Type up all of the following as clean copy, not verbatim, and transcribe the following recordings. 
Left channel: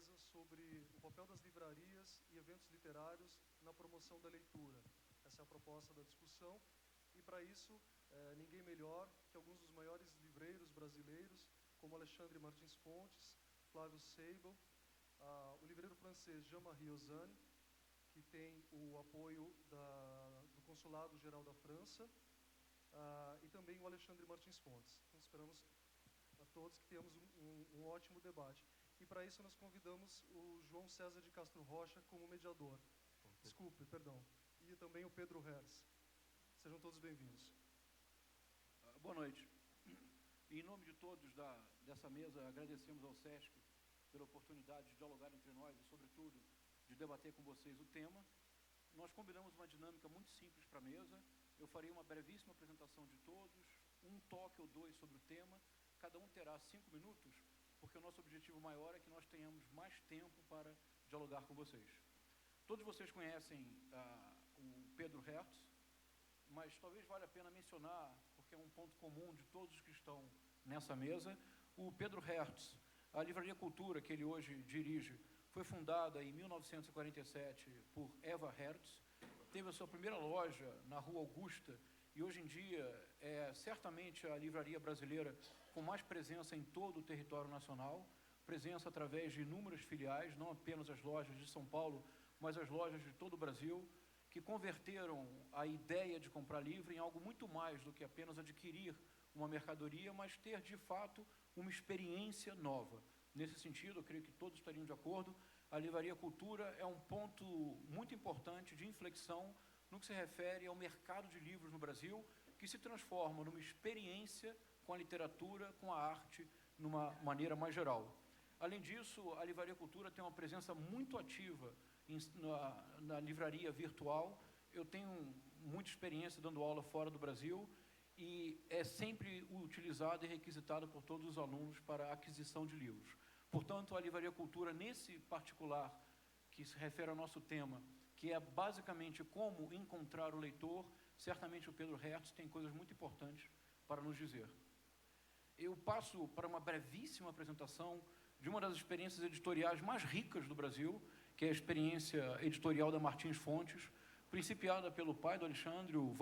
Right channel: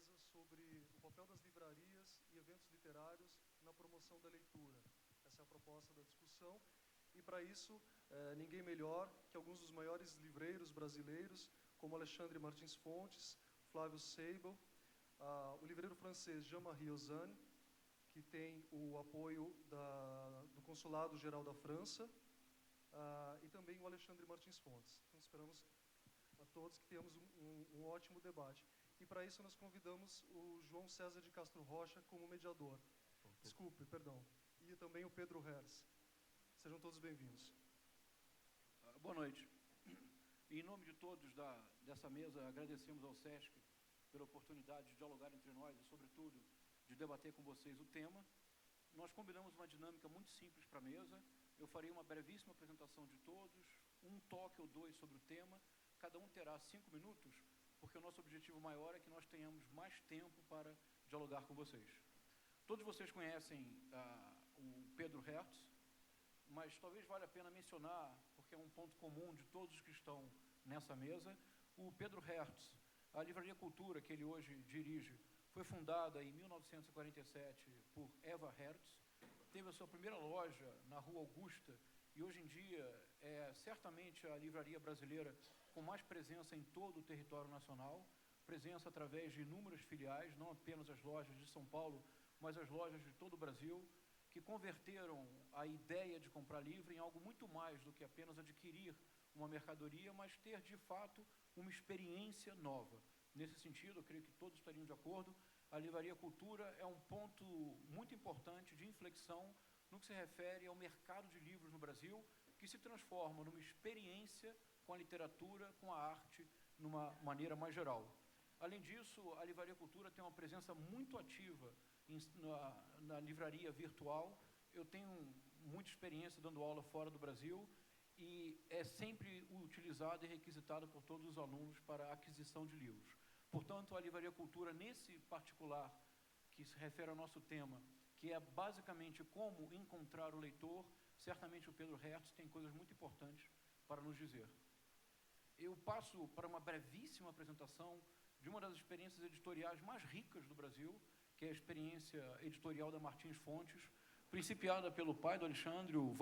mesa sobre o papel das livrarias e eventos literários na promoção da leitura. Essa é a proposta da discussão. E, para isso, ninguém melhor que alguns dos maiores livreiros brasileiros, como Alexandre Martins Fontes, Flávio Seibel, o livreiro francês Jean-Marie Ozanne, que tem o apoio do Consulado Geral da França, e também o Alexandre Martins Fontes. Então, esperamos a todos que tenhamos um ótimo debate. E, para isso, nós convidamos o João César de Castro Rocha como mediador. Desculpe, perdão. E também o Pedro Herz. Sejam todos bem-vindos. Boa noite. Em nome de todos dessa mesa, agradecemos ao SESC pela oportunidade de dialogar entre nós e, sobretudo, de debater com vocês o tema. Nós combinamos uma dinâmica muito simples para a mesa. Eu farei uma brevíssima apresentação de todos, um toque ou dois sobre o tema. Cada um terá 5 minutos, porque o nosso objetivo maior é que nós tenhamos mais tempo para dialogar com vocês. Todos vocês conhecem o Pedro Herz, mas talvez valha a pena mencionar, porque é um ponto comum de todos os que estão nessa mesa, o Pedro Herz. A Livraria Cultura, que ele hoje dirige, foi fundada em 1947 por Eva Herz, teve a sua primeira loja na Rua Augusta, e hoje em dia é certamente a livraria brasileira com mais presença em todo o território nacional, presença através de inúmeras filiais, não apenas as lojas de São Paulo, mas as lojas de todo o Brasil, que converteram a ideia de comprar livro em algo muito mais do que apenas adquirir uma mercadoria, mas ter, de fato, uma experiência nova. Nesse sentido, eu creio que todos estariam de acordo, a Livraria Cultura é um ponto muito importante de inflexão no que se refere ao mercado de livros no Brasil, que se transforma numa experiência com a literatura, com a arte, numa maneira mais geral. Além disso, a Livraria Cultura tem uma presença muito ativa na livraria virtual. Eu tenho muita experiência dando aula fora do Brasil e é sempre utilizada e requisitada por todos os alunos para a aquisição de livros. Portanto, a Livraria Cultura, nesse particular, que se refere ao nosso tema, que é basicamente como encontrar o leitor, certamente o Pedro Herz tem coisas muito importantes para nos dizer. Eu passo para uma brevíssima apresentação de uma das experiências editoriais mais ricas do Brasil, que é a experiência editorial da Martins Fontes, principiada pelo pai do Alexandre, o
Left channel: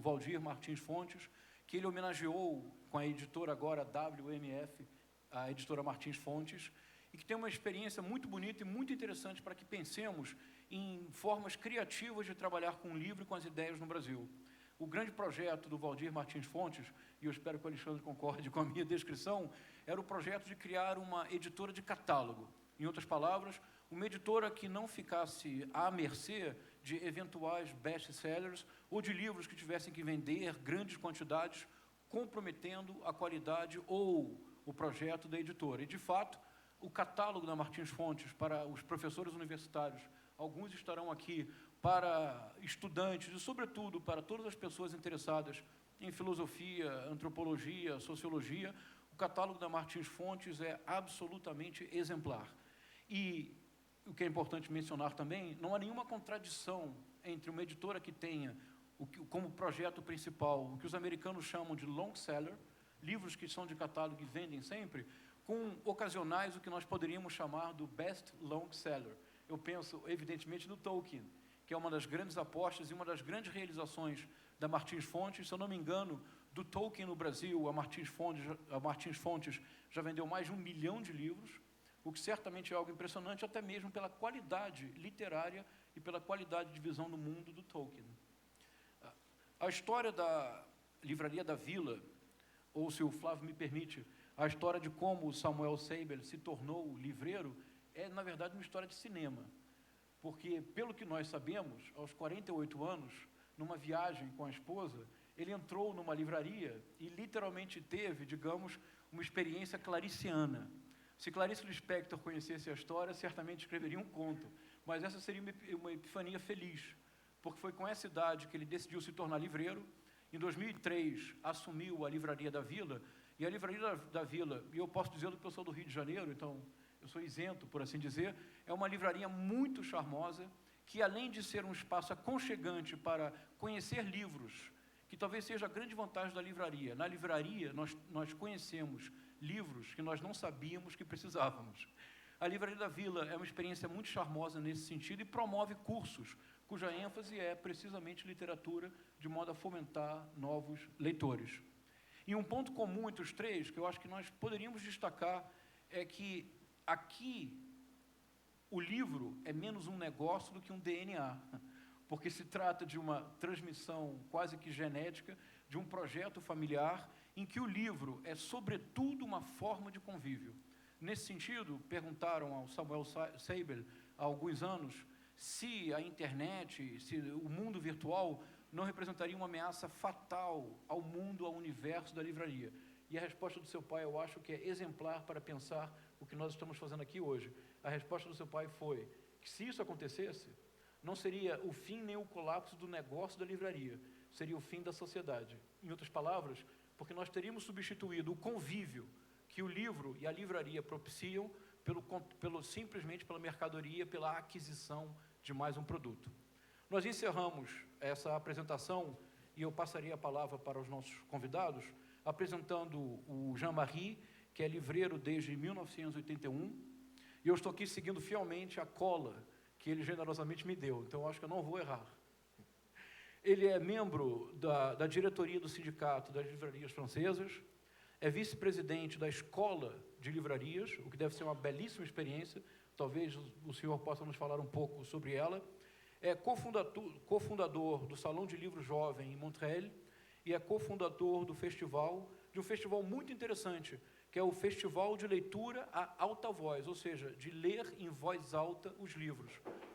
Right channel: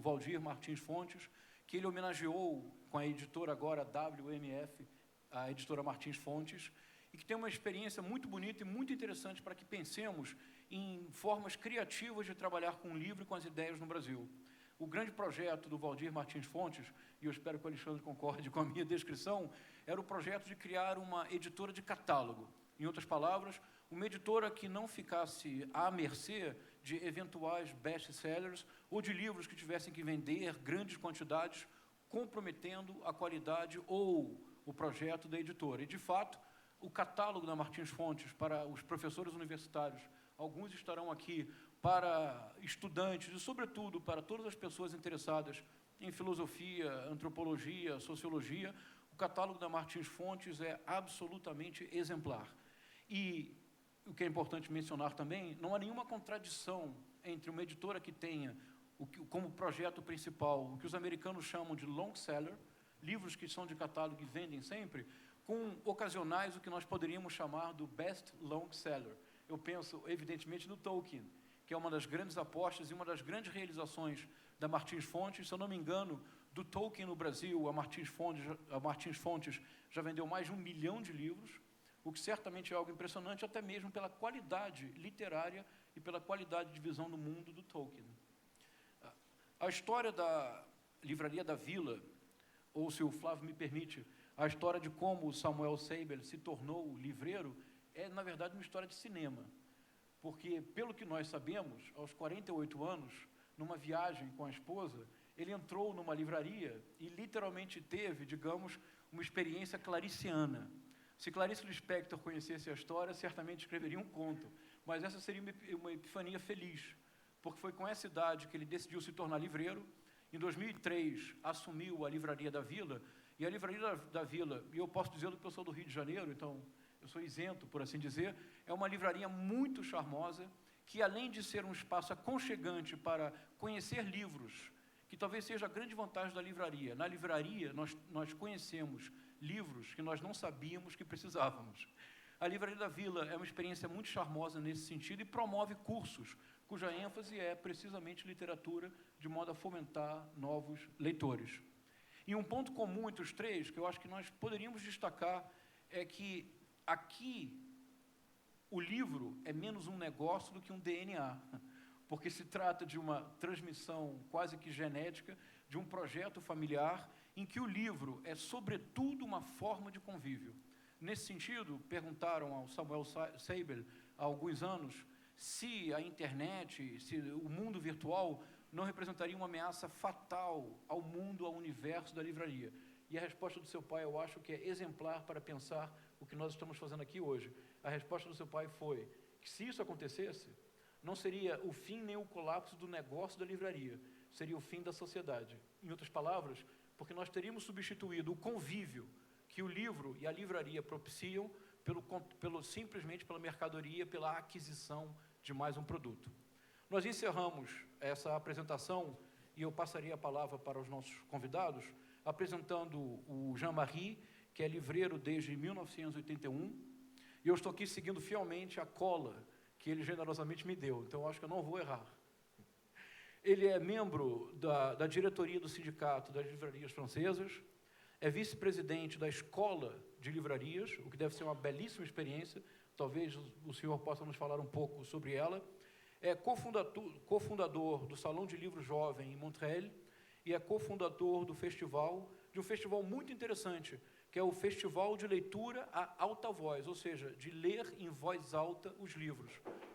Valdir Martins Fontes, que ele homenageou com a editora agora WMF, a editora Martins Fontes, e que tem uma experiência muito bonita e muito interessante para que pensemos em formas criativas de trabalhar com o livro e com as ideias no Brasil. O grande projeto do Valdir Martins Fontes, e eu espero que o Alexandre concorde com a minha descrição, era o projeto de criar uma editora de catálogo. Em outras palavras, uma editora que não ficasse à mercê de eventuais best-sellers ou de livros que tivessem que vender grandes quantidades, comprometendo a qualidade ou o projeto da editora. E, de fato, o catálogo da Martins Fontes para os professores universitários, alguns estarão aqui, para estudantes e, sobretudo, para todas as pessoas interessadas em filosofia, antropologia, sociologia, o catálogo da Martins Fontes é absolutamente exemplar. E o que é importante mencionar também, não há nenhuma contradição entre uma editora que tenha como projeto principal o que os americanos chamam de long seller, livros que são de catálogo e vendem sempre, com ocasionais o que nós poderíamos chamar do best long seller. Eu penso, evidentemente, no Tolkien, que é uma das grandes apostas e uma das grandes realizações da Martins Fontes. Se eu não me engano, do Tolkien no Brasil, a Martins Fontes já vendeu mais de 1 milhão de livros, o que certamente é algo impressionante, até mesmo pela qualidade literária e pela qualidade de visão do mundo do Tolkien. A história da Livraria da Vila, ou, se o Flávio me permite, a história de como o Samuel Seibel se tornou livreiro, é, na verdade, uma história de cinema. Porque, pelo que nós sabemos, aos 48 anos, numa viagem com a esposa, ele entrou numa livraria e literalmente teve, digamos, uma experiência clariciana. Se Clarice Lispector conhecesse a história, certamente escreveria um conto, mas essa seria uma epifania feliz, porque foi com essa idade que ele decidiu se tornar livreiro. Em 2003, assumiu a Livraria da Vila, e a Livraria da Vila, e eu posso dizer que eu sou do Rio de Janeiro, então eu sou isento, por assim dizer, é uma livraria muito charmosa, que além de ser um espaço aconchegante para conhecer livros, que talvez seja a grande vantagem da livraria. Na livraria, nós conhecemos livros que nós não sabíamos que precisávamos. A Livraria da Vila é uma experiência muito charmosa nesse sentido e promove cursos, cuja ênfase é precisamente literatura, de modo a fomentar novos leitores. E um ponto comum entre os três, que eu acho que nós poderíamos destacar, é que aqui o livro é menos um negócio do que um DNA, porque se trata de uma transmissão quase que genética, de um projeto familiar, em que o livro é, sobretudo, uma forma de convívio. Nesse sentido, perguntaram ao Samuel Seibel, há alguns anos, se a internet, se o mundo virtual não representaria uma ameaça fatal ao mundo, ao universo da livraria. E a resposta do seu pai, eu acho que é exemplar para pensar o que nós estamos fazendo aqui hoje. A resposta do seu pai foi que, se isso acontecesse, não seria o fim nem o colapso do negócio da livraria, seria o fim da sociedade. Em outras palavras, porque nós teríamos substituído o convívio que o livro e a livraria propiciam simplesmente pela mercadoria, pela aquisição de mais um produto. Nós encerramos essa apresentação, e eu passaria a palavra para os nossos convidados, apresentando o Jean-Marie, que é livreiro desde 1981, e eu estou aqui seguindo fielmente a cola que ele generosamente me deu, então eu acho que eu não vou errar. Ele é membro da diretoria do Sindicato das Livrarias Francesas, é vice-presidente da Escola de Livrarias, o que deve ser uma belíssima experiência, talvez o senhor possa nos falar um pouco sobre ela, é cofundador do Salão de Livro Jovem em Montreal e é cofundador de um festival muito interessante, que é o Festival de Leitura a Alta Voz, ou seja, de ler em voz alta os livros,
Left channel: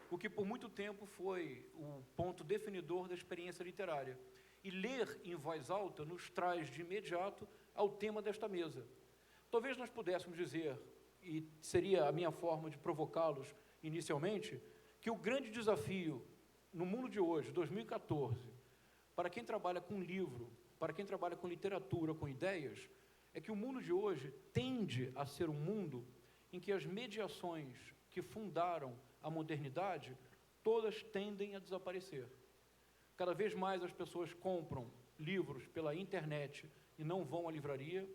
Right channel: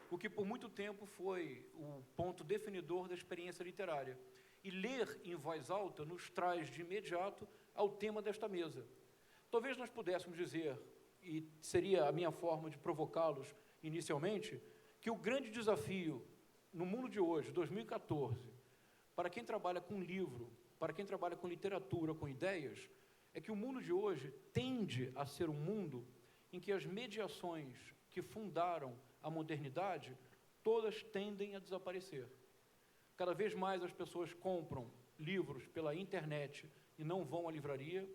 o que por muito tempo foi o ponto definidor da experiência literária. E ler em voz alta nos traz de imediato ao tema desta mesa. Talvez nós pudéssemos dizer, e seria a minha forma de provocá-los inicialmente, que o grande desafio no mundo de hoje, 2014, para quem trabalha com livro, para quem trabalha com literatura, com ideias, é que o mundo de hoje tende a ser um mundo em que as mediações que fundaram a modernidade, todas tendem a desaparecer. Cada vez mais as pessoas compram livros pela internet e não vão à livraria.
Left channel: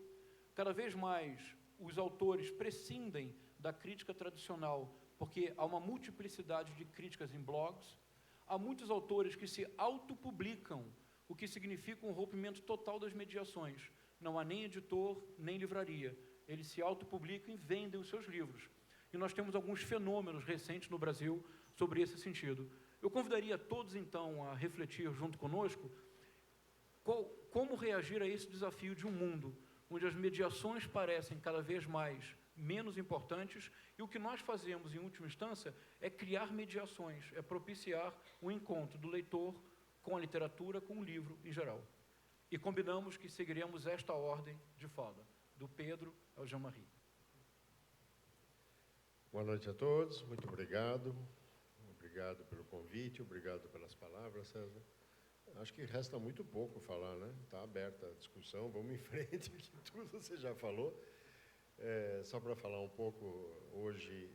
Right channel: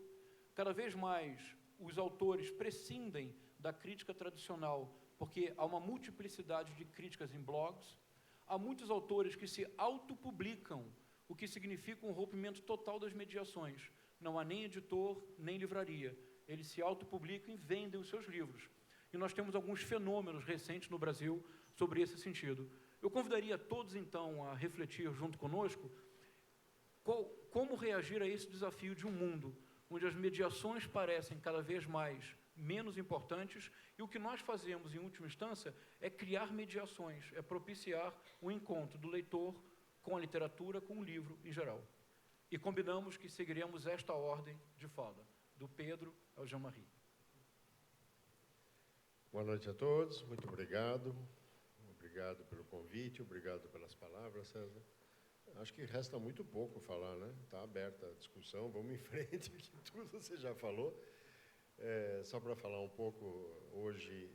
Cada vez mais os autores prescindem da crítica tradicional, porque há uma multiplicidade de críticas em blogs. Há muitos autores que se autopublicam, o que significa um rompimento total das mediações. Não há nem editor, nem livraria. Eles se autopublicam e vendem os seus livros. E nós temos alguns fenômenos recentes no Brasil sobre esse sentido. Eu convidaria todos, então, a refletir junto conosco como reagir a esse desafio de um mundo onde as mediações parecem cada vez mais menos importantes e o que nós fazemos, em última instância, é criar mediações, é propiciar o encontro do leitor com a literatura, com o livro em geral. E combinamos que seguiremos esta ordem de fala, do Pedro ao Jean-Marie. Boa noite a todos, muito obrigado. Obrigado pelo convite, obrigado pelas palavras, César. Acho que resta muito pouco falar, né? Está aberta a discussão, vamos em frente, que tudo você já falou. Só para falar um pouco, hoje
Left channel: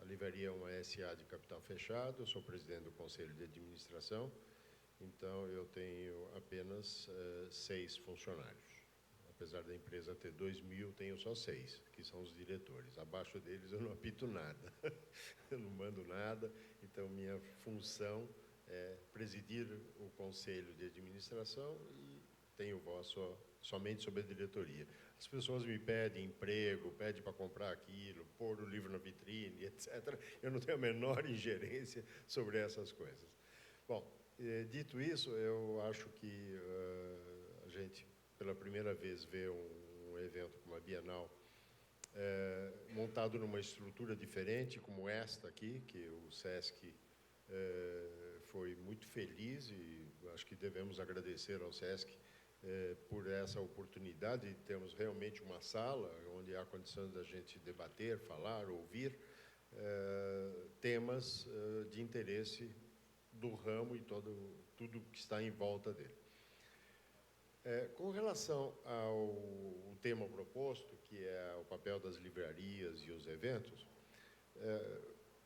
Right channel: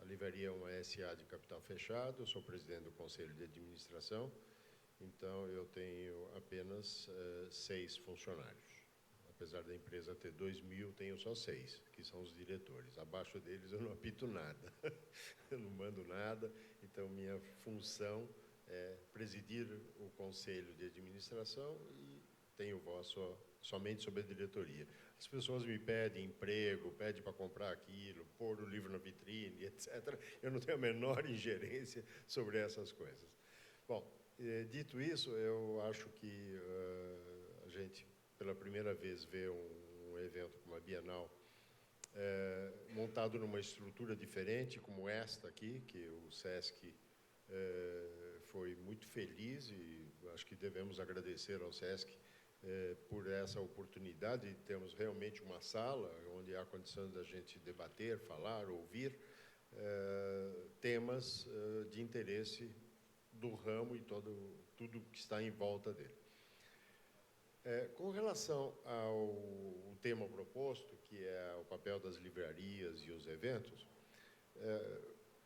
a livraria é uma SA de capital fechado, eu sou presidente do Conselho de Administração, então eu tenho apenas 6 funcionários. Apesar da empresa ter 2.000, tenho só 6, que são os diretores. Abaixo deles eu não apito nada, eu não mando nada, então minha função é presidir o Conselho de Administração e tenho voz somente sobre a diretoria. As pessoas me pedem emprego, pedem para comprar aquilo, pôr o livro na vitrine, etc. Eu não tenho a menor ingerência sobre essas coisas. Bom, dito isso, eu acho que a gente, pela primeira vez, vê um evento como a Bienal montado numa estrutura diferente, como esta aqui, que o SESC foi muito feliz e acho que devemos agradecer ao SESC por essa oportunidade de termos realmente uma sala onde há condição da gente debater, falar, ouvir temas de interesse do ramo e tudo que está em volta dele. Com relação ao tema proposto, que é o papel das livrarias e os eventos,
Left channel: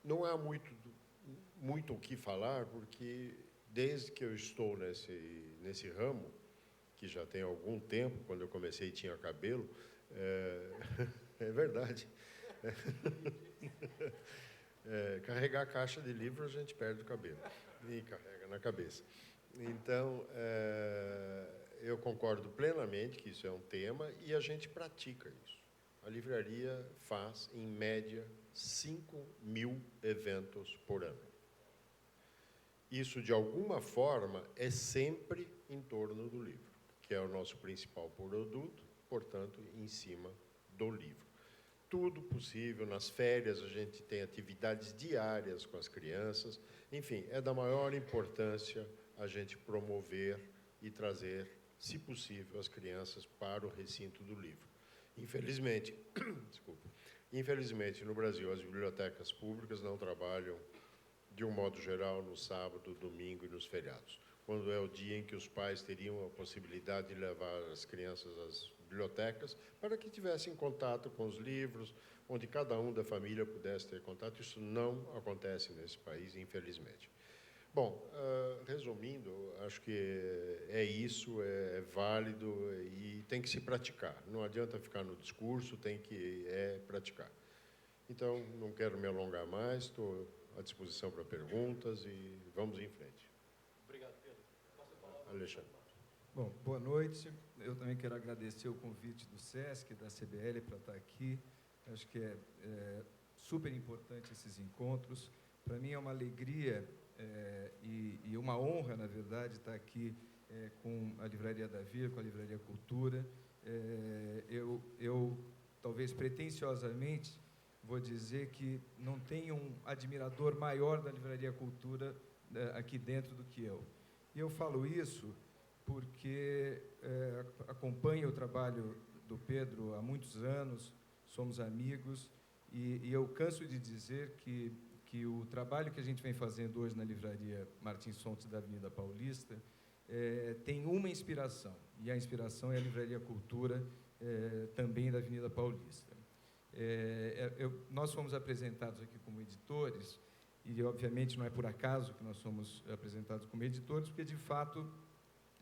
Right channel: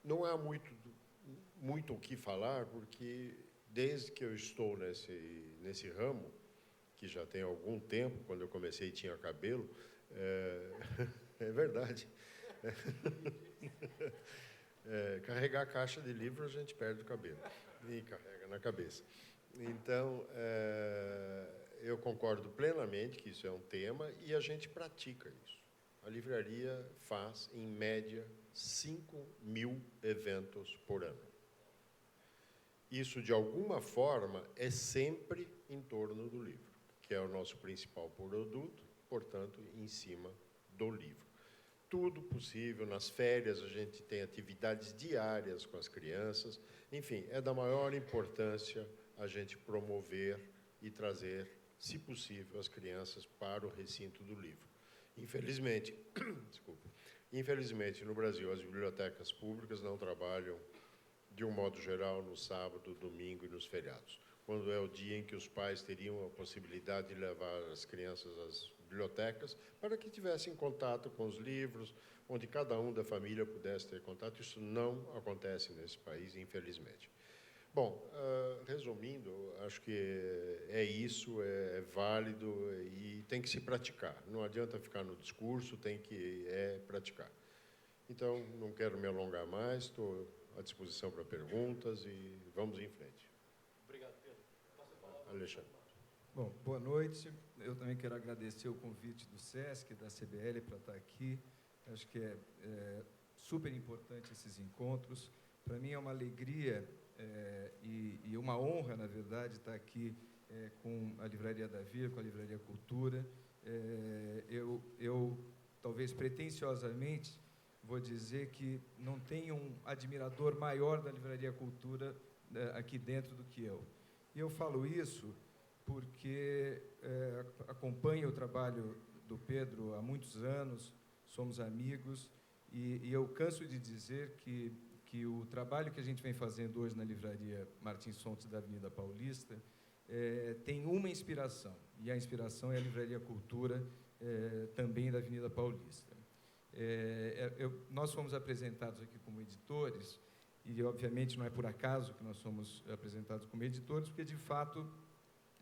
não há muito o que falar, porque desde que eu estou nesse ramo, que já tem algum tempo, quando eu comecei tinha cabelo, É verdade. Carregar a caixa de livro, a gente perde o cabelo e carrega na cabeça. Então, eu concordo plenamente que isso é um tema e a gente pratica isso. A livraria faz, em média, 5.000 eventos por ano. Isso, de alguma forma, é sempre em torno do livro, que é o nosso principal produto, portanto, em cima do livro. Tudo possível, nas férias a gente tem atividades diárias com as crianças, enfim, é da maior importância a gente promover e trazer, se possível, as crianças para o recinto do livro. Infelizmente, infelizmente, no Brasil, as bibliotecas públicas não trabalham, de um modo geral, no sábado, domingo e nos feriados, quando é o dia em que os pais teriam a possibilidade de levar as crianças às bibliotecas para que tivessem contato com os livros, onde cada um da família pudesse ter contato. Isso não acontece nesse país, infelizmente. Bom, resumindo, acho que é isso, é válido e tem que se praticar. Não adianta ficar no discurso, tem que praticar. Então, não quero me alongar mais, estou à disposição para perguntas e vamos em frente. Obrigado, Pedro. Passo a palavra. Alexandre. Bom, boa noite. Eu também quero agradecer o convite do SESC, da CBL, para estar aqui. Acho que é super importante esses encontros. Para mim é uma alegria e uma honra, na verdade, estar aqui com a Livraria Davi, com a Livraria Cultura. Eu talvez pretensiosamente, vou dizer que não tenho um admirador maior da Livraria Cultura aqui dentro do que eu. E eu falo isso porque acompanho o trabalho do Pedro há muitos anos, somos amigos, e eu canso de dizer que o trabalho que a gente vem fazendo hoje na Livraria Martins Fontes da Avenida Paulista tem uma inspiração, e a inspiração é a Livraria Cultura, também da Avenida Paulista. Nós fomos apresentados aqui como editores, e, obviamente, não é por acaso que nós somos apresentados como editores, porque, de fato,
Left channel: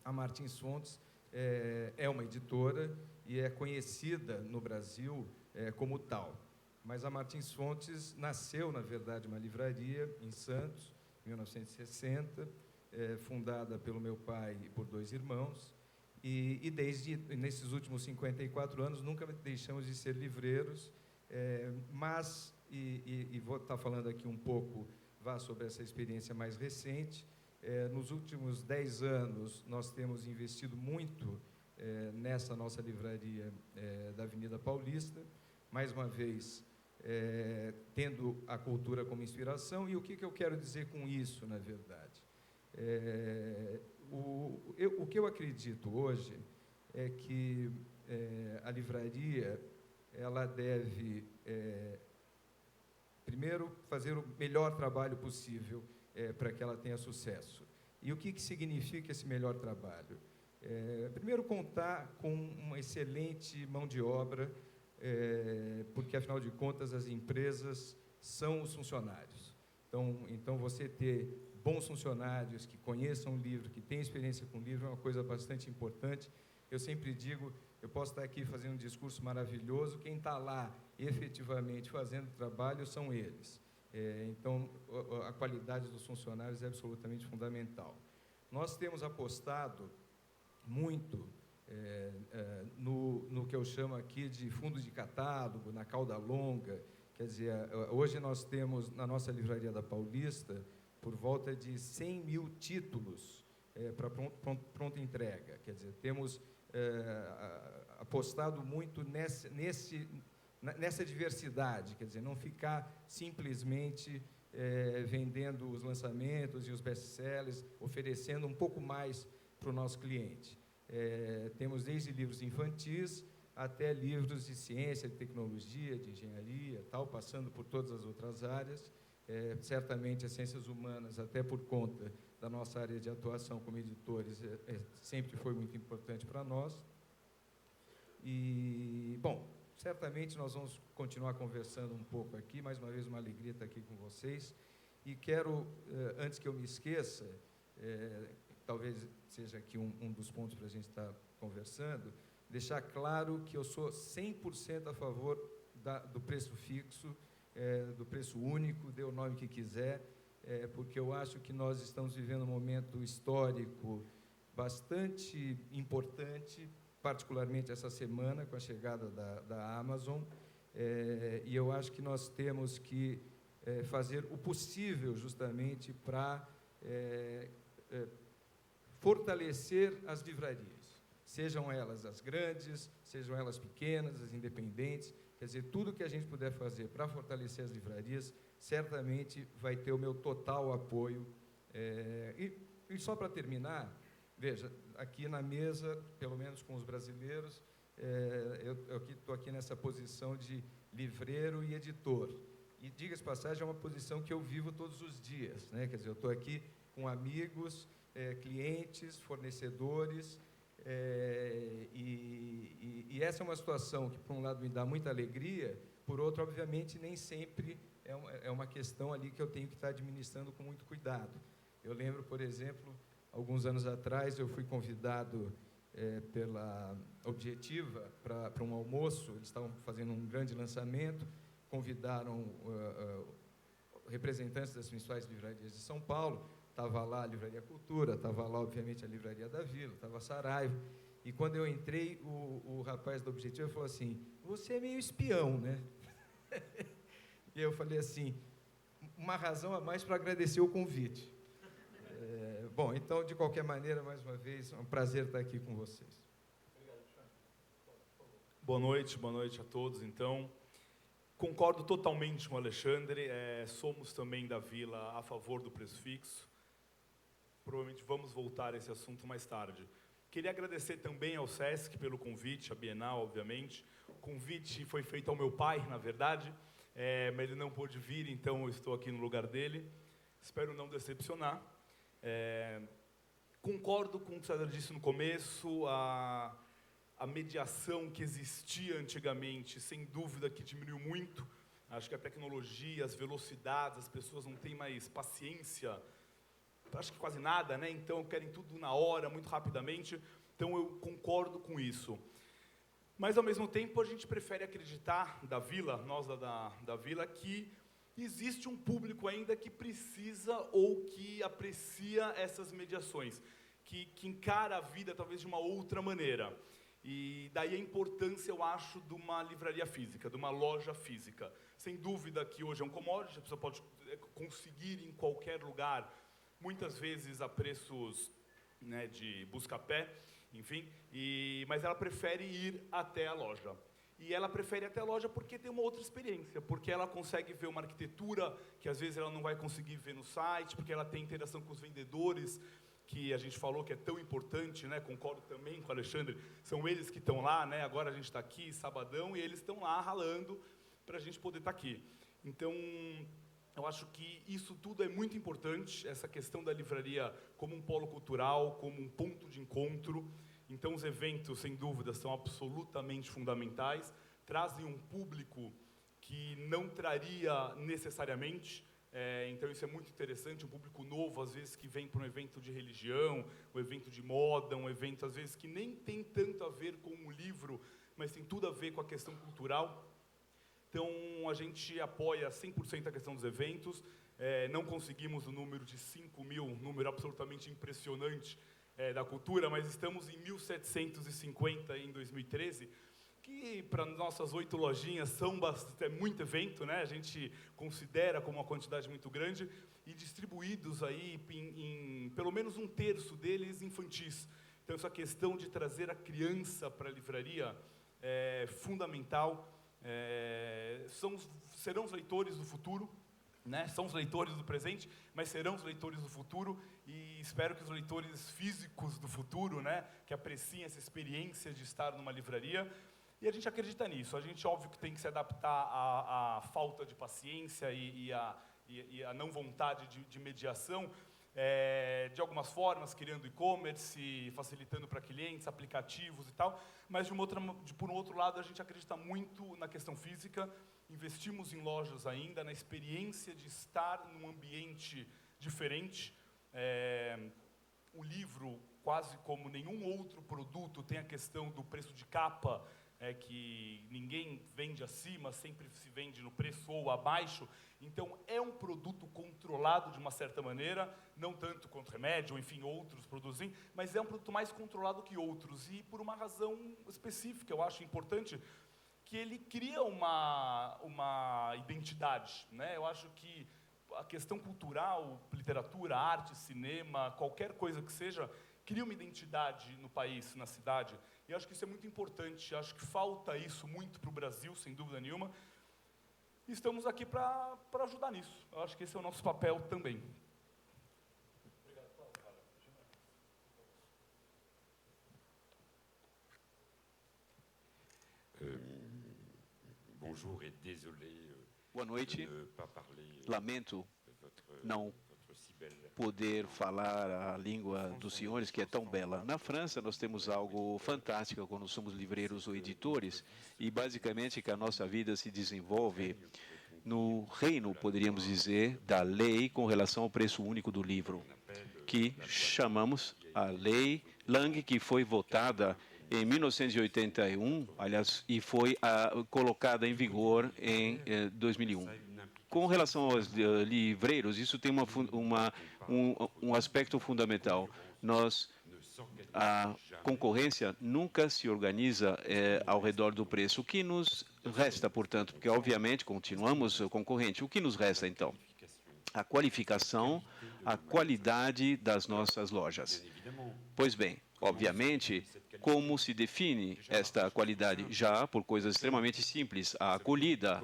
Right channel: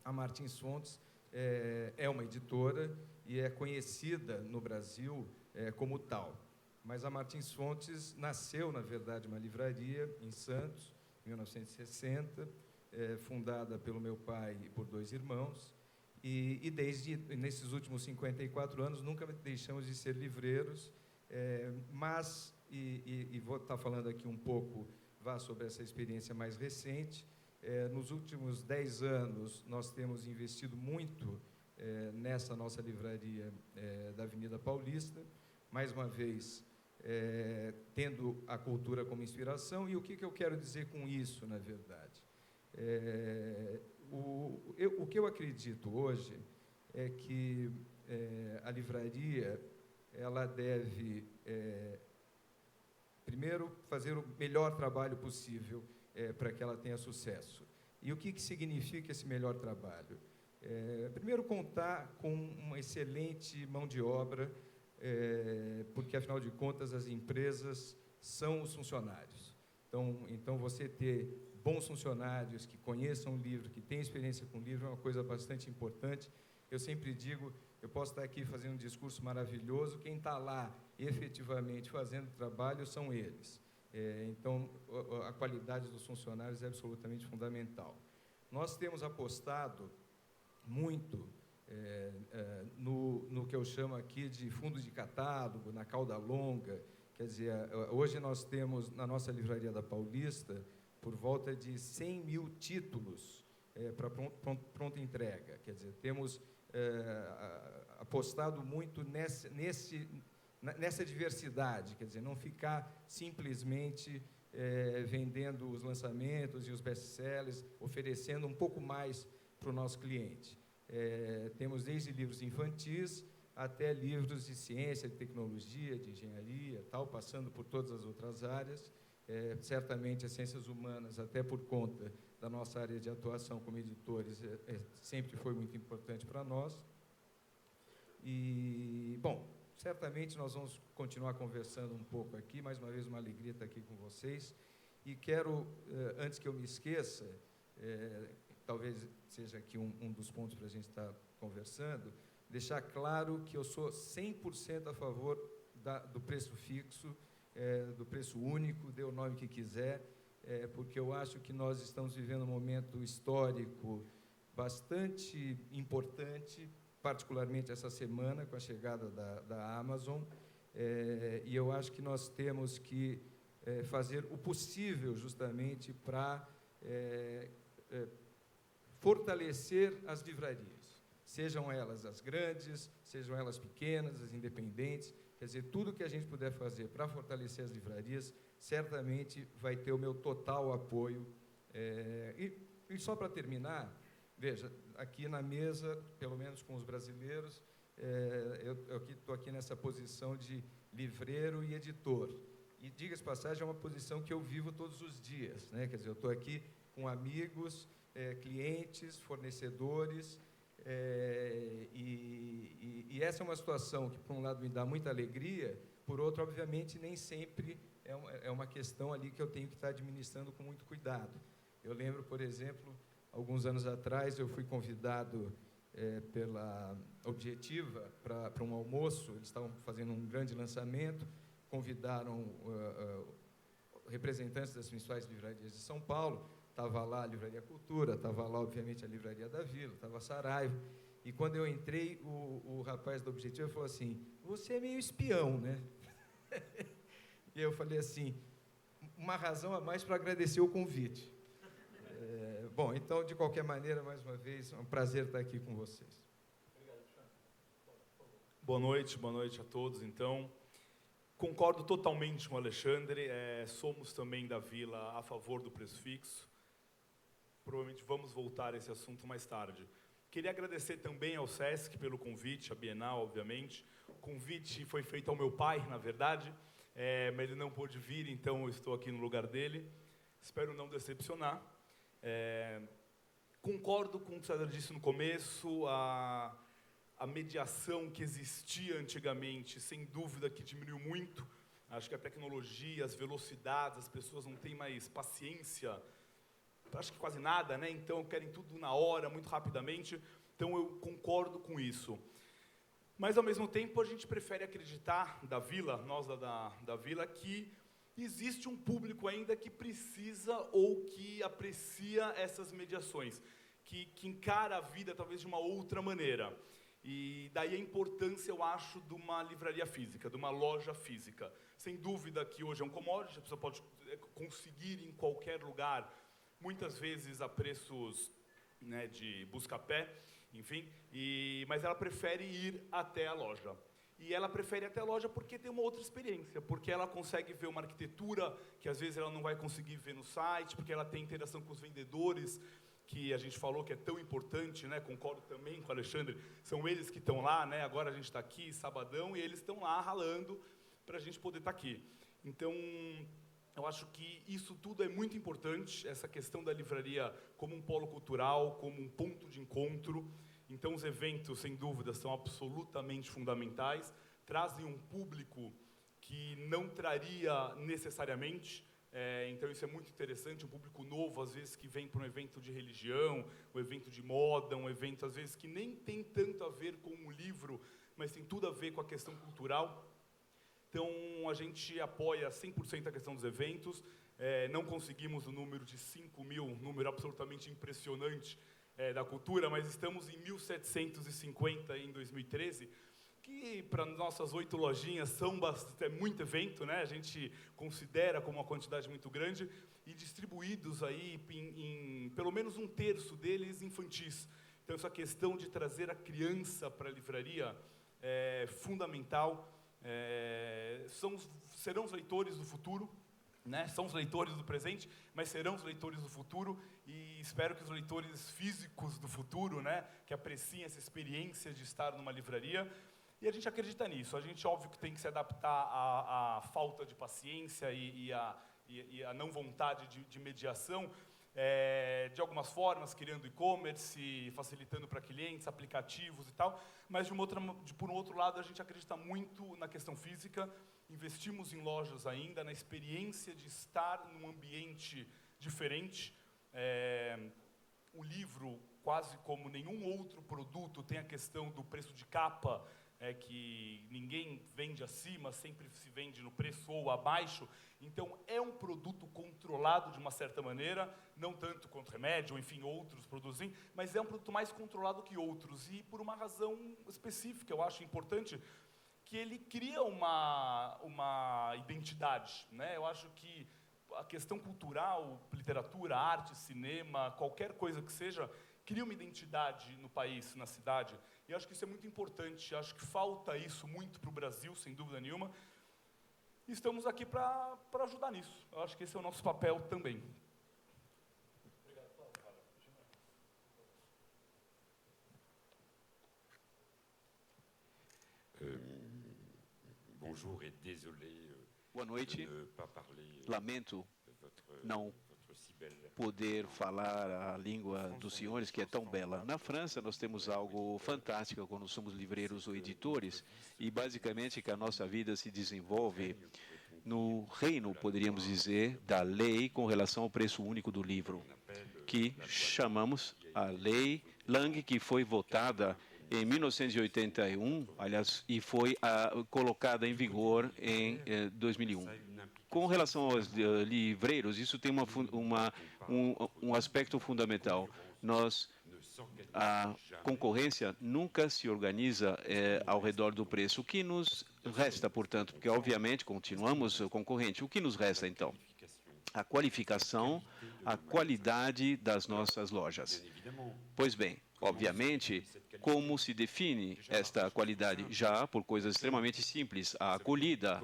a Martins Fontes é uma editora e é conhecida no Brasil como tal. Mas a Martins Fontes nasceu, na verdade, uma livraria em Santos, em 1960, fundada pelo meu pai e por 2 irmãos, e nesses últimos 54 anos, nunca deixamos de ser livreiros, mas, vou estar falando aqui um pouco sobre essa experiência mais recente. Nos últimos 10 anos, nós temos investido muito nessa nossa livraria da Avenida Paulista, mais uma vez, tendo a cultura como inspiração. E o que eu quero dizer com isso, na verdade? O que eu acredito hoje é que a livraria ela deve, primeiro, fazer o melhor trabalho possível para que ela tenha sucesso. E o que significa esse melhor trabalho? Primeiro, contar com uma excelente mão de obra, porque, afinal de contas, as empresas são os funcionários. Então, você ter bons funcionários que conheçam o livro, que tenham experiência com o livro, é uma coisa bastante importante. Eu sempre digo, eu posso estar aqui fazendo um discurso maravilhoso, quem está lá efetivamente fazendo o trabalho são eles. Então, a qualidade dos funcionários é absolutamente fundamental. Nós temos apostado muito no que eu chamo aqui de fundo de catálogo, na cauda longa. Quer dizer, hoje nós temos, na nossa Livraria da Paulista, por volta de 100.000 títulos para pronta entrega. Quer dizer, temos apostado muito nessa diversidade, quer dizer, não ficar simplesmente vendendo os lançamentos e os best-sellers, oferecendo um pouco mais para o nosso cliente. Temos desde livros infantis até livros de ciência, de tecnologia, de engenharia, tal, passando por todas as outras áreas. Certamente as ciências humanas, até por conta da nossa área de atuação como editores, sempre foi muito importante para nós. E, bom, certamente nós vamos continuar conversando um pouco aqui. Mais uma vez, uma alegria estar aqui com vocês. E quero, antes que eu me esqueça, talvez seja aqui um dos pontos para a gente estar conversando, deixar claro que eu sou 100% a favor do preço fixo, do preço único, dê o nome que quiser, porque eu acho que nós estamos vivendo um momento histórico bastante importante, particularmente essa semana, com a chegada da Amazon, e eu acho que nós temos que fazer o possível justamente para fortalecer as livrarias, sejam elas as grandes, sejam elas pequenas, as independentes. Quer dizer, tudo que a gente puder fazer para fortalecer as livrarias, certamente vai ter o meu total apoio. E só para terminar, veja, aqui na mesa, pelo menos com os brasileiros, eu estou aqui nessa posição de livreiro e editor. E, diga-se de passagem, é uma posição que eu vivo todos os dias, né? Quer dizer, eu estou aqui com amigos, clientes, fornecedores, e essa é uma situação que, por um lado, me dá muita alegria, por outro, obviamente, nem sempre é uma questão ali que eu tenho que estar administrando com muito cuidado. Eu lembro, por exemplo, alguns anos atrás, eu fui convidado pela Objetiva para um almoço, eles estavam fazendo um grande lançamento, convidaram representantes das principais livrarias de São Paulo. Estava lá a Livraria Cultura, estava lá, obviamente, a Livraria da Vila, estava a Saraiva. E, quando eu entrei, o rapaz do Objetivo falou assim: você é meio espião, né? E eu falei assim: uma razão a mais para agradecer o convite. Bom, então, de qualquer maneira, mais uma vez, é um prazer estar aqui com vocês. Boa noite a todos, então. Concordo totalmente com o Alexandre, somos também da Vila a favor do preço fixo. Provavelmente vamos voltar a esse assunto mais tarde. Queria agradecer também ao SESC pelo convite, a Bienal, obviamente. O convite foi feito ao meu pai, na verdade, mas ele não pôde vir, então eu estou aqui no lugar dele. Espero não decepcionar. Concordo com o que o César disse no começo, a mediação que existia antigamente, sem dúvida que diminuiu muito. Acho que a tecnologia, as velocidades, as pessoas não têm mais paciência, acho que quase nada, né? Então querem tudo na hora, muito rapidamente. Então eu concordo com isso. Mas, ao mesmo tempo, a gente prefere acreditar da Vila, nós da Vila, que existe um público ainda que precisa ou que aprecia essas mediações, que encara a vida talvez de uma outra maneira. E daí a importância, eu acho, de uma livraria física, de uma loja física. Sem dúvida que hoje é um commodity, a pessoa pode conseguir em qualquer lugar, muitas vezes a preços, né, de busca-pé, enfim, mas ela prefere ir até a loja. E ela prefere ir até a loja porque tem uma outra experiência, porque ela consegue ver uma arquitetura que às vezes ela não vai conseguir ver no site, porque ela tem interação com os vendedores, que a gente falou que é tão importante, né? Concordo também com o Alexandre, são eles que estão lá, né? Agora a gente está aqui, sabadão, e eles estão lá ralando para a gente poder estar aqui. Então, eu acho que isso tudo é muito importante, essa questão da livraria como um polo cultural, como um ponto de encontro. Então, os eventos, sem dúvida, são absolutamente fundamentais, trazem um público que não traria necessariamente. Então, isso é muito interessante, um público novo, às vezes, que vem para um evento de religião, um evento de moda, um evento, às vezes, que nem tem tanto a ver com um livro, mas tem tudo a ver com a questão cultural. Então, a gente apoia 100% a questão dos eventos. Não conseguimos o número de 5 mil, um número absolutamente impressionante da cultura, mas estamos em 1.750 em 2013, que para nossas 8 lojinhas é muito evento, né? A gente considera como uma quantidade muito grande, e distribuídos aí em pelo menos 1/3 deles infantis. Então, essa questão de trazer a criança para a livraria é fundamental. Serão os leitores do futuro, né? São os leitores do presente, mas serão os leitores do futuro, e espero que os leitores físicos do futuro, né, que apreciem essa experiência de estar numa livraria. E a gente acredita nisso. A gente, óbvio, que tem que se adaptar à falta de paciência e à não vontade de mediação, de algumas formas, criando e-commerce, facilitando para clientes, aplicativos e tal, mas por um outro lado, a gente acredita muito na questão física, investimos em lojas ainda, na experiência de estar num ambiente diferente. O livro, quase como nenhum outro produto, tem a questão do preço de capa, que ninguém vende acima, sempre se vende no preço ou abaixo. Então, é um produto controlado de uma certa maneira, não tanto quanto remédio, ou enfim, outros produtos, mas é um produto mais controlado que outros, e por uma razão específica, eu acho importante, que ele cria uma identidade, né? Eu acho que a questão cultural, literatura, arte, cinema, qualquer coisa que seja, cria uma identidade no país, na cidade. E acho que isso é muito importante, acho que falta isso muito para o Brasil, sem dúvida nenhuma. E estamos aqui para ajudar nisso. Eu acho que esse é o nosso papel também. Bonjour et désolé Boa noite. de ne pas parler Lamento votre não si belle poder falar a língua dos senhores, que é tão bela. Na França, nós temos algo fantástico quando somos livreiros ou editores, e basicamente que a nossa vida se desenvolve no reino, poderíamos dizer, da lei com relação ao preço único do livro, que chamamos a Lei Lang, que foi votada em 1981, aliás, e foi colocada em vigor em 2001. Com relação aos livreiros, isso tem um aspecto fundamental. A concorrência nunca se organiza ao redor do preço. O que nos resta, portanto, porque obviamente continuamos concorrente, o que nos resta então? A qualificação, a qualidade das nossas lojas. Pois bem, obviamente, como se define esta qualidade? Já por coisas extremamente simples, a acolhida,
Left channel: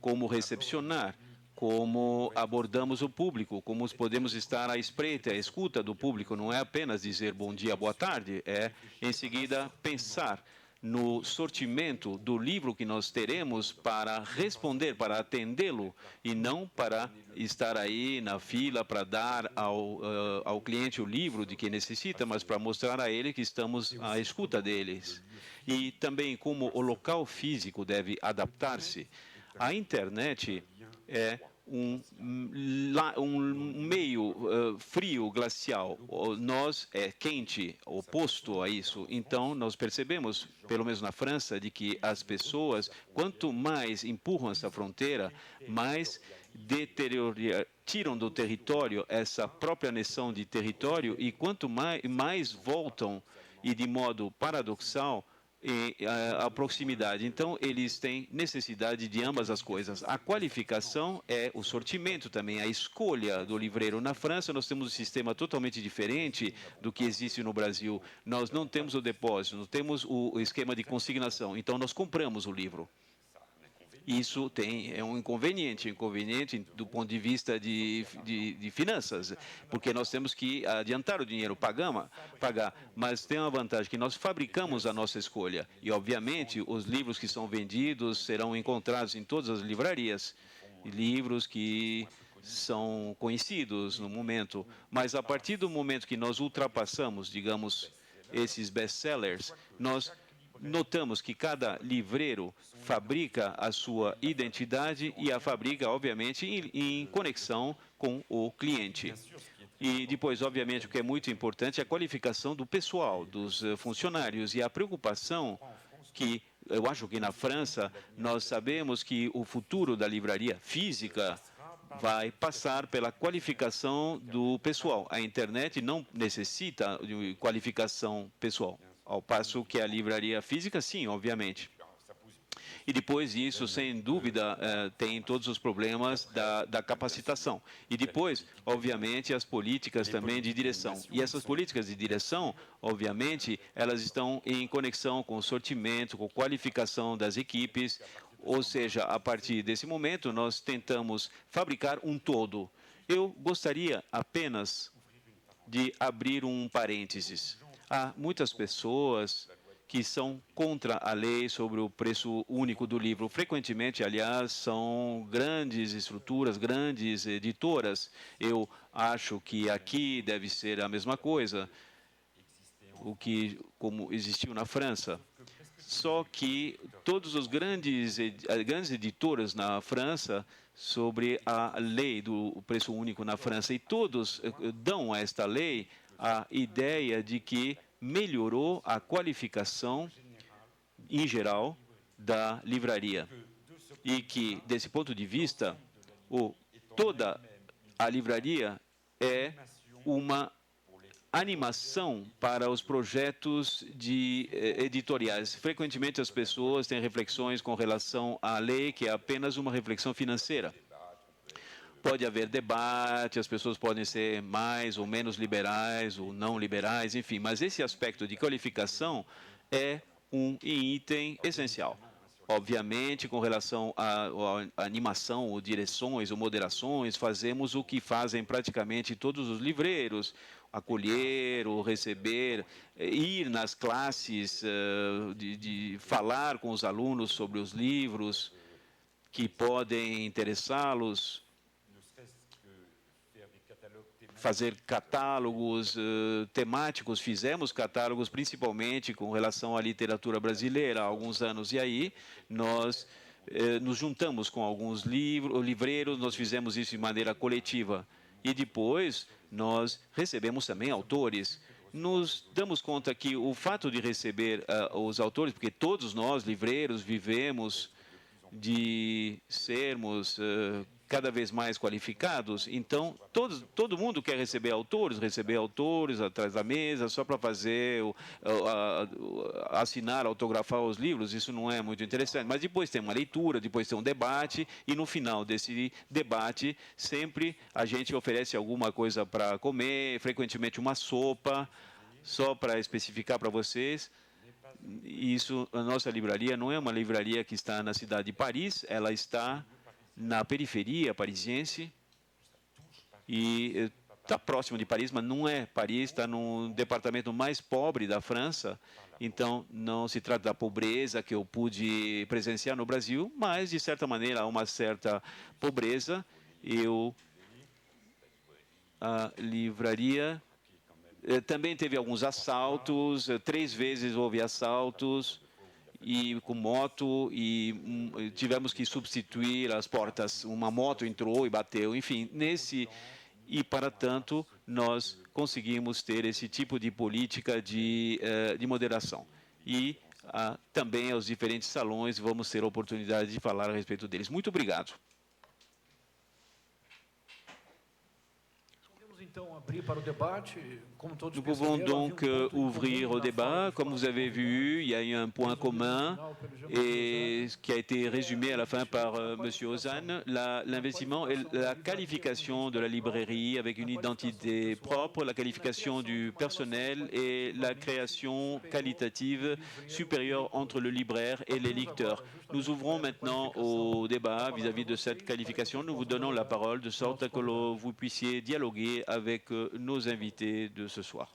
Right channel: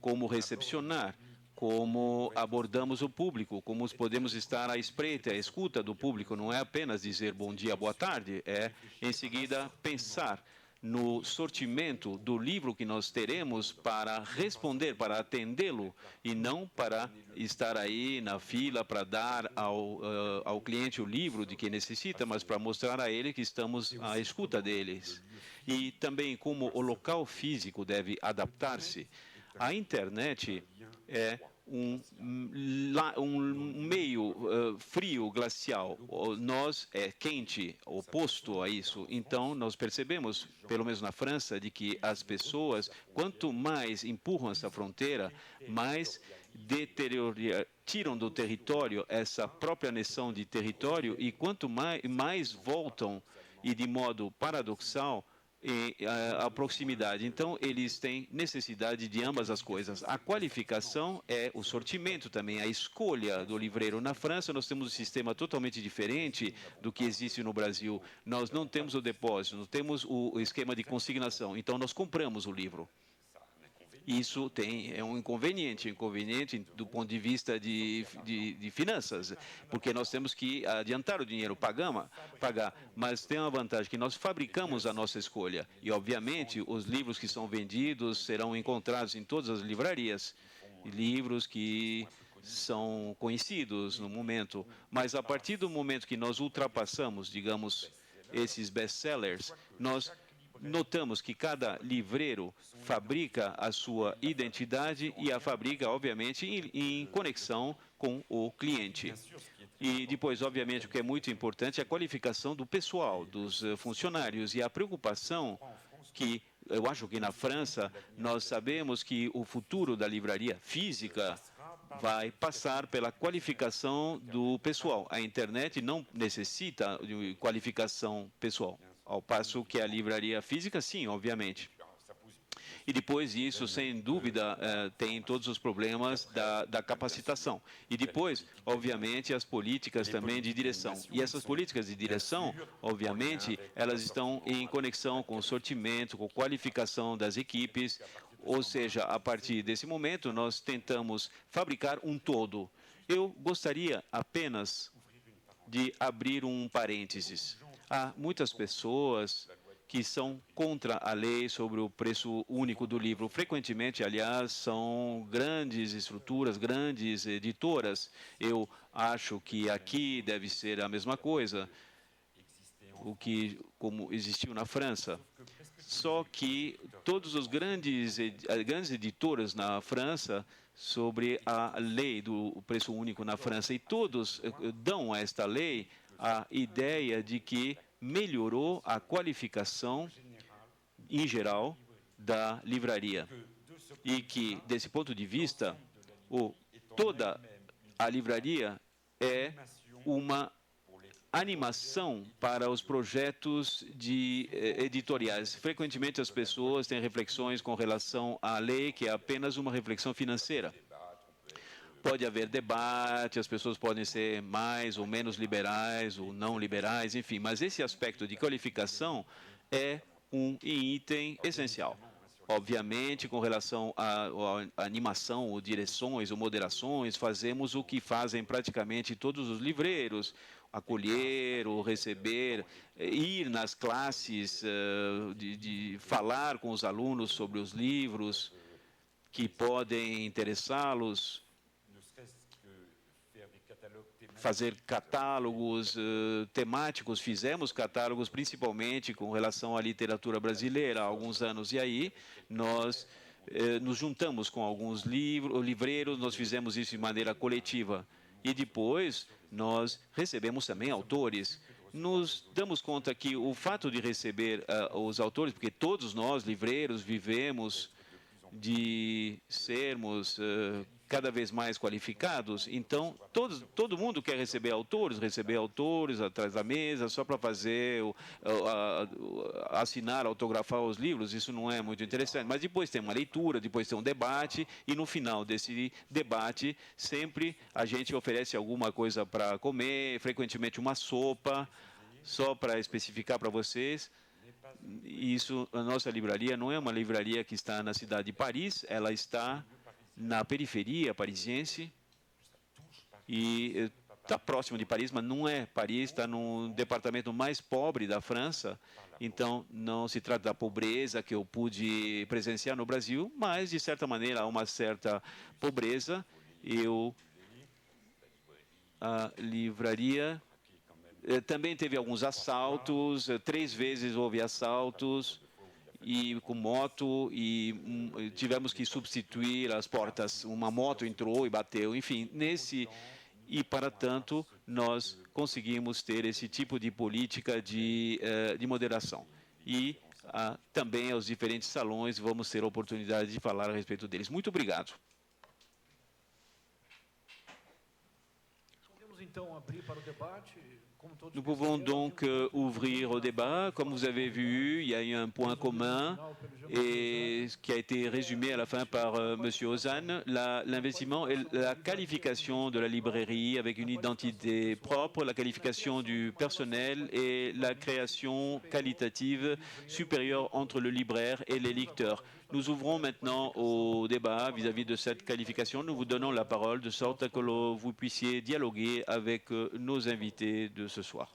como recepcionar, como abordamos o público, como podemos estar à espreita, à escuta do público, não é apenas dizer bom dia, boa tarde, é em seguida pensar no sortimento do livro que nós teremos para responder, para atendê-lo, e não para estar aí na fila para dar ao cliente o livro de que necessita, mas para mostrar a ele que estamos à escuta deles. E também como o local físico deve adaptar-se. A internet é um meio frio, glacial. Nós é quente, oposto a isso. Então, nós percebemos, pelo menos na França, de que as pessoas, quanto mais empurram essa fronteira, mais tiram do território essa própria noção de território, e quanto mais voltam, e de modo paradoxal, a proximidade. Então, eles têm necessidade de ambas as coisas. A qualificação é o sortimento também, a escolha do livreiro. Na França, nós temos um sistema totalmente diferente do que existe no Brasil. Nós não temos o depósito, não temos o esquema de consignação. Então, nós compramos o livro. Isso é um inconveniente do ponto de vista de finanças, porque nós temos que adiantar o dinheiro, pagar, mas tem uma vantagem que nós fabricamos a nossa escolha, e obviamente os livros que são vendidos serão encontrados em todas as livrarias, livros que são conhecidos no momento, mas a partir do momento que nós ultrapassamos, digamos, esses best-sellers, nós notamos que cada livreiro fabrica a sua identidade e a fabrica, obviamente, em conexão com o cliente. E depois, obviamente, o que é muito importante é a qualificação do pessoal, dos funcionários, e a preocupação que, eu acho que na França, nós sabemos que o futuro da livraria física vai passar pela qualificação do pessoal. A internet não necessita de qualificação pessoal, ao passo que a livraria física, sim, obviamente. E depois disso, sem dúvida, tem todos os problemas da capacitação. E depois, obviamente, as políticas também de direção. E essas políticas de direção, obviamente, elas estão em conexão com o sortimento, com a qualificação das equipes. Ou seja, a partir desse momento, nós tentamos fabricar um todo. Eu gostaria apenas de abrir um parênteses. Há muitas pessoas que são contra a lei sobre o preço único do livro. Frequentemente, aliás, são grandes estruturas, grandes editoras. Eu acho que aqui deve ser a mesma coisa, como existiu na França. Só que todos os grandes editoras na França sobre a lei do preço único na França, e todos dão a esta lei a ideia de que melhorou a qualificação, em geral, da livraria. E que, desse ponto de vista, toda a livraria é uma animação para os projetos editoriais. Frequentemente as pessoas têm reflexões com relação à lei, que é apenas uma reflexão financeira. Pode haver debate, as pessoas podem ser mais ou menos liberais ou não liberais, enfim, mas esse aspecto de qualificação é um item essencial. Obviamente, com relação à animação, ou direções, ou moderações, fazemos o que fazem praticamente todos os livreiros, acolher ou receber, ir nas classes, de falar com os alunos sobre os livros que podem interessá-los, fazer catálogos temáticos. Fizemos catálogos principalmente com relação à literatura brasileira há alguns anos, e aí nós nos juntamos com alguns livreiros, nós fizemos isso de maneira coletiva. E depois nós recebemos também autores. Nos damos conta que o fato de receber os autores, porque todos nós, livreiros, vivemos de sermos cada vez mais qualificados, então todo mundo quer receber autores atrás da mesa, só para fazer, assinar, autografar os livros. Isso não é muito interessante. Mas depois tem uma leitura, depois tem um debate, e no final desse debate, sempre a gente oferece alguma coisa para comer, frequentemente uma sopa, só para especificar para vocês. Isso, a nossa livraria não é uma livraria que está na cidade de Paris, ela está na periferia parisiense e está próximo de Paris, mas não é Paris, está no departamento mais pobre da França. Então, não se trata da pobreza que eu pude presenciar no Brasil, mas, de certa maneira, há uma certa pobreza. A livraria também teve alguns assaltos, 3 vezes houve assaltos, e com moto, e tivemos que substituir as portas. Uma moto entrou e bateu, enfim, e para tanto nós conseguimos ter esse tipo de política de moderação. E também aos diferentes salões vamos ter a oportunidade de falar a respeito deles. Muito obrigado. Então, abrir para o debate. Nous pouvons donc ouvrir au débat. Comme vous avez vu, il y a eu un point commun et qui a été résumé à la fin par M. Ozan, l'investissement et la qualification de la librairie avec une identité propre, la qualification du personnel et la création qualitative supérieure entre le libraire et les lecteurs. Nous ouvrons maintenant au débat vis-à-vis de cette qualification. Nous vous donnons la parole de sorte que vous puissiez dialoguer avec nos invités de ce soir.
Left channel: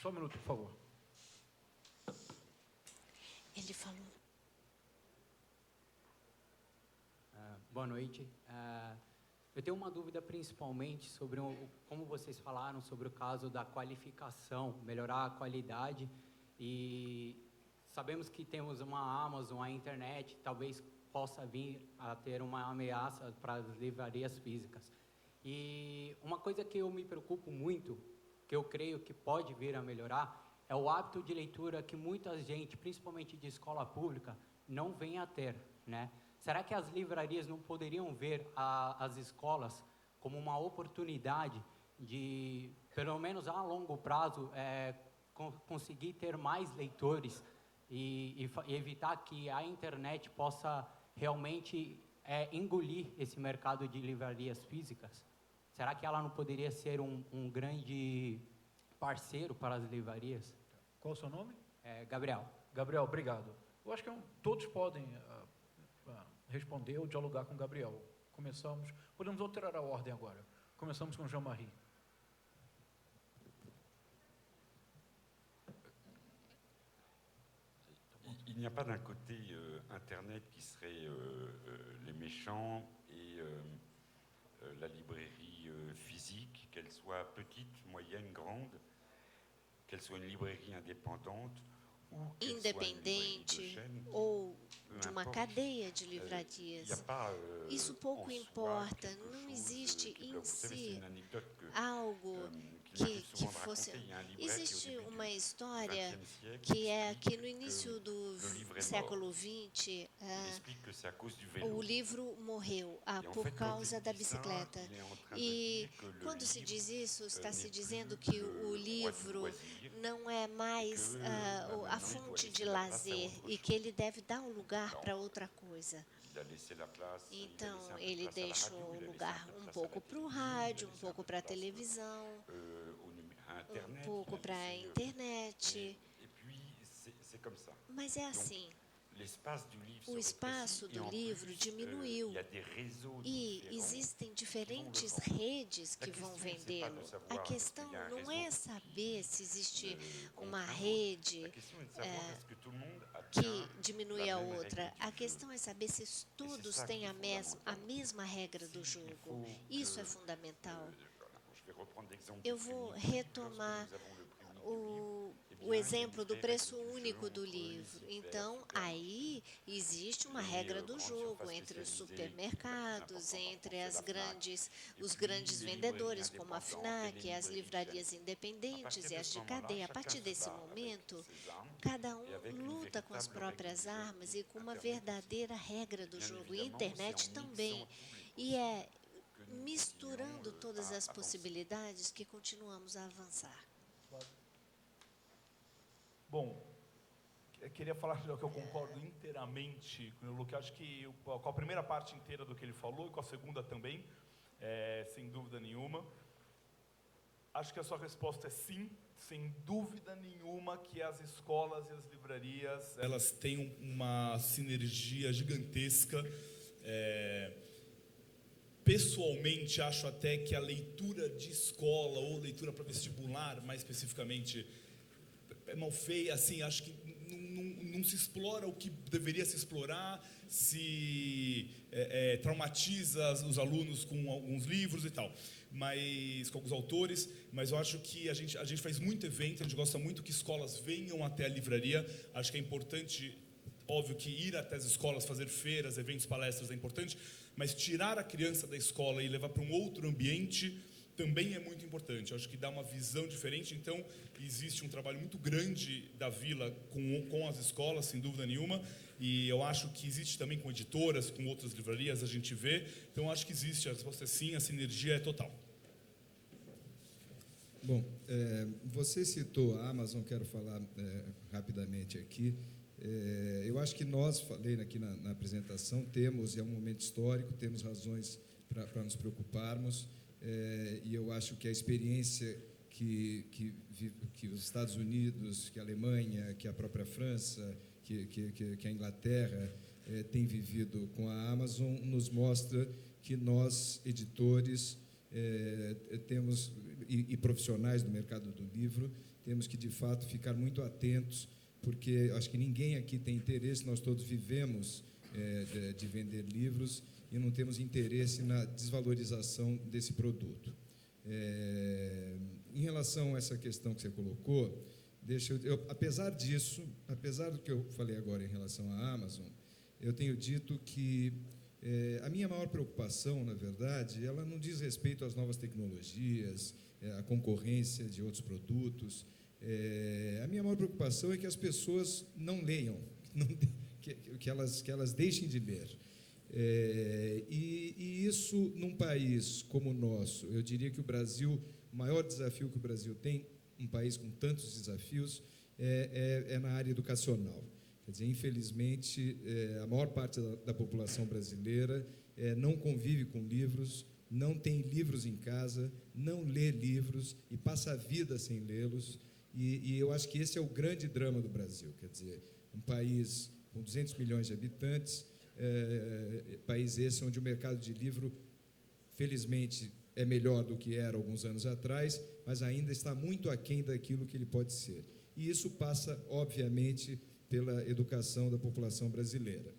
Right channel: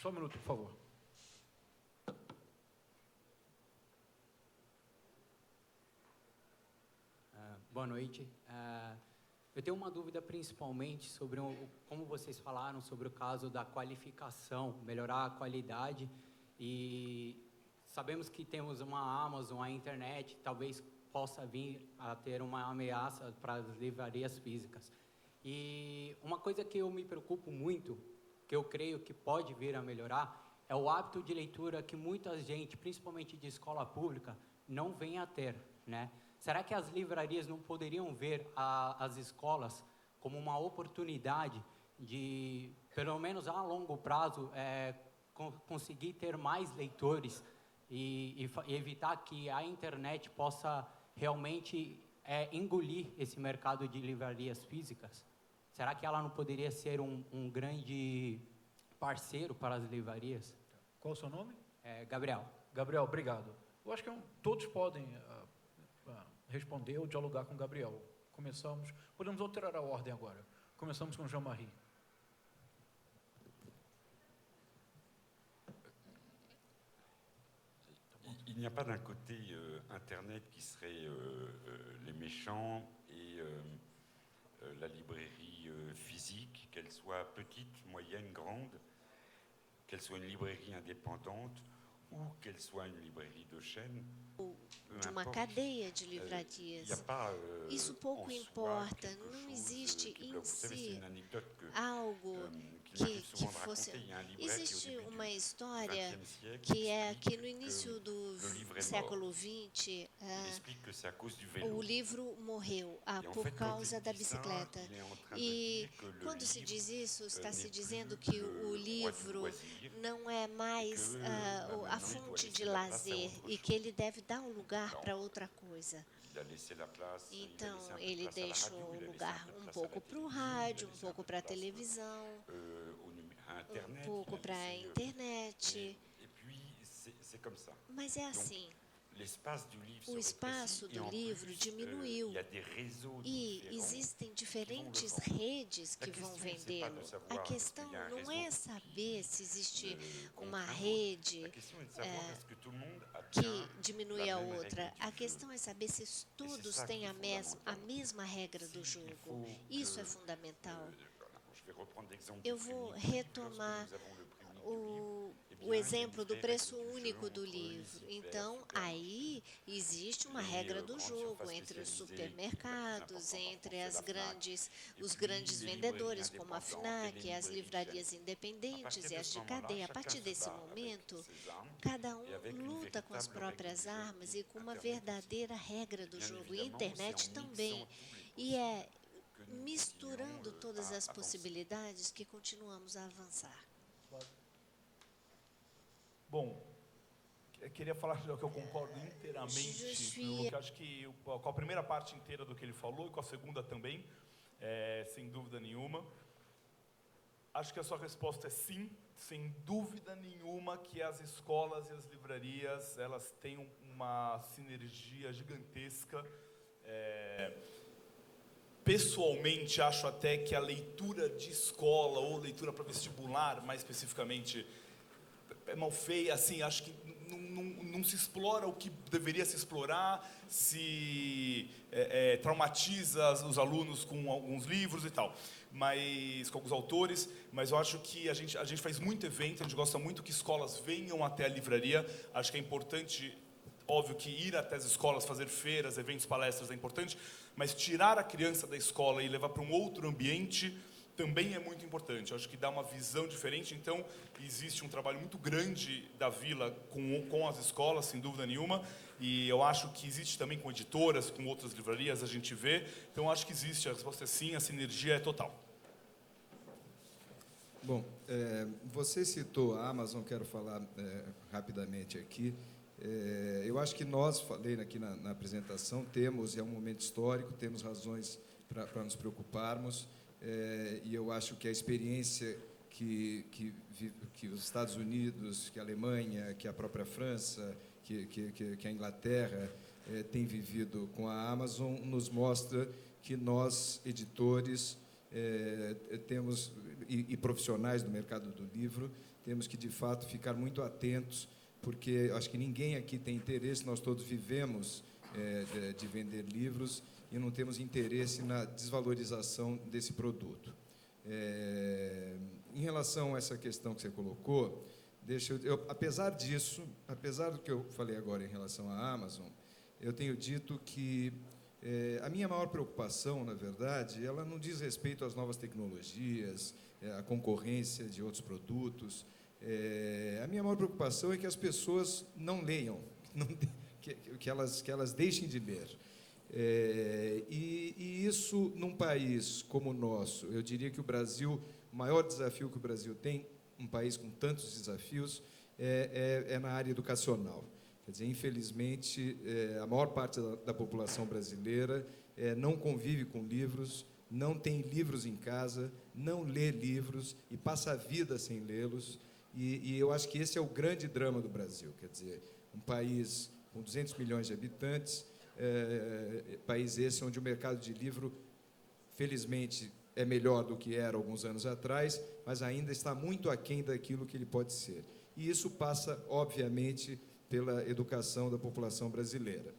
Só minuto, por favor. Ele falou. Boa noite. Eu tenho uma dúvida principalmente sobre como vocês falaram sobre o caso da qualificação, melhorar a qualidade, e sabemos que temos uma Amazon, a internet, talvez possa vir a ter uma ameaça para as livrarias físicas. E uma coisa que eu me preocupo muito, que eu creio que pode vir a melhorar, é o hábito de leitura que muita gente, principalmente de escola pública, não vem a ter, né? Será que as livrarias não poderiam ver as escolas como uma oportunidade de, pelo menos a longo prazo, conseguir ter mais leitores e evitar que a internet possa realmente engolir esse mercado de livrarias físicas? Será que ela não poderia ser um grande parceiro para as livrarias? Qual o seu nome? Gabriel. Gabriel, obrigado. Eu acho que todos podem responder ou dialogar com o Gabriel. Podemos alterar a ordem agora. Começamos com Jean-Marie. Il n'y a pas d'un côté Internet qui serait les méchants et la librairie physique, qu'elle soit petite, moyenne, grande, qu'elle soit une librairie indépendante ou qu'elle soit une librairie de chaîne, ou de uma cadeia de livrarias. Isso pouco importa, não existe em si algo que fosse... Existe uma história que é que no início do século XX, o livro morreu por causa da bicicleta. E quando se diz isso, está se dizendo que o livro não é mais a fonte de lazer e que ele deve dar um lugar para outra coisa. Então, ele deixou lugar um pouco para o rádio, um pouco para a televisão, um pouco para a internet. Mas é assim. O espaço do livro diminuiu e existem diferentes redes que vão vendê-lo. A questão não é saber se existe uma rede que diminui a outra. A questão é saber se todos têm a mesma regra do jogo. Isso é fundamental. Eu vou retomar o exemplo do preço único do livro. Então, aí existe uma regra do jogo entre os supermercados, entre os grandes vendedores, como a FNAC, as livrarias independentes e as de cadeia. A partir desse momento, cada um luta com as próprias armas e com uma verdadeira regra do jogo. E a internet também. E é misturando todas as possibilidades que continuamos a avançar. Bom, eu queria falar que eu concordo inteiramente, porque acho que com a primeira parte inteira do que ele falou e com a segunda também, sem dúvida nenhuma. Acho que a sua resposta é sim, sem dúvida nenhuma que as escolas e as livrarias, elas têm uma sinergia gigantesca. Pessoalmente, acho até que a leitura de escola ou leitura para vestibular, mais especificamente, é mal feia, assim, acho que não se explora o que deveria se explorar, se traumatiza os alunos com alguns livros e tal, mas com alguns autores, mas eu acho que a gente faz muito evento, a gente gosta muito que escolas venham até a livraria, acho que é importante, óbvio que ir até as escolas, fazer feiras, eventos, palestras é importante, mas tirar a criança da escola e levar para um outro ambiente também é muito importante, eu acho que dá uma visão diferente, então existe um trabalho muito grande da Vila com as escolas, sem dúvida nenhuma, e eu acho que existe também com editoras, com outras livrarias, a gente vê, então eu acho que existe, a resposta é sim, a sinergia é total. Bom, você citou a Amazon, quero falar rapidamente aqui. Eu acho que nós, falei aqui na apresentação, é um momento histórico, temos razões para nos preocuparmos, e eu acho que a experiência que os Estados Unidos, que a Alemanha, que a própria França, que a Inglaterra tem vivido com a Amazon, nos mostra que nós, editores, temos, e profissionais do mercado do livro, temos que, de fato, ficar muito atentos, porque acho que ninguém aqui tem interesse, nós todos vivemos de vender livros e não temos interesse na desvalorização desse produto. Em relação a essa questão que você colocou, apesar disso, apesar do que eu falei agora em relação à Amazon, eu tenho dito que a minha maior preocupação, na verdade, ela não diz respeito às novas tecnologias, à concorrência de outros produtos. A minha maior preocupação é que as pessoas não leiam, que elas deixem de ler. E isso, num país como o nosso, eu diria que o maior desafio que o Brasil tem, um país com tantos desafios, é na área educacional. Quer dizer, infelizmente, a maior parte da população brasileira não convive com livros, não tem livros em casa, não lê livros e passa a vida sem lê-los. E eu acho que esse é o grande drama do Brasil. Quer dizer, um país com 200 milhões de habitantes, país esse onde o mercado de livro, felizmente, é melhor do que era alguns anos atrás, mas ainda está muito aquém daquilo que ele pode ser. E isso passa, obviamente, pela educação da população brasileira.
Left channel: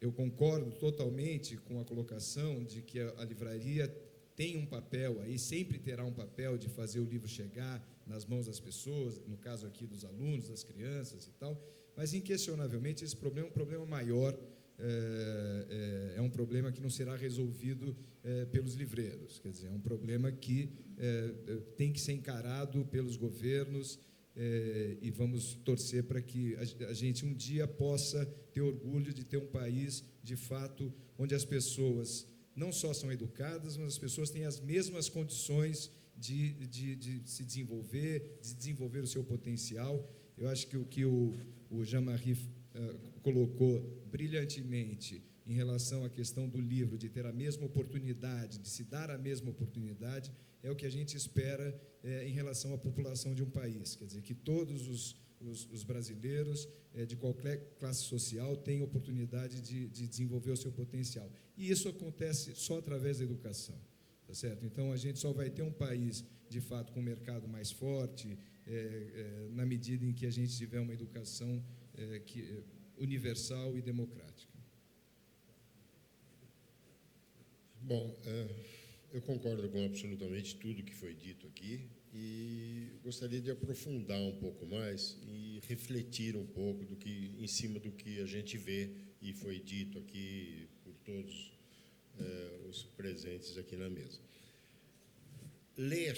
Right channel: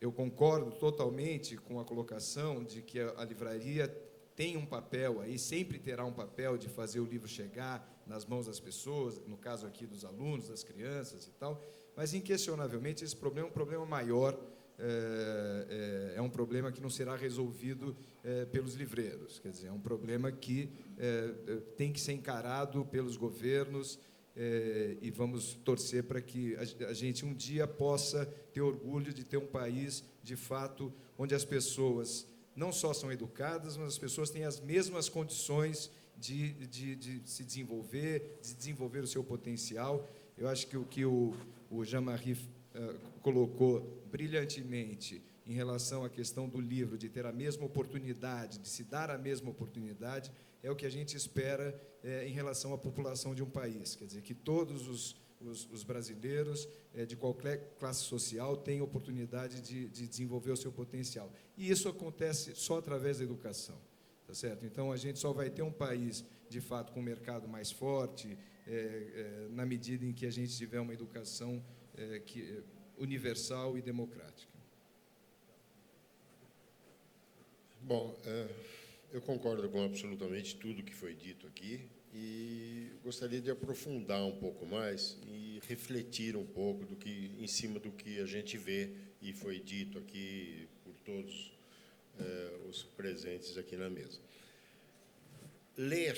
Eu concordo totalmente com a colocação de que a livraria tem um papel aí, sempre terá um papel de fazer o livro chegar nas mãos das pessoas, no caso aqui dos alunos, das crianças e tal, mas inquestionavelmente esse problema é um problema maior é um problema que não será resolvido pelos livreiros. Quer dizer, é um problema que tem que ser encarado pelos governos, e vamos torcer para que a gente um dia possa ter orgulho de ter um país, de fato, onde as pessoas não só são educadas, mas as pessoas têm as mesmas condições de se desenvolver, de desenvolver o seu potencial. Eu acho que o que o Jean-Marie colocou brilhantemente em relação à questão do livro, de ter a mesma oportunidade, de se dar a mesma oportunidade, é o que a gente espera em relação à população de um país. Quer dizer, que todos os brasileiros, de qualquer classe social, tenham oportunidade de desenvolver o seu potencial. E isso acontece só através da educação, tá certo? Então, a gente só vai ter um país, de fato, com um mercado mais forte, na medida em que a gente tiver uma educação universal e democrática. Bom, eu concordo com absolutamente tudo que foi dito aqui e gostaria de aprofundar um pouco mais e refletir um pouco em cima do que a gente vê e foi dito aqui por todos os presentes aqui na mesa. Ler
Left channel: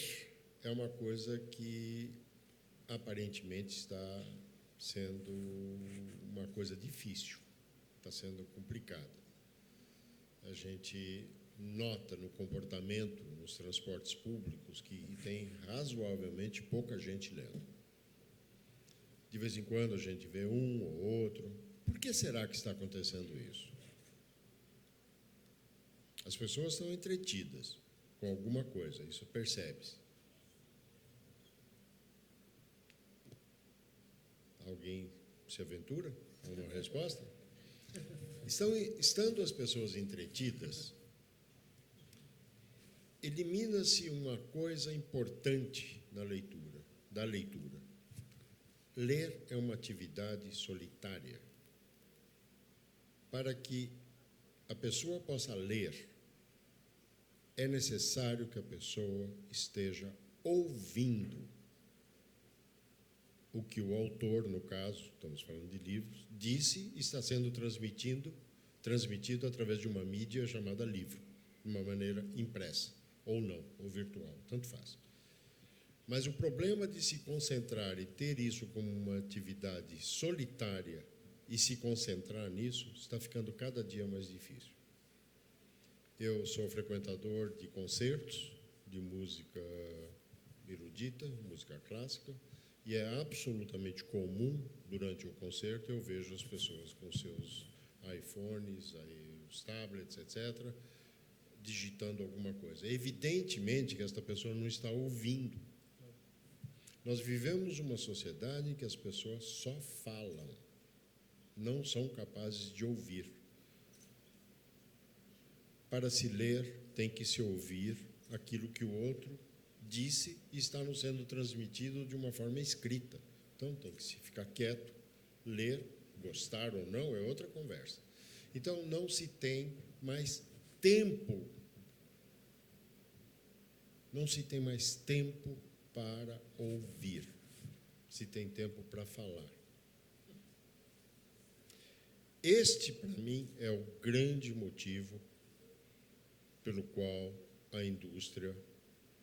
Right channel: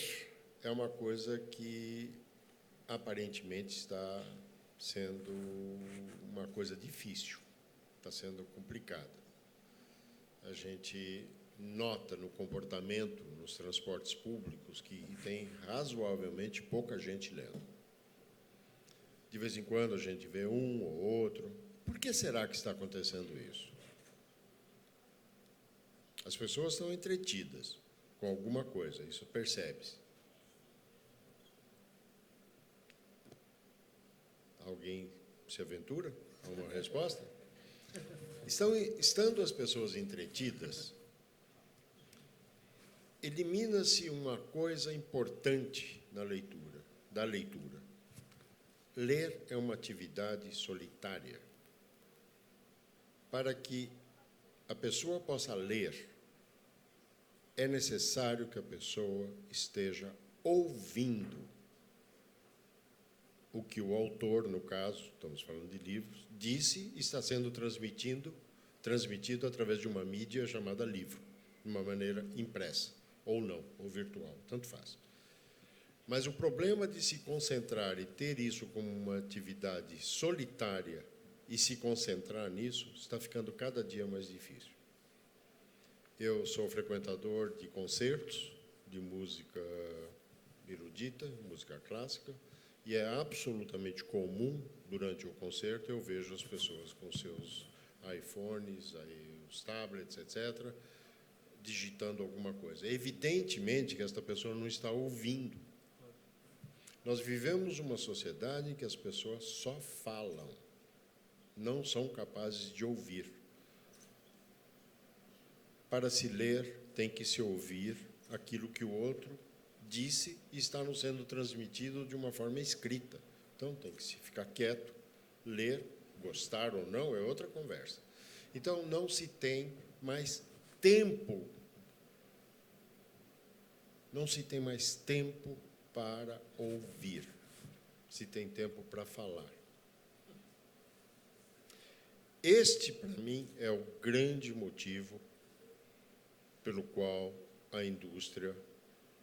é uma coisa que aparentemente está sendo uma coisa difícil, está sendo complicada. A gente nota no comportamento nos transportes públicos que tem razoavelmente pouca gente lendo. De vez em quando a gente vê um ou outro. Por que será que está acontecendo isso? As pessoas estão entretidas com alguma coisa, isso percebe-se. Alguém se aventura? Alguma resposta? Estando as pessoas entretidas, elimina-se uma coisa importante da leitura. Ler é uma atividade solitária. Para que a pessoa possa ler, é necessário que a pessoa esteja ouvindo o que o autor, no caso, estamos falando de livros, disse e está sendo transmitido através de uma mídia chamada livro, de uma maneira impressa, ou não, ou virtual, tanto faz. Mas o problema de se concentrar e ter isso como uma atividade solitária e se concentrar nisso, está ficando cada dia mais difícil. Eu sou frequentador de concertos, de música erudita, música clássica, e é absolutamente comum, durante o concerto, eu vejo as pessoas com seus iPhones, os tablets, etc., digitando alguma coisa. É evidentemente que esta pessoa não está ouvindo. Nós vivemos uma sociedade em que as pessoas só falam, não são capazes de ouvir. Para se ler, tem que se ouvir aquilo que o outro disse e está nos sendo transmitido de uma forma escrita. Então, tem que se ficar quieto, ler, gostar ou não, é outra conversa. Então, não se tem mais tempo. Não se tem mais tempo para ouvir. Se tem tempo para falar. Este, para mim, é o grande motivo pelo qual a indústria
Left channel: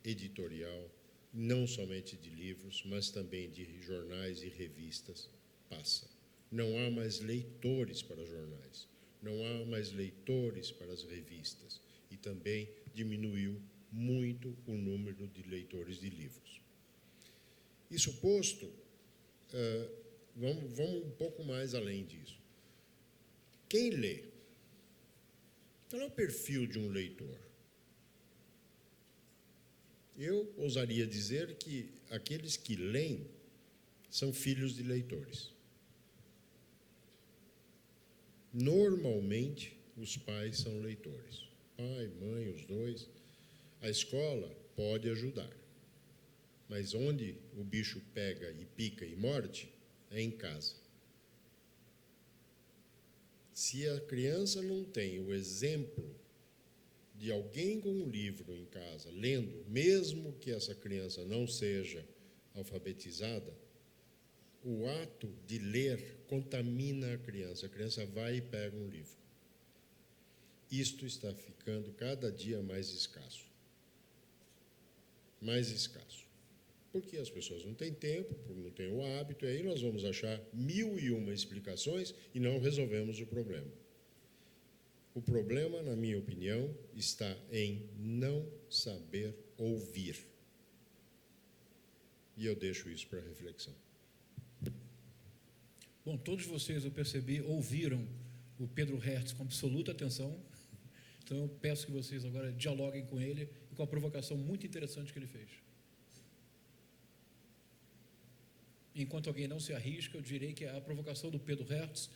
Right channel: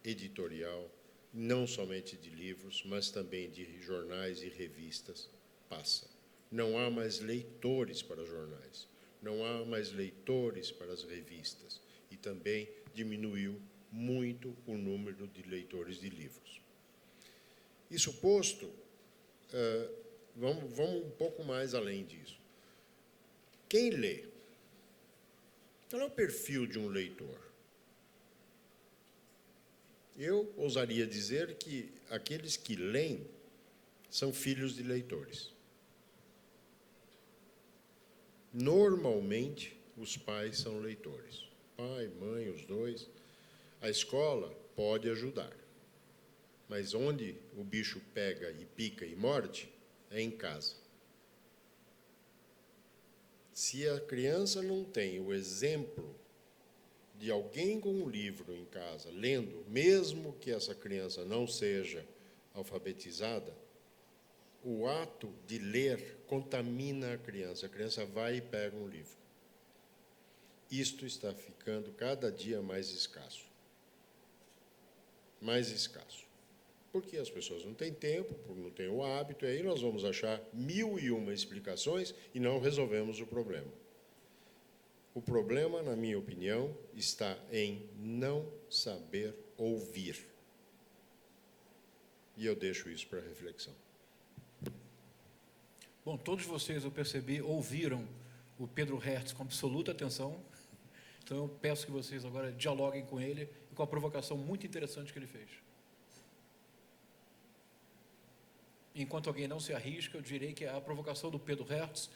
editorial, não somente de livros, mas também de jornais e revistas, passa. Não há mais leitores para jornais, não há mais leitores para as revistas, e também diminuiu muito o número de leitores de livros. Isso posto, vamos um pouco mais além disso. Quem lê? Qual é o perfil de um leitor? Eu ousaria dizer que aqueles que leem são filhos de leitores. Normalmente, os pais são leitores. Pai, mãe, os dois. A escola pode ajudar. Mas onde o bicho pega e pica e morde, é em casa. Se a criança não tem o exemplo de alguém com um livro em casa, lendo, mesmo que essa criança não seja alfabetizada, o ato de ler contamina a criança. A criança vai e pega um livro. isto está ficando cada dia mais escasso. Mais escasso. Porque as pessoas não têm tempo, não têm o hábito, e aí nós vamos achar 1001 explicações e não resolvemos o problema. O problema, na minha opinião, está em não saber ouvir. E eu deixo isso para reflexão. Bom, todos vocês, eu percebi, ouviram o Pedro Hertz com absoluta atenção. Então eu peço que vocês agora dialoguem com ele e com a provocação muito interessante que ele fez. Enquanto alguém não se arrisca, eu direi que a provocação do Pedro Hertz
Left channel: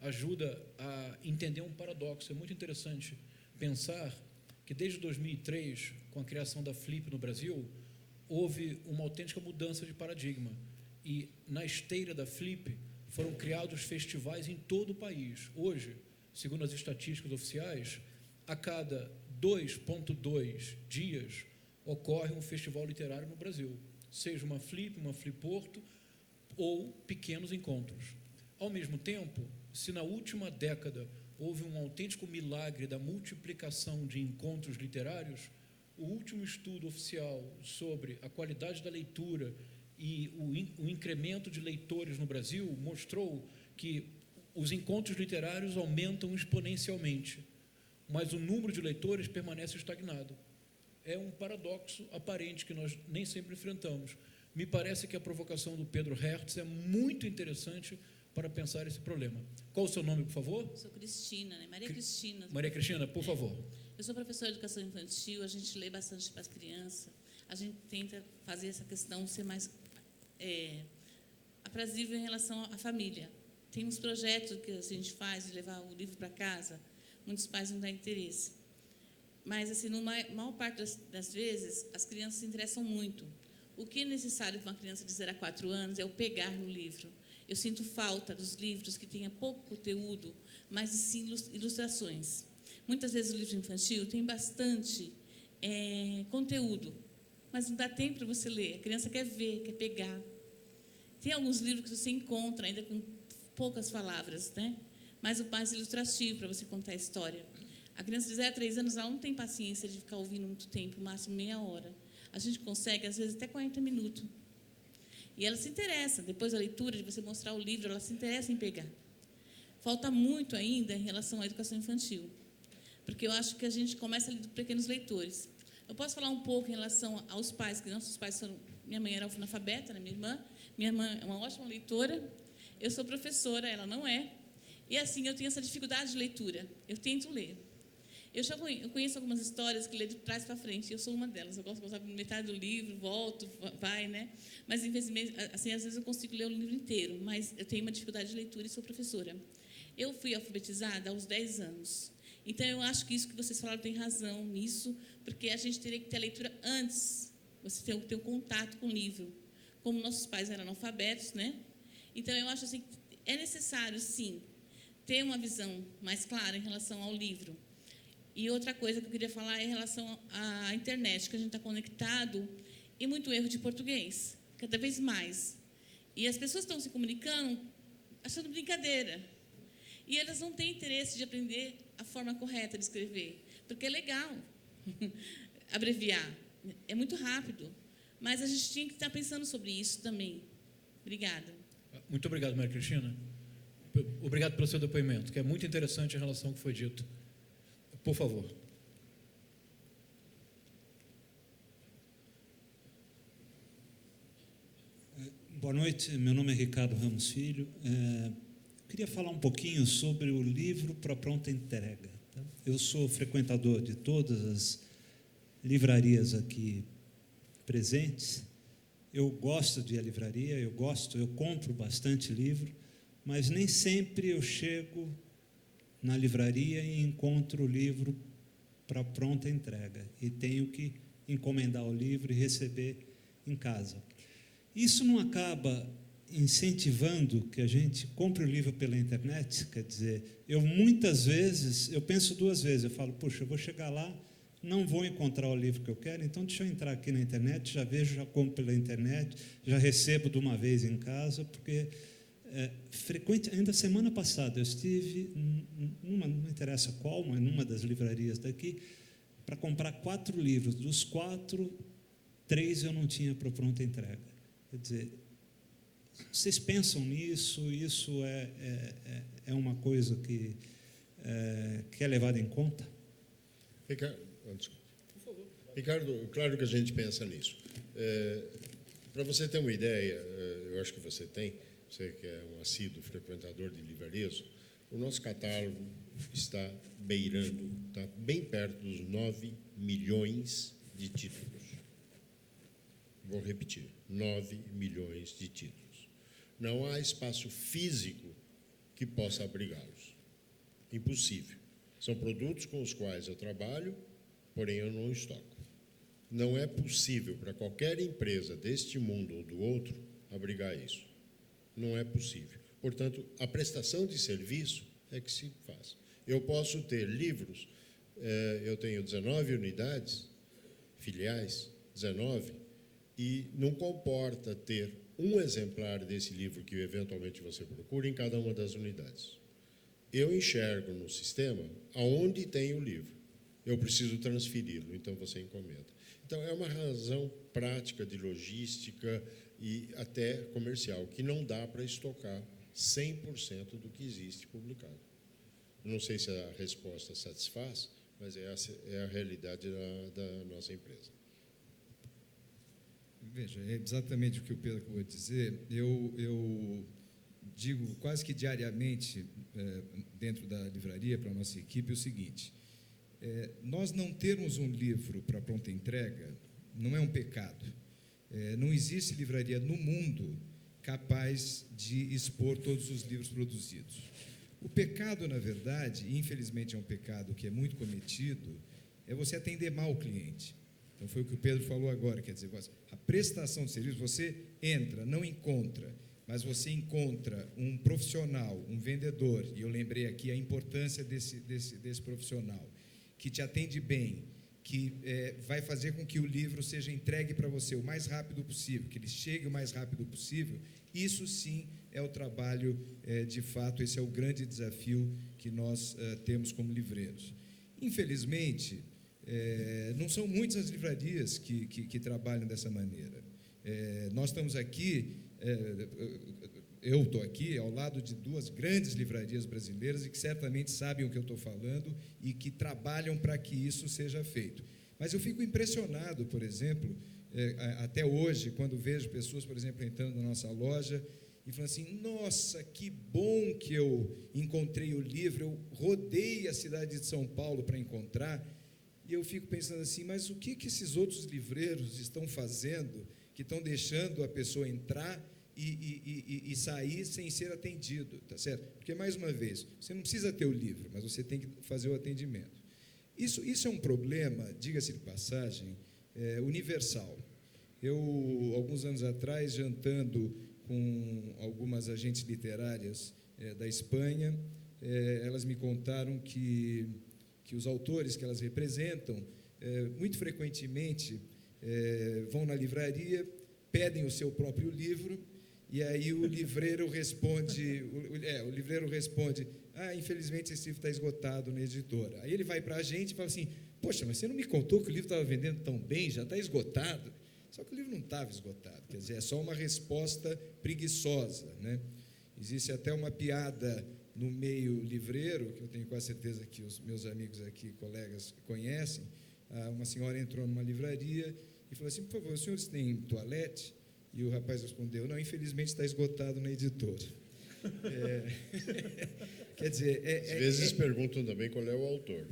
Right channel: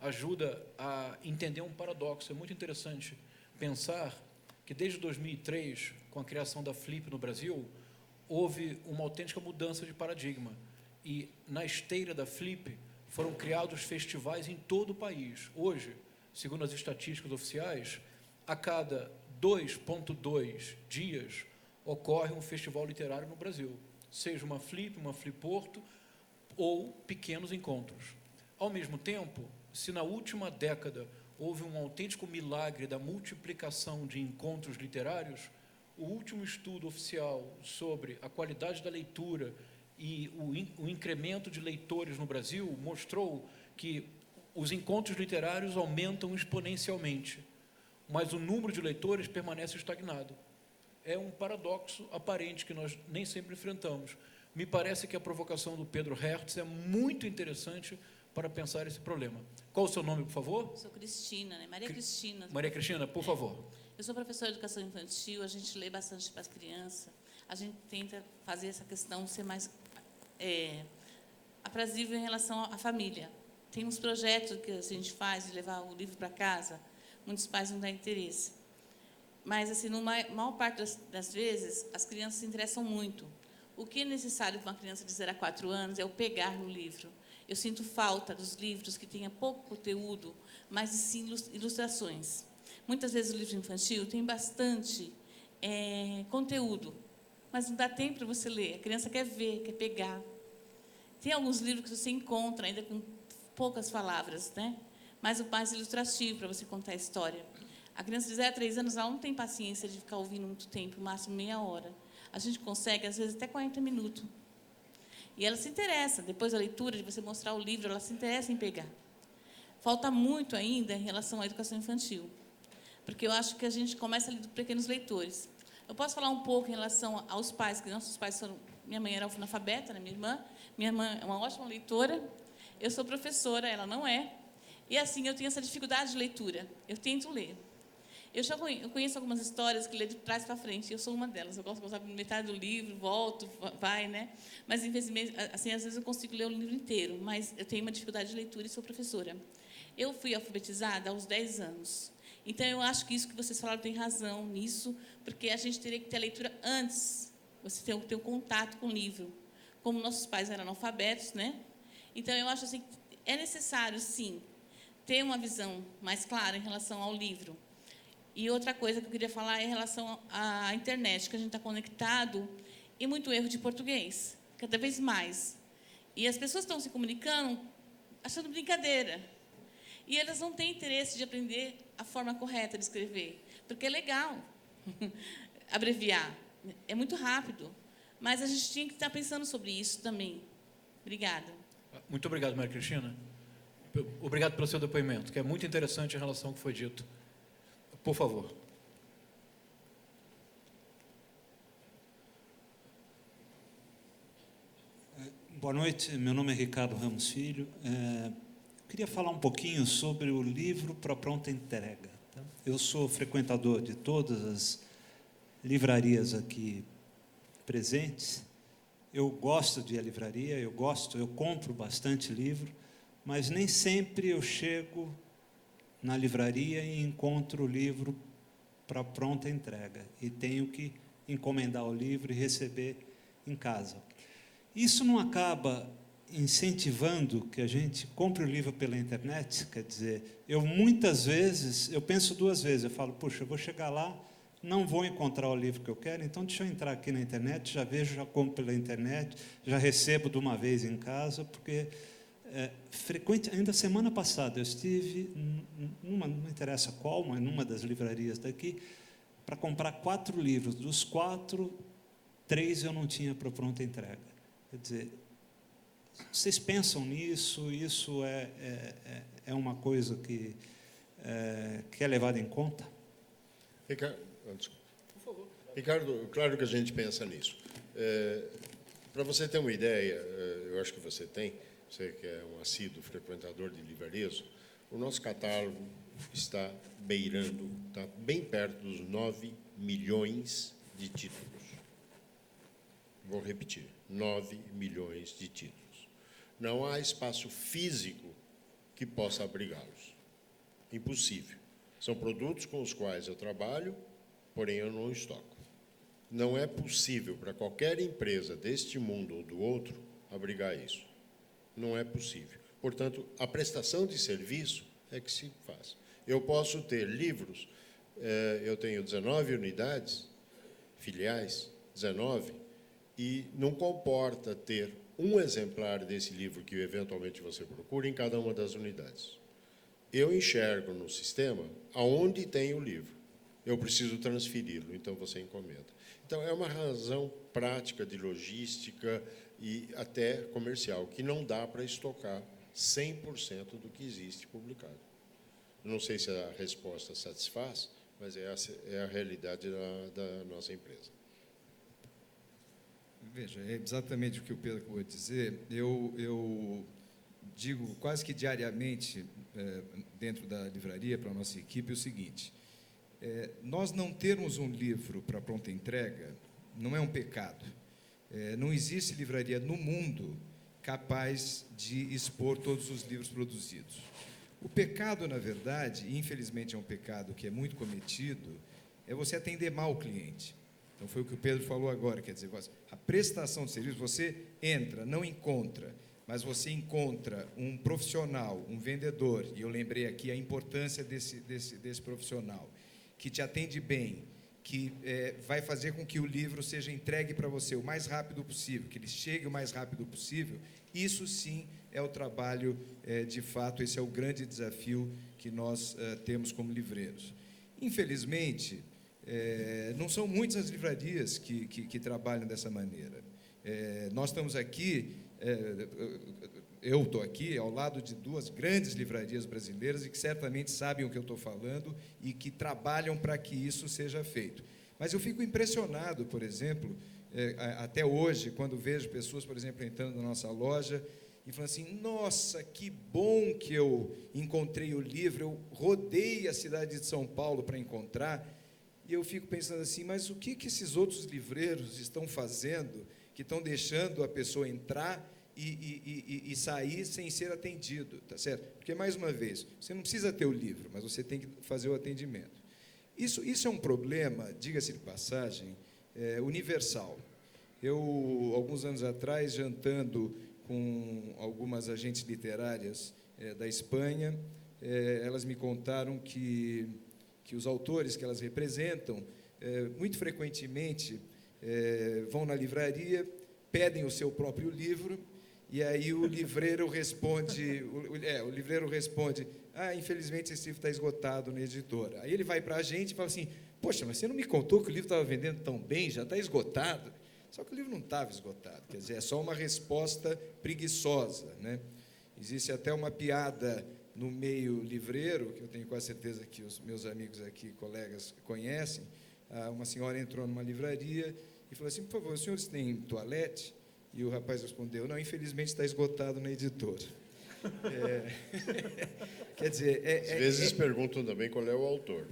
ajuda a entender um paradoxo. É muito interessante pensar que desde 2003, com a criação da Flip no Brasil, houve uma autêntica mudança de paradigma. E na esteira da Flip foram criados festivais em todo o país. Hoje, segundo as estatísticas oficiais, a cada 2,2 dias ocorre um festival literário no Brasil, seja uma Flip Porto ou pequenos encontros. Ao mesmo tempo, se na última década houve um autêntico milagre da multiplicação de encontros literários, o último estudo oficial sobre a qualidade da leitura e o incremento de leitores no Brasil mostrou que os encontros literários aumentam exponencialmente, mas o número de leitores permanece estagnado. É um paradoxo aparente que nós nem sempre enfrentamos. Me parece que a provocação do Pedro Hertz é muito interessante para pensar esse problema. Qual o seu nome, por favor? Sou Cristina, né? Maria Cristina. Maria Cristina, por favor. Eu sou professora de educação infantil, a gente lê bastante para as crianças, a gente tenta fazer essa questão ser mais aprazível em relação à família. Tem uns projetos que a gente faz de levar o livro para casa, muitos pais não dão interesse. Mas, assim, na maior parte das vezes, as crianças se interessam muito. O que é necessário para uma criança de 0 a 4 anos é o pegar no livro. Eu sinto falta dos livros que tenham pouco conteúdo, mas sim ilustrações. Muitas vezes o livro infantil tem bastante conteúdo, mas não dá tempo para você ler. A criança quer ver, quer pegar. Tem alguns livros que você encontra ainda com poucas palavras, né? Mas o mais ilustrativo para você contar a história. A criança de 0 a 3 anos ela não tem paciência de ficar ouvindo muito tempo, no máximo meia hora. A gente consegue, às vezes, até 40 minutos. E ela se interessa, depois da leitura, de você mostrar o livro, ela se interessa em pegar. Falta muito ainda em relação à educação infantil. Porque eu acho que a gente começa a ler dos pequenos leitores. Eu posso falar um pouco em relação aos pais, que nossos pais foram... Minha mãe era analfabeta, né, minha irmã. Minha irmã é uma ótima leitora. Eu sou professora, ela não é. E assim, eu tenho essa dificuldade de leitura. Eu tento ler. Eu conheço algumas histórias que lê de trás para frente. Eu sou uma delas. Eu gosto de gostar de metade do livro, volto, vai, né? Mas, infelizmente, assim, às vezes eu consigo ler o livro inteiro. Mas eu tenho uma dificuldade de leitura e sou professora. Eu fui alfabetizada aos 10 anos. Então, eu acho que isso que vocês falaram tem razão nisso, porque a gente teria que ter a leitura antes. Você ter um contato com o livro. Como nossos pais eram analfabetos, né? Então, eu acho assim, é necessário, sim, ter uma visão mais clara em relação ao livro. E outra coisa que eu queria falar é em relação à internet, que a gente está conectado e muito erro de português, cada vez mais. E as pessoas estão se comunicando achando brincadeira. E elas não têm interesse de aprender a forma correta de escrever, porque é legal abreviar, é muito rápido. Mas a gente tinha que estar pensando sobre isso também. Obrigada. Muito obrigado, Maria Cristina. Obrigado pelo seu depoimento, que é muito interessante em relação ao que foi dito. Por favor. Boa noite, meu nome é Ricardo Ramos Filho. Queria falar um pouquinho sobre o livro para pronta entrega. Eu sou frequentador de todas as livrarias aqui presentes. Eu gosto de ir à livraria, eu compro bastante livro, mas nem sempre eu chego na livraria e encontro o livro para pronta entrega. E tenho que encomendar o livro e receber em casa. Isso não acaba incentivando que a gente compre o livro pela internet? Quer dizer, muitas vezes, eu penso 2 vezes, eu falo, puxa, eu vou chegar lá, não vou encontrar o livro que eu quero, então deixa eu entrar aqui na internet, já vejo, já compro pela internet, já recebo de uma vez em casa, porque ainda semana passada, eu estive, não interessa qual, mas numa das livrarias daqui, para comprar 4 livros. Dos 4, 3 eu não tinha para pronta entrega. Quer dizer, vocês pensam nisso? Isso é uma coisa que é levada em conta? Ricardo, claro que a gente pensa nisso. Para você ter uma ideia, eu acho que você tem, você que é um assíduo frequentador de livrarias, o nosso catálogo está beirando, está bem perto dos 9 milhões de títulos. Vou repetir, 9 milhões de títulos. Não há espaço físico que possa abrigá-los. Impossível. São produtos com os quais eu trabalho, porém eu não estoco. Não é possível para qualquer empresa deste mundo ou do outro abrigar isso. Não é possível. Portanto, a prestação de serviço é que se faz. Eu posso ter livros, eu tenho 19 unidades, filiais, 19, e não comporta ter um exemplar desse livro que eventualmente você procura em cada uma das unidades. Eu enxergo no sistema aonde tem o livro. Eu preciso transferi-lo, então você encomenda. Então, é uma razão prática de logística e até comercial, que não dá para estocar 100% do que existe publicado. Não sei se a resposta satisfaz, mas é a realidade da nossa empresa. Veja, é exatamente o que o Pedro acabou de dizer. Eu digo quase que diariamente, dentro da livraria, para a nossa equipe, o seguinte: nós não termos um livro para pronta entrega não é um pecado. Não existe livraria no mundo capaz de expor todos os livros produzidos. O pecado, na verdade, e infelizmente é um pecado que é muito cometido, é você atender mal o cliente. Então foi o que o Pedro falou agora, quer dizer, a prestação de serviço, você entra, não encontra, mas você encontra um profissional, um vendedor, e eu lembrei aqui a importância desse profissional, que te atende bem, que vai fazer com que o livro seja entregue para você o mais rápido possível, que ele chegue o mais rápido possível. Isso sim é o trabalho, de fato, esse é o grande desafio que nós temos como livreiros. Infelizmente, não são muitas as livrarias que trabalham dessa maneira. Nós estamos aqui, eu estou aqui ao lado de 2 grandes livrarias brasileiras e que certamente sabem o que eu estou falando e que trabalham para que isso seja feito. Mas eu fico impressionado, por exemplo, até hoje, quando vejo pessoas, por exemplo, entrando na nossa loja e falando assim: nossa, que bom que eu encontrei o livro, eu rodei a cidade de São Paulo para encontrar. E eu fico pensando assim, mas o que esses outros livreiros estão fazendo, que estão deixando a pessoa entrar e sair sem ser atendido, tá certo? Porque, mais uma vez, você não precisa ter o livro, mas você tem que fazer o atendimento. Isso é um problema, diga-se de passagem, universal. Eu, alguns anos atrás, jantando com algumas agentes literárias da Espanha, elas me contaram que os autores que elas representam, muito frequentemente, vão na livraria, pedem o seu próprio livro, e aí o livreiro responde, infelizmente esse livro está esgotado na editora. Aí ele vai para a gente e fala assim: poxa, mas você não me contou que o livro estava vendendo tão bem, já está esgotado? Só que o livro não estava esgotado, quer dizer, é só uma resposta preguiçosa, né? Existe até uma piada no meio livreiro, que eu tenho quase certeza que os meus amigos aqui, colegas, conhecem. Uma senhora entrou numa livraria e falou assim: por favor, os senhores têm toalete? E o rapaz respondeu: não, infelizmente está esgotado na editora. Quer dizer... Às vezes perguntam também qual é o autor.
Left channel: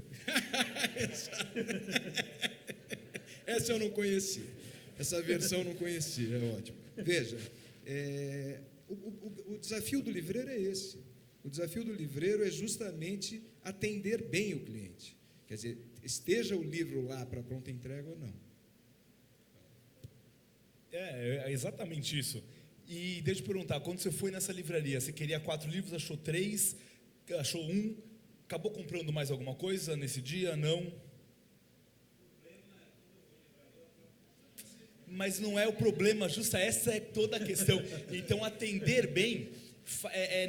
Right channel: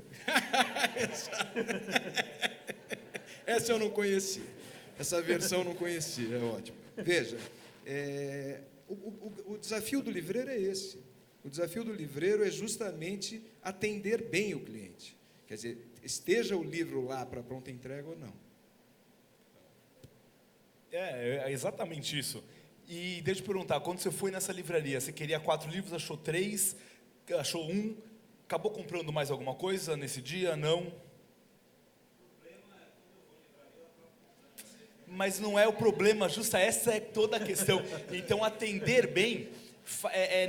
Essa eu não conheci. Essa versão eu não conheci, é ótimo. Veja, o desafio do livreiro é esse. O desafio do livreiro é justamente atender bem o cliente. Quer dizer, esteja o livro lá para pronta entrega ou não. É exatamente isso. E deixa eu te perguntar, quando você foi nessa livraria, você queria 4 livros, achou 3, achou 1, acabou comprando mais alguma coisa nesse dia? Não? Mas não é o problema, justa essa é toda a questão. Então, atender bem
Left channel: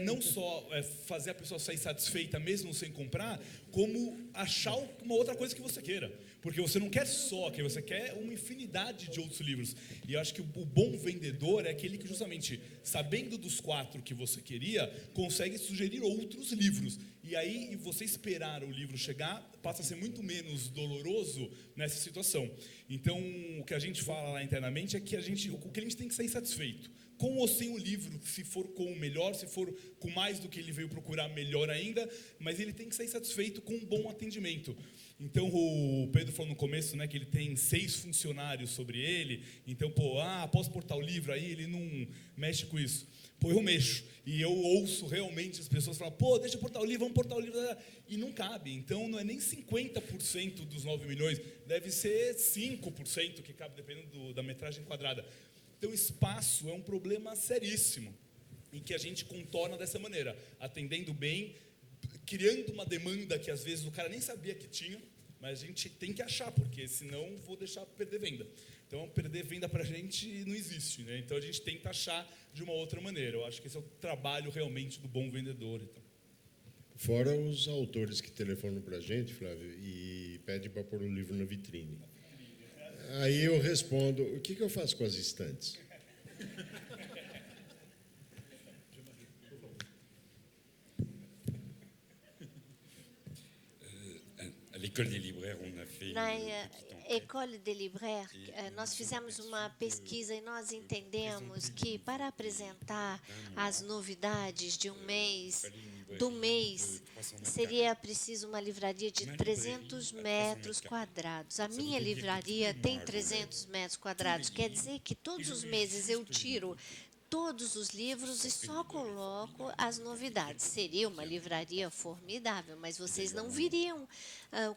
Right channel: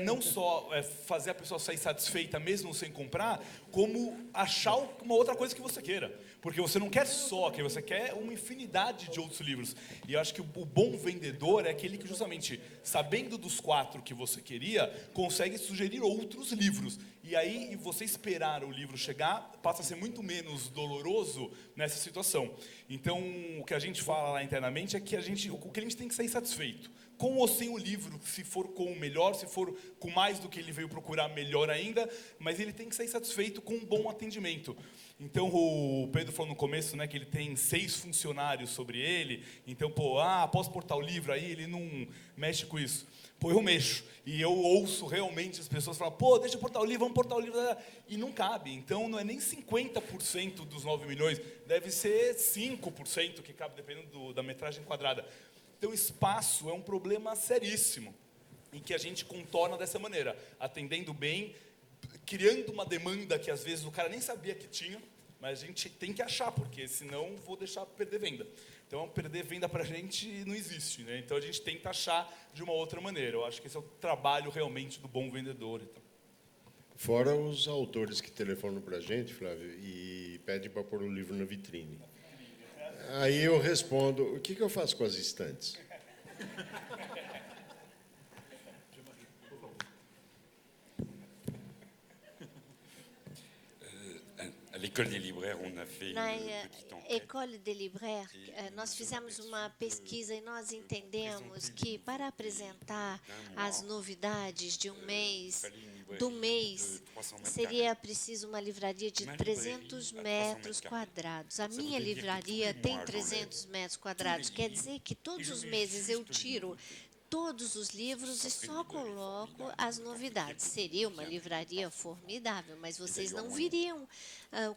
não só fazer a pessoa sair satisfeita mesmo sem comprar, como achar uma outra coisa que você queira. Porque você não quer só aquilo, você quer uma infinidade de outros livros. E eu acho que o bom vendedor é aquele que justamente, sabendo dos 4 que você queria, consegue sugerir outros livros. E aí, você esperar o livro chegar, passa a ser muito menos doloroso nessa situação. Então, o que a gente fala lá internamente é que o cliente tem que sair satisfeito. Com ou sem o livro, se for com o melhor, se for com mais do que ele veio procurar, melhor ainda, mas ele tem que sair satisfeito com um bom atendimento. Então, o Pedro falou no começo, né, que ele tem 6 funcionários sobre ele, então, posso portar o livro aí, ele não mexe com isso. Eu mexo, e eu ouço realmente as pessoas falar, deixa eu portar o livro, vamos portar o livro, e não cabe. Então, não é nem 50% dos 9 milhões, deve ser 5% que cabe, dependendo da metragem quadrada. Então, espaço é um problema seríssimo, e que a gente contorna dessa maneira, atendendo bem, criando uma demanda que às vezes o cara nem sabia que tinha, mas a gente tem que achar, porque senão vou deixar perder venda. Então, perder venda para a gente não existe, né? Então, a gente tenta achar de uma outra maneira. Eu acho que esse é o trabalho realmente do bom vendedor. Então. Fora os autores que telefonam para a gente, Flávio, e pedem para pôr o livro na vitrine. Aí eu respondo, o que eu faço com as estantes? Na École des Libraires, nós fizemos uma pesquisa e nós entendemos que para apresentar as novidades de do mês, seria preciso uma livraria de 300 metros quadrados. A minha livraria tem 300 metros quadrados, quer dizer que todos os meses eu tiro todos os livros e só coloco as novidades. Seria uma livraria formidável, mas vocês não viriam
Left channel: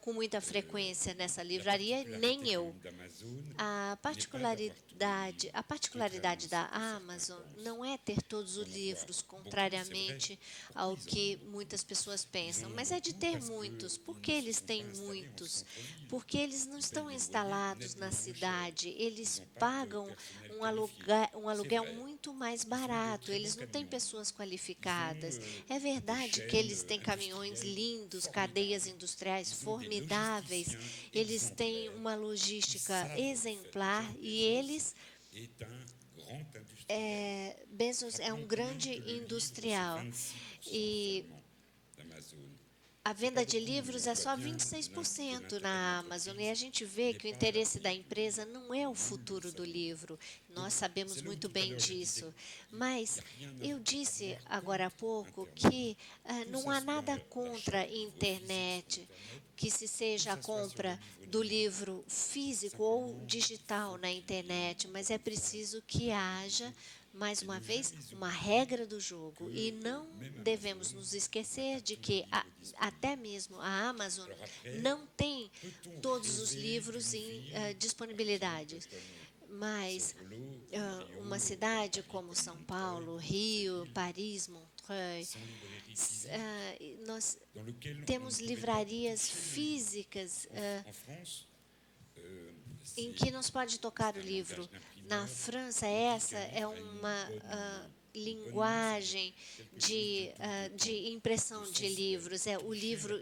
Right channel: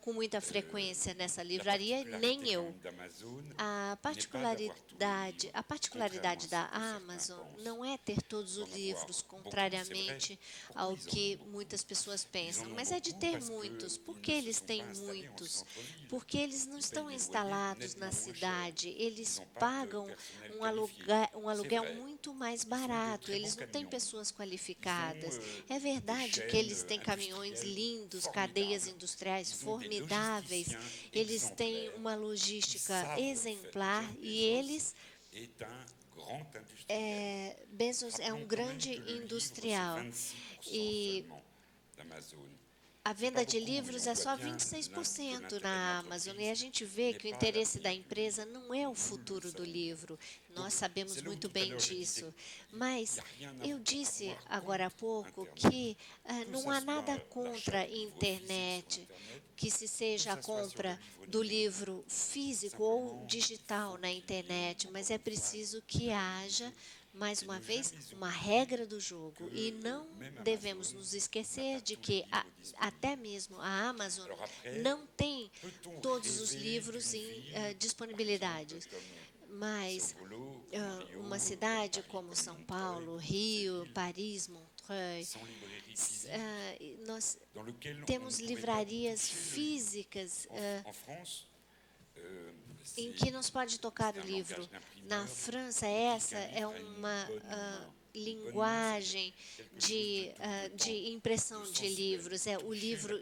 com muita frequência nessa livraria, nem eu. A particularidade da Amazon não é ter todos os livros, contrariamente ao que muitas pessoas pensam, mas é de ter muitos. Por que eles têm muitos? Porque eles não estão instalados na cidade, eles pagam um aluguel muito mais barato, eles não têm pessoas qualificadas. É verdade que eles têm caminhões lindos, cadeias industriais formidáveis, eles têm uma logística exemplar e eles... Bezos é um grande industrial e a venda de livros é só 26% na Amazon, e a gente vê que o interesse da empresa não é o futuro do livro. Nós sabemos muito bem disso. Mas eu disse agora há pouco que não há nada contra a internet, que se seja a compra do livro físico ou digital na internet, mas é preciso que haja, mais uma vez, uma regra do jogo. E não devemos nos esquecer de que até mesmo a Amazon não tem todos os livros em disponibilidade. Mas uma cidade como São Paulo, Rio, Paris, Montreux, nós temos livrarias físicas em que não se pode tocar o livro. Na França, essa é uma linguagem de impressão de livros. O livro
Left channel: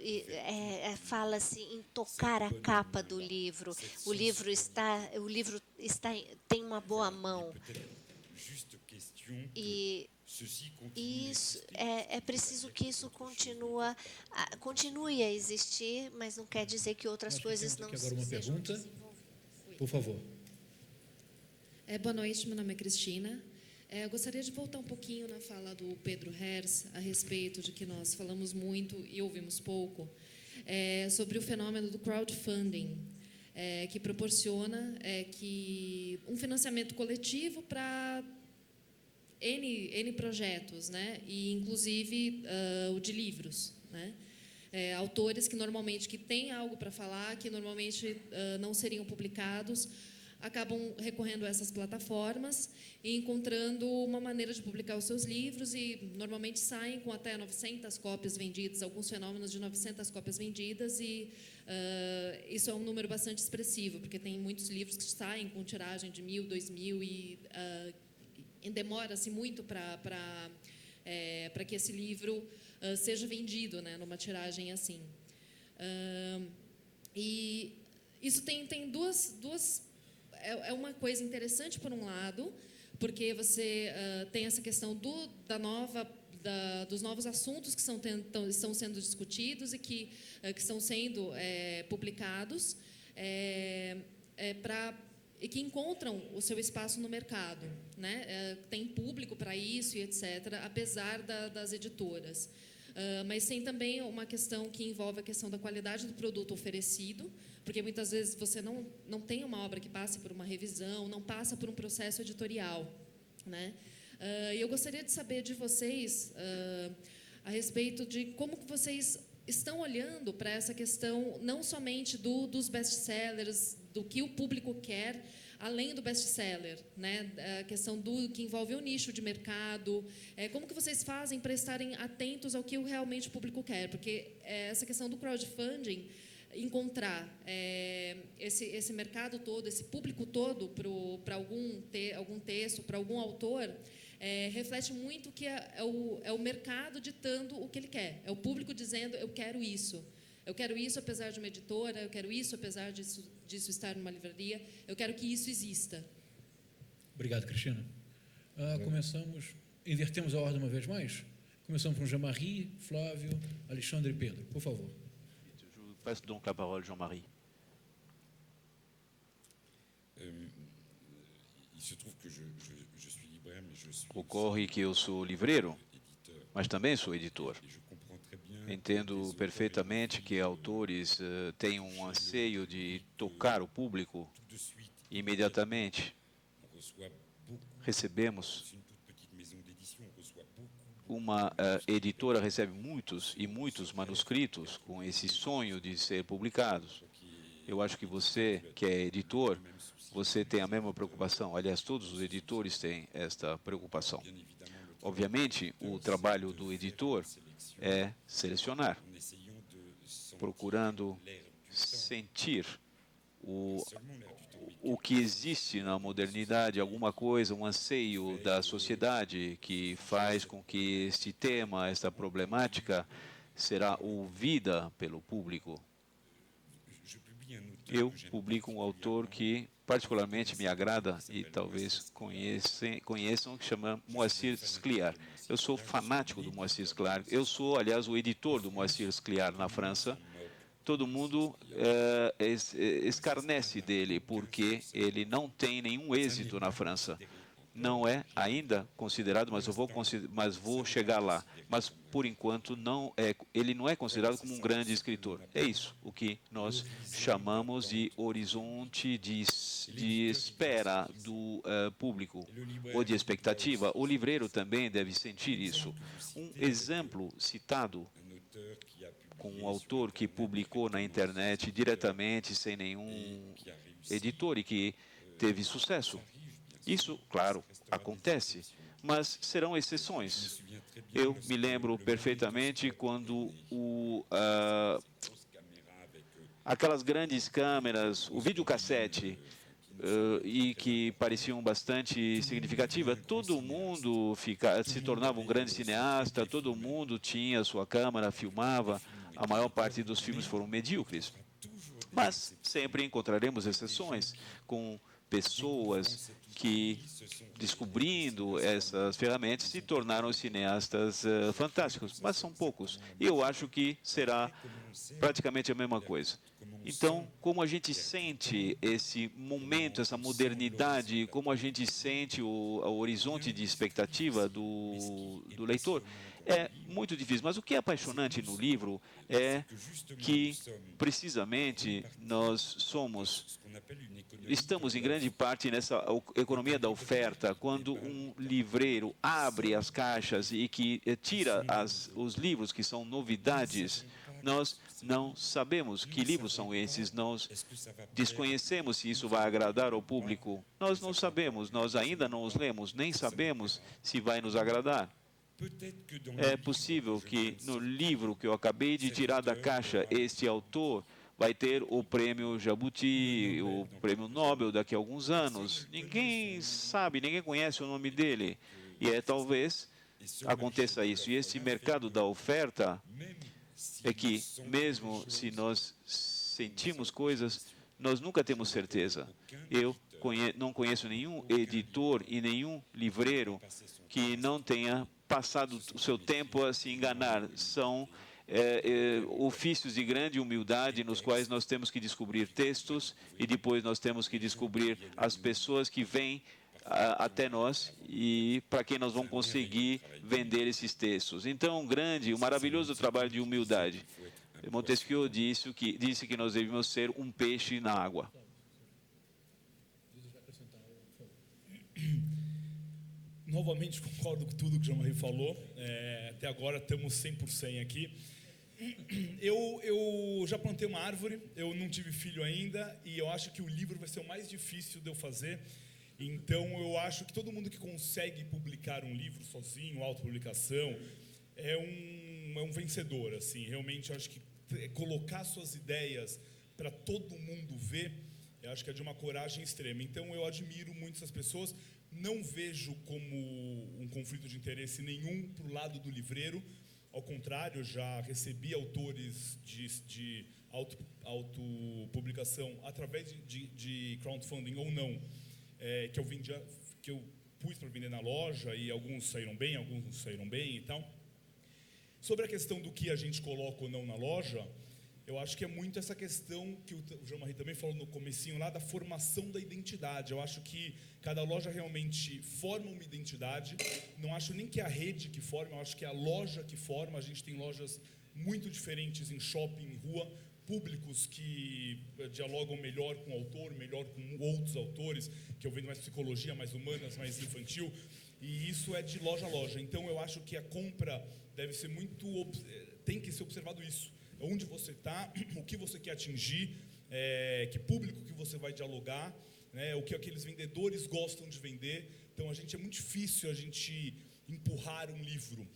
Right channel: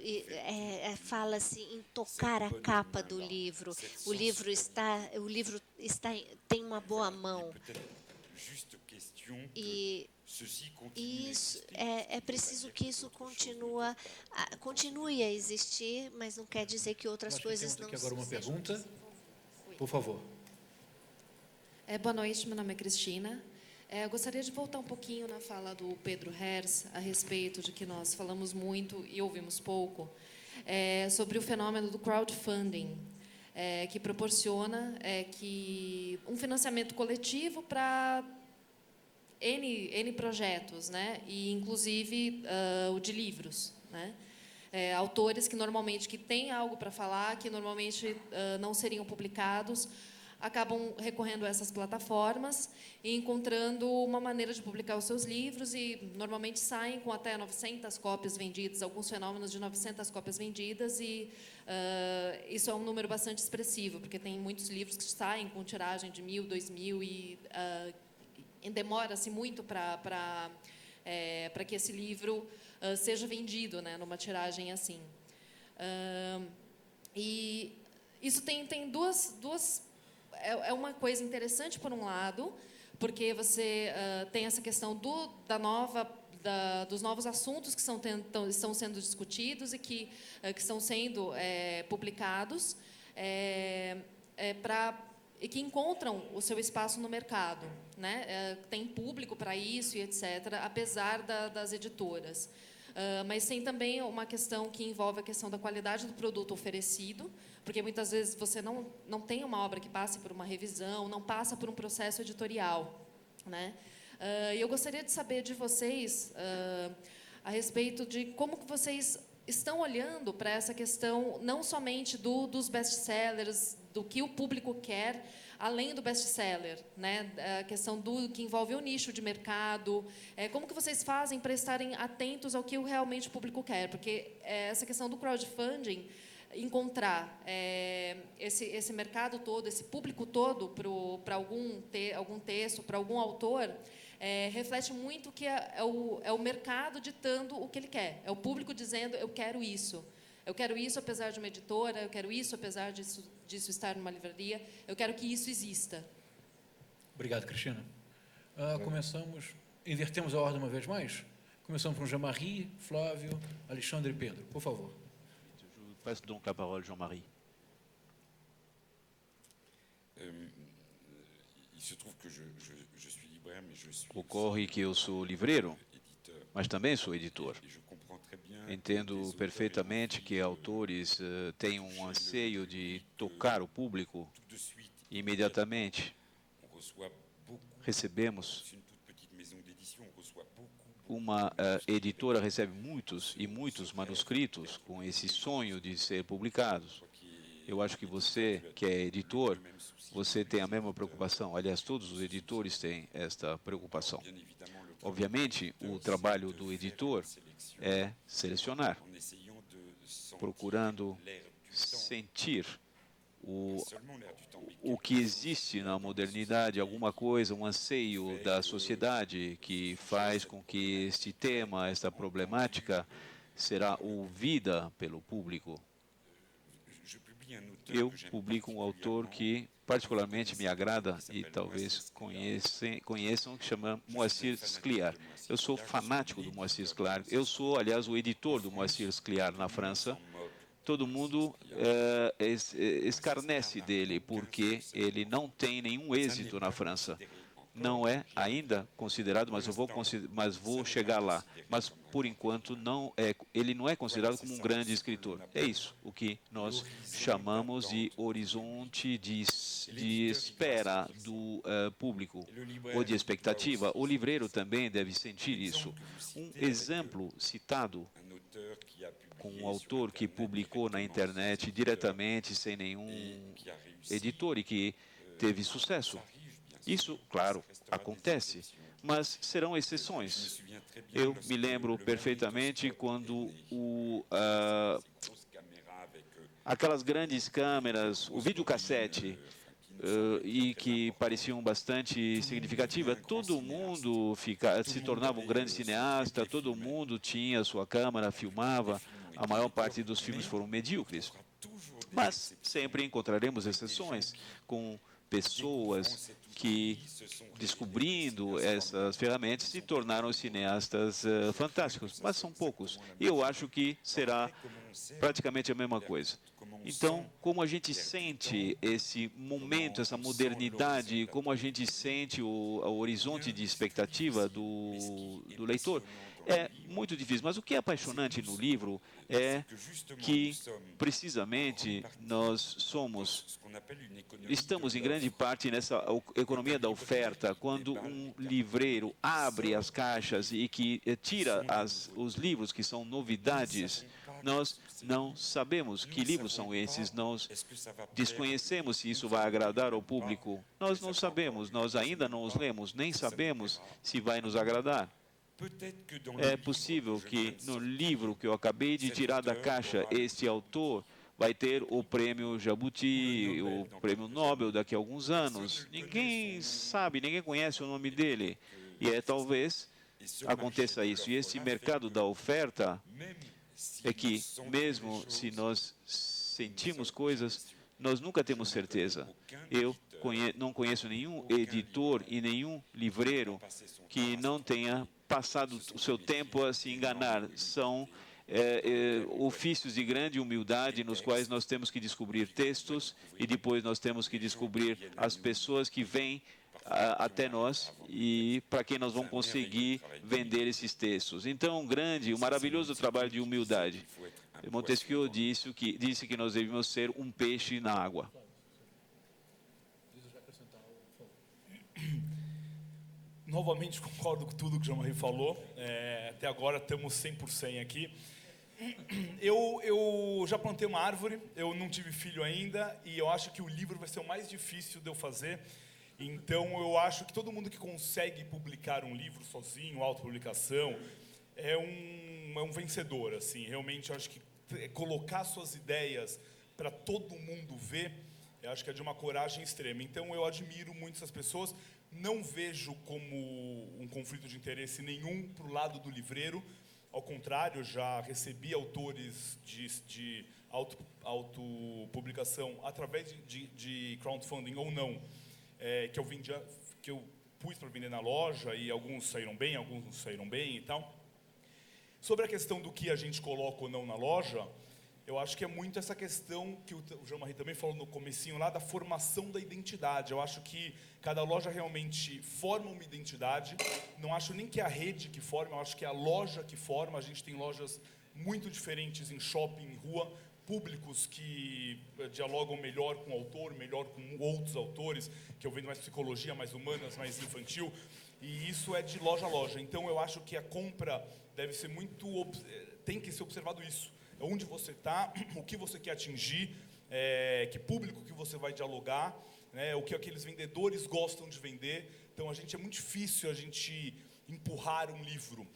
fala-se em tocar a capa do livro. O livro tem uma boa mão. E isso é preciso que isso continue a existir, mas não quer dizer que outras coisas não sejam desenvolvidas. Por favor. Boa noite, meu nome é Cristina. Eu gostaria de voltar um pouquinho na fala do Pedro Herz a respeito de que nós falamos muito e ouvimos pouco, sobre o fenômeno do crowdfunding, que proporciona que um financiamento coletivo para N projetos, né? E inclusive o de livros, né? Autores que normalmente têm algo para falar, que normalmente não seriam publicados, acabam recorrendo a essas plataformas e encontrando uma maneira de publicar os seus livros e normalmente saem com até 900 cópias vendidas, alguns fenômenos de 900 cópias vendidas, e isso é um número bastante expressivo, porque tem muitos livros que saem com tiragem de 1.000, 2.000 e demora-se muito para para que esse livro seja vendido, né, numa tiragem assim. E isso tem duas é uma coisa interessante por um lado, porque você tem essa questão dos novos assuntos que estão sendo discutidos e que estão sendo publicados, e que encontram o seu espaço no mercado, né? Tem público para isso e etc., apesar das editoras. Mas tem também uma questão que envolve a questão da qualidade do produto oferecido, porque muitas vezes você não tem uma obra que passa por uma revisão, não passa por um processo editorial, né? E eu gostaria de saber de vocês a respeito de como que vocês estão olhando para essa questão, não somente dos best-sellers, do que o público quer, além do best-seller, né? A questão que envolve o nicho de mercado. Como que vocês fazem para estarem atentos ao que realmente o público quer? Porque essa questão do crowdfunding, encontrar esse mercado todo, esse público todo para algum texto, para algum autor, reflete muito que é o mercado ditando o que ele quer. É o público dizendo, eu quero isso. Eu quero isso apesar de uma editora, eu quero isso apesar disso estar numa livraria, eu quero que isso exista. Obrigado, Cristina. Invertemos a ordem uma vez mais. Começamos com Jean-Marie, Flávio, Alexandre e Pedro. Por favor. Je passe donc la parole, Jean-Marie. Ocorre que eu sou livreiro, mas também sou editor. Entendo perfeitamente que autores têm um anseio de tocar o público imediatamente. Recebemos, uma editora recebe muitos e muitos manuscritos com esse sonho de ser publicados. Eu acho que você, que é editor, você tem a mesma preocupação. Aliás, todos os editores têm esta preocupação. Obviamente, o trabalho do editor é selecionar, procurando sentir o que existe na modernidade, alguma coisa, um anseio da sociedade que faz com que este tema, esta problemática, será ouvida pelo público. Eu publico um autor que particularmente me agrada e talvez conheçam, que chama Moacir Scliar. Eu sou fanático do Moacir Scliar. Eu sou, aliás, o editor do Moacir Scliar na França. Todo mundo escarnece dele porque ele não tem nenhum êxito na França. Não é ainda considerado, mas vou chegar lá. Mas, por enquanto, ele não é considerado como um grande escritor. É isso, o que nós chamamos de horizonte de espera do público, ou de expectativa. O livreiro também deve sentir isso. Um exemplo citado com um autor que publicou na internet diretamente, sem nenhum editor, e que teve sucesso. Isso, claro, acontece, mas serão exceções. Eu me lembro perfeitamente quando aquelas grandes câmeras, o videocassete, e que pareciam bastante significativas, todo mundo se tornava um grande cineasta, todo mundo tinha sua câmera, filmava, a maior parte dos filmes foram medíocres. Mas sempre encontraremos exceções com pessoas que, descobrindo essas ferramentas, se tornaram cineastas fantásticos, mas são poucos. E eu acho que será praticamente a mesma coisa. Então, como a gente sente esse momento, essa modernidade, como a gente sente o horizonte de expectativa do leitor, é muito difícil. Mas o que é apaixonante no livro é que, precisamente, estamos em grande parte nessa economia da oferta. Quando um livreiro abre as caixas e que tira os livros que são novidades, nós não sabemos que livros são esses, nós desconhecemos se isso vai agradar ao público. Nós não sabemos, nós ainda não os lemos, nem sabemos se vai nos agradar. É possível que no livro que eu acabei de tirar da caixa, este autor vai ter o prêmio Jabuti, o prêmio Nobel daqui a alguns anos. Ninguém sabe, ninguém conhece o nome dele. E talvez aconteça isso. E esse mercado da oferta é que, mesmo se nós sentimos coisas, nós nunca temos certeza. Eu não conheço nenhum editor e nenhum livreiro que não tenha passado o seu tempo a se enganar. São ofícios de grande humildade nos quais nós temos que descobrir textos e depois nós temos que descobrir as pessoas que vêm até nós e para quem nós vamos conseguir vender esses textos. Então, um maravilhoso trabalho de humildade. Montesquieu disse que nós devemos ser um peixe na água. Novamente concordo com tudo que o Jean-Marie falou. Até agora estamos 100% aqui. Eu já plantei uma árvore, eu não tive filho ainda, e eu acho que o livro vai ser o mais difícil de eu fazer. Então, eu acho que todo mundo que consegue publicar um livro sozinho, autopublicação, é um vencedor, assim. Realmente, eu acho que colocar suas ideias para todo mundo ver, eu acho que é de uma coragem extrema. Então, eu admiro muito essas pessoas. Não vejo como um conflito de interesse nenhum para o lado do livreiro. Ao contrário, já recebi autores de autopublicação através de crowdfunding ou não, que eu pus para vender na loja, e alguns saíram bem, alguns não saíram bem e tal. Sobre a questão do que a gente coloca ou não na loja, eu acho que é muito essa questão que o Jean-Marie também falou no comecinho lá, da formação da identidade. Eu acho que cada loja realmente forma uma identidade. Não acho nem que é a rede que forma, eu acho que é a loja que forma. A gente tem lojas muito diferentes em shopping, em rua, públicos que dialogam melhor com o autor, melhor com outros autores, que eu vendo mais psicologia, mais humanas, mais infantil, e isso é de loja a loja. Então eu acho que a compra deve ser tem que ser observado isso. Onde você está, o que você quer atingir, que público que você vai dialogar, né, o que aqueles vendedores gostam de vender. Então, é muito difícil a gente empurrar um livro.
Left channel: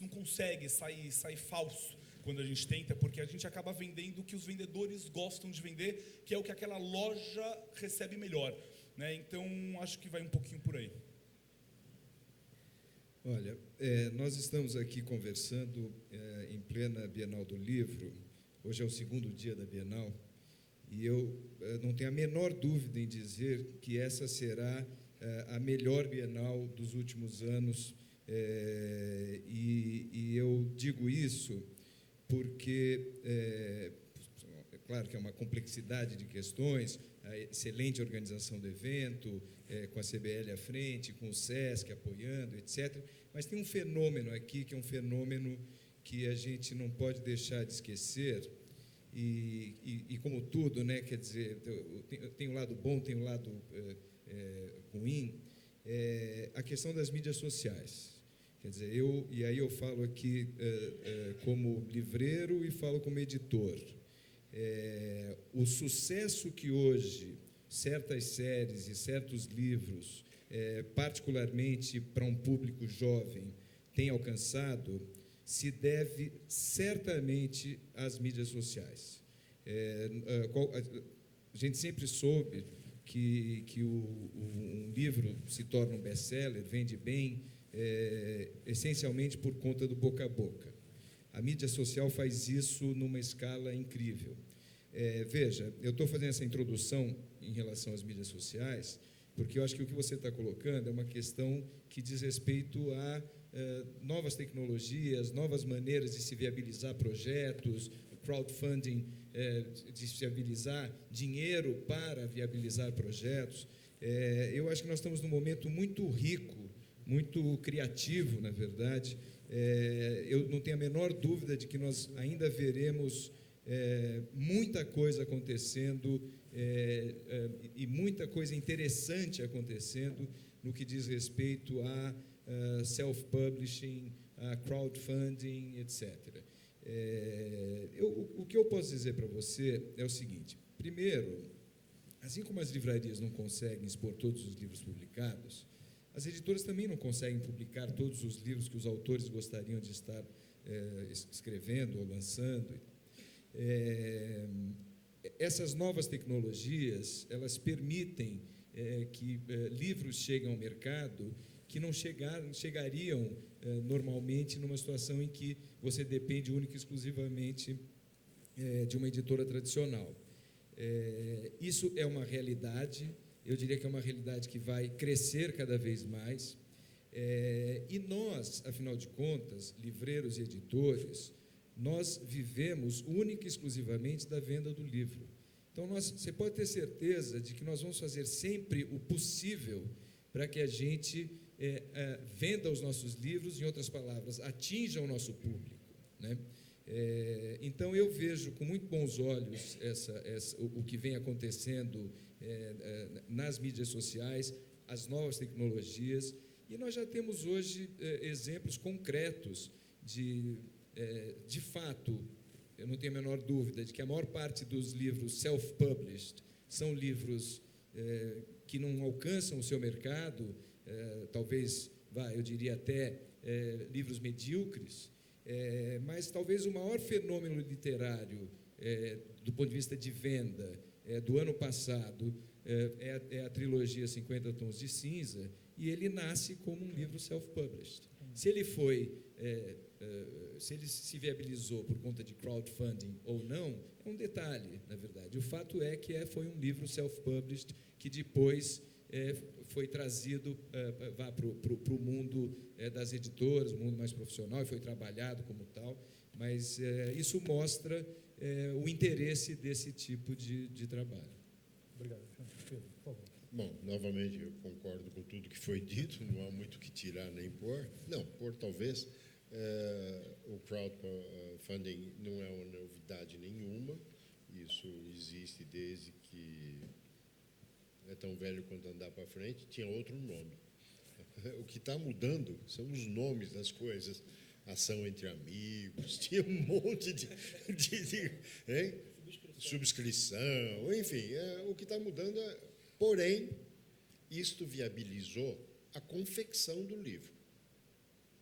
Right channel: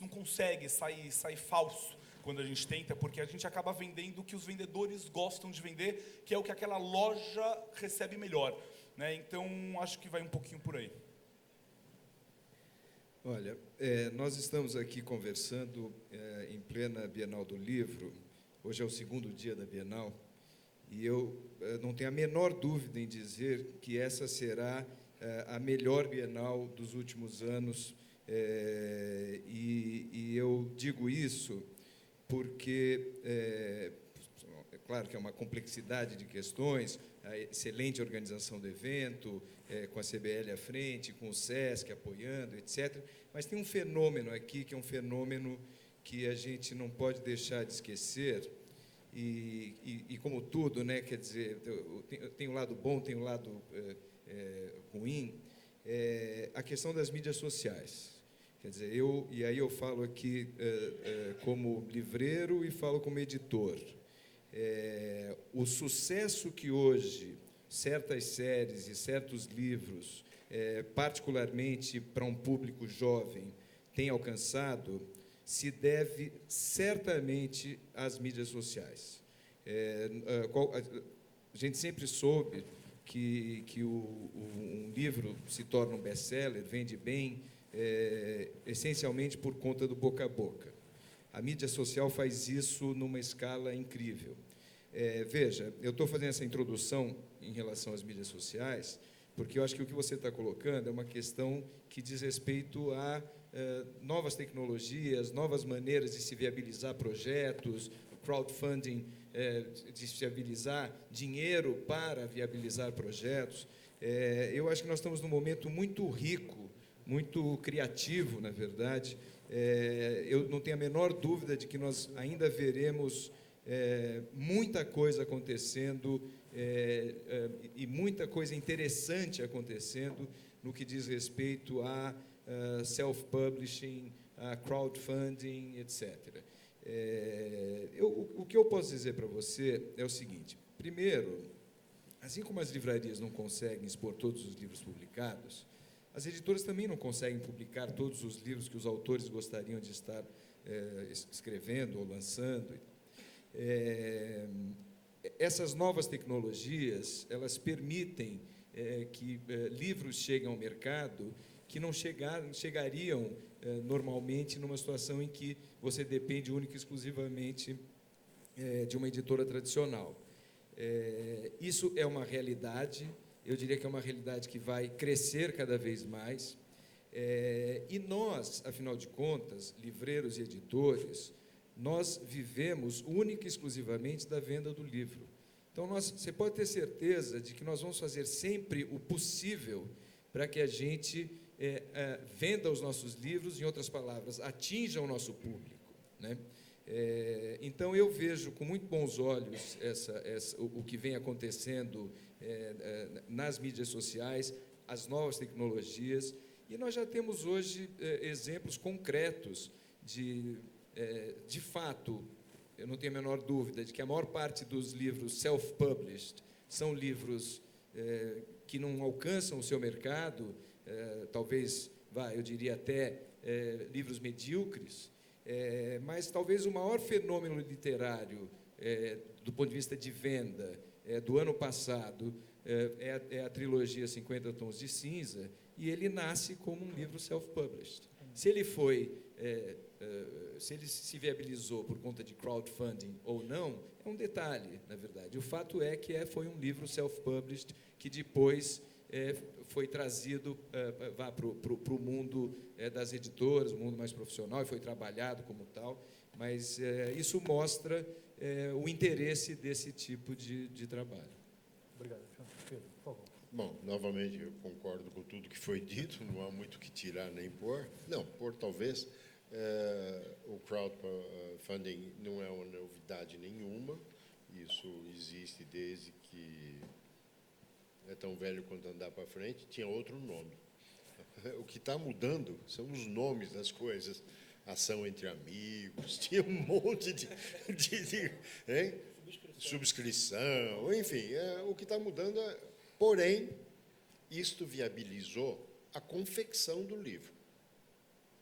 Não consegue sair falso quando a gente tenta, porque a gente acaba vendendo o que os vendedores gostam de vender, que é o que aquela loja recebe melhor, né? Então, acho que vai um pouquinho por aí. Olha, nós estamos aqui conversando em plena Bienal do Livro. Hoje é o segundo dia da Bienal. E eu não tenho a menor dúvida em dizer que essa será a melhor Bienal dos últimos anos. E eu digo isso porque, é claro que é uma complexidade de questões, a excelente organização do evento, com a CBL à frente, com o SESC apoiando, etc. Mas tem um fenômeno aqui, que é um fenômeno que a gente não pode deixar de esquecer. E como tudo, né, quer dizer, tem um lado bom, tem um lado ruim, a questão das mídias sociais. Quer dizer, aí eu falo aqui como livreiro e falo como editor. O sucesso que hoje certas séries e certos livros, particularmente para um público jovem, têm alcançado, se deve certamente às mídias sociais. A gente sempre soube que um livro se torna um best-seller, vende bem, essencialmente por conta do boca a boca. A mídia social faz isso numa escala incrível. Veja, eu estou fazendo essa introdução em relação às mídias sociais, porque eu acho que o que você está colocando é uma questão que diz respeito a novas tecnologias, novas maneiras de se viabilizar projetos, crowdfunding, de se viabilizar dinheiro para viabilizar projetos. Eu acho que nós estamos num momento muito rico, muito criativo, na verdade. Eu não tenho a menor dúvida de que nós ainda veremos muita coisa acontecendo e muita coisa interessante acontecendo no que diz respeito a self-publishing, a crowdfunding, etc. O que eu posso dizer para você é o seguinte: primeiro, assim como as livrarias não conseguem expor todos os livros publicados, as editoras também não conseguem publicar todos os livros que os autores gostariam de estar escrevendo ou lançando. Essas novas tecnologias, elas permitem que livros cheguem ao mercado que não chegariam normalmente numa situação em que você depende única e exclusivamente de uma editora tradicional. Isso é uma realidade, eu diria que é uma realidade que vai crescer cada vez mais, e nós, afinal de contas, livreiros e editores, nós vivemos única e exclusivamente da venda do livro. Então, você pode ter certeza de que nós vamos fazer sempre o possível para que a gente venda os nossos livros, em outras palavras, atinja o nosso público, né? Então, eu vejo com muito bons olhos o que vem acontecendo nas mídias sociais, as novas tecnologias, e nós já temos hoje exemplos concretos de fato, eu não tenho a menor dúvida de que a maior parte dos livros self-published são livros que não alcançam o seu mercado, talvez, eu diria até livros medíocres, mas talvez o maior fenômeno literário do ponto de vista de venda do ano passado é a trilogia 50 Tons de Cinza, e ele nasce como um livro self-published. Se ele se viabilizou por conta de crowdfunding ou não, é um detalhe, na verdade. O fato é que foi um livro self-published que depois foi trazido para o mundo das editoras, o mundo mais profissional, e foi trabalhado como tal, mas isso mostra o interesse desse tipo de trabalho. Obrigado. Pedro, por favor. Bom, novamente, eu concordo com tudo que foi dito, não há muito o que tirar nem pôr. Não, pôr talvez. O crowdfunding não é uma novidade nenhuma, isso existe desde que é tão velho quanto andar para frente, tinha outro nome. O que está mudando são os nomes das coisas, ação entre amigos, tinha um monte de subscrição, enfim, o que está mudando porém, isto viabilizou a confecção do livro.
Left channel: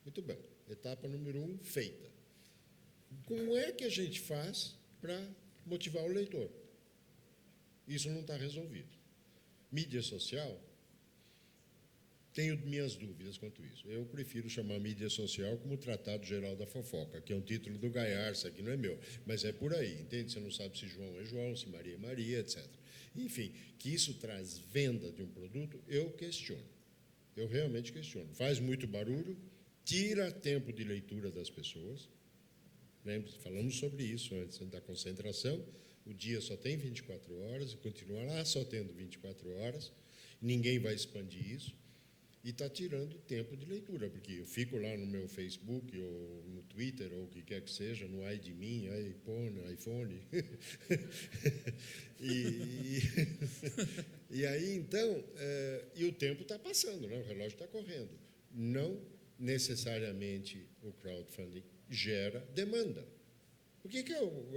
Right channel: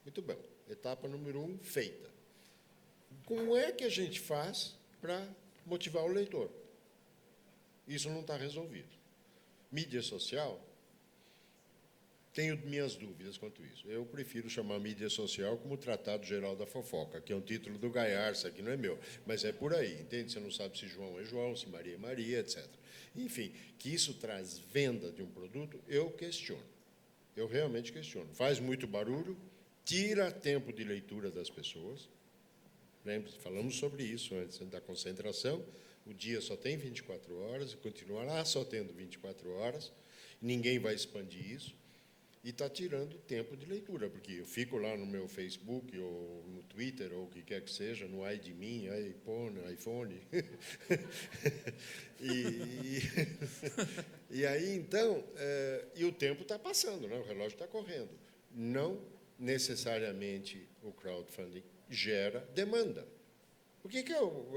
Muito bem. Etapa número 1, feita. Como é que a gente faz para motivar o leitor? Isso não está resolvido. Mídia social, tenho minhas dúvidas quanto isso. Eu prefiro chamar mídia social como Tratado Geral da Fofoca, que é um título do Gaiarsa, que não é meu, mas é por aí, entende? Você não sabe se João é João, se Maria é Maria, etc. Enfim, que isso traz venda de um produto, eu questiono. Eu realmente questiono. Faz muito barulho, tira tempo de leitura das pessoas. Lembre-se, falamos sobre isso antes da concentração. O dia só tem 24 horas, e continuará só tendo 24 horas. Ninguém vai expandir isso. E está tirando tempo de leitura, porque eu fico lá no meu Facebook, ou no Twitter, ou o que quer que seja, no ai de mim, iPhone. E aí, então, e o tempo está passando, né? O relógio está correndo. Não necessariamente o crowdfunding gera demanda. Por que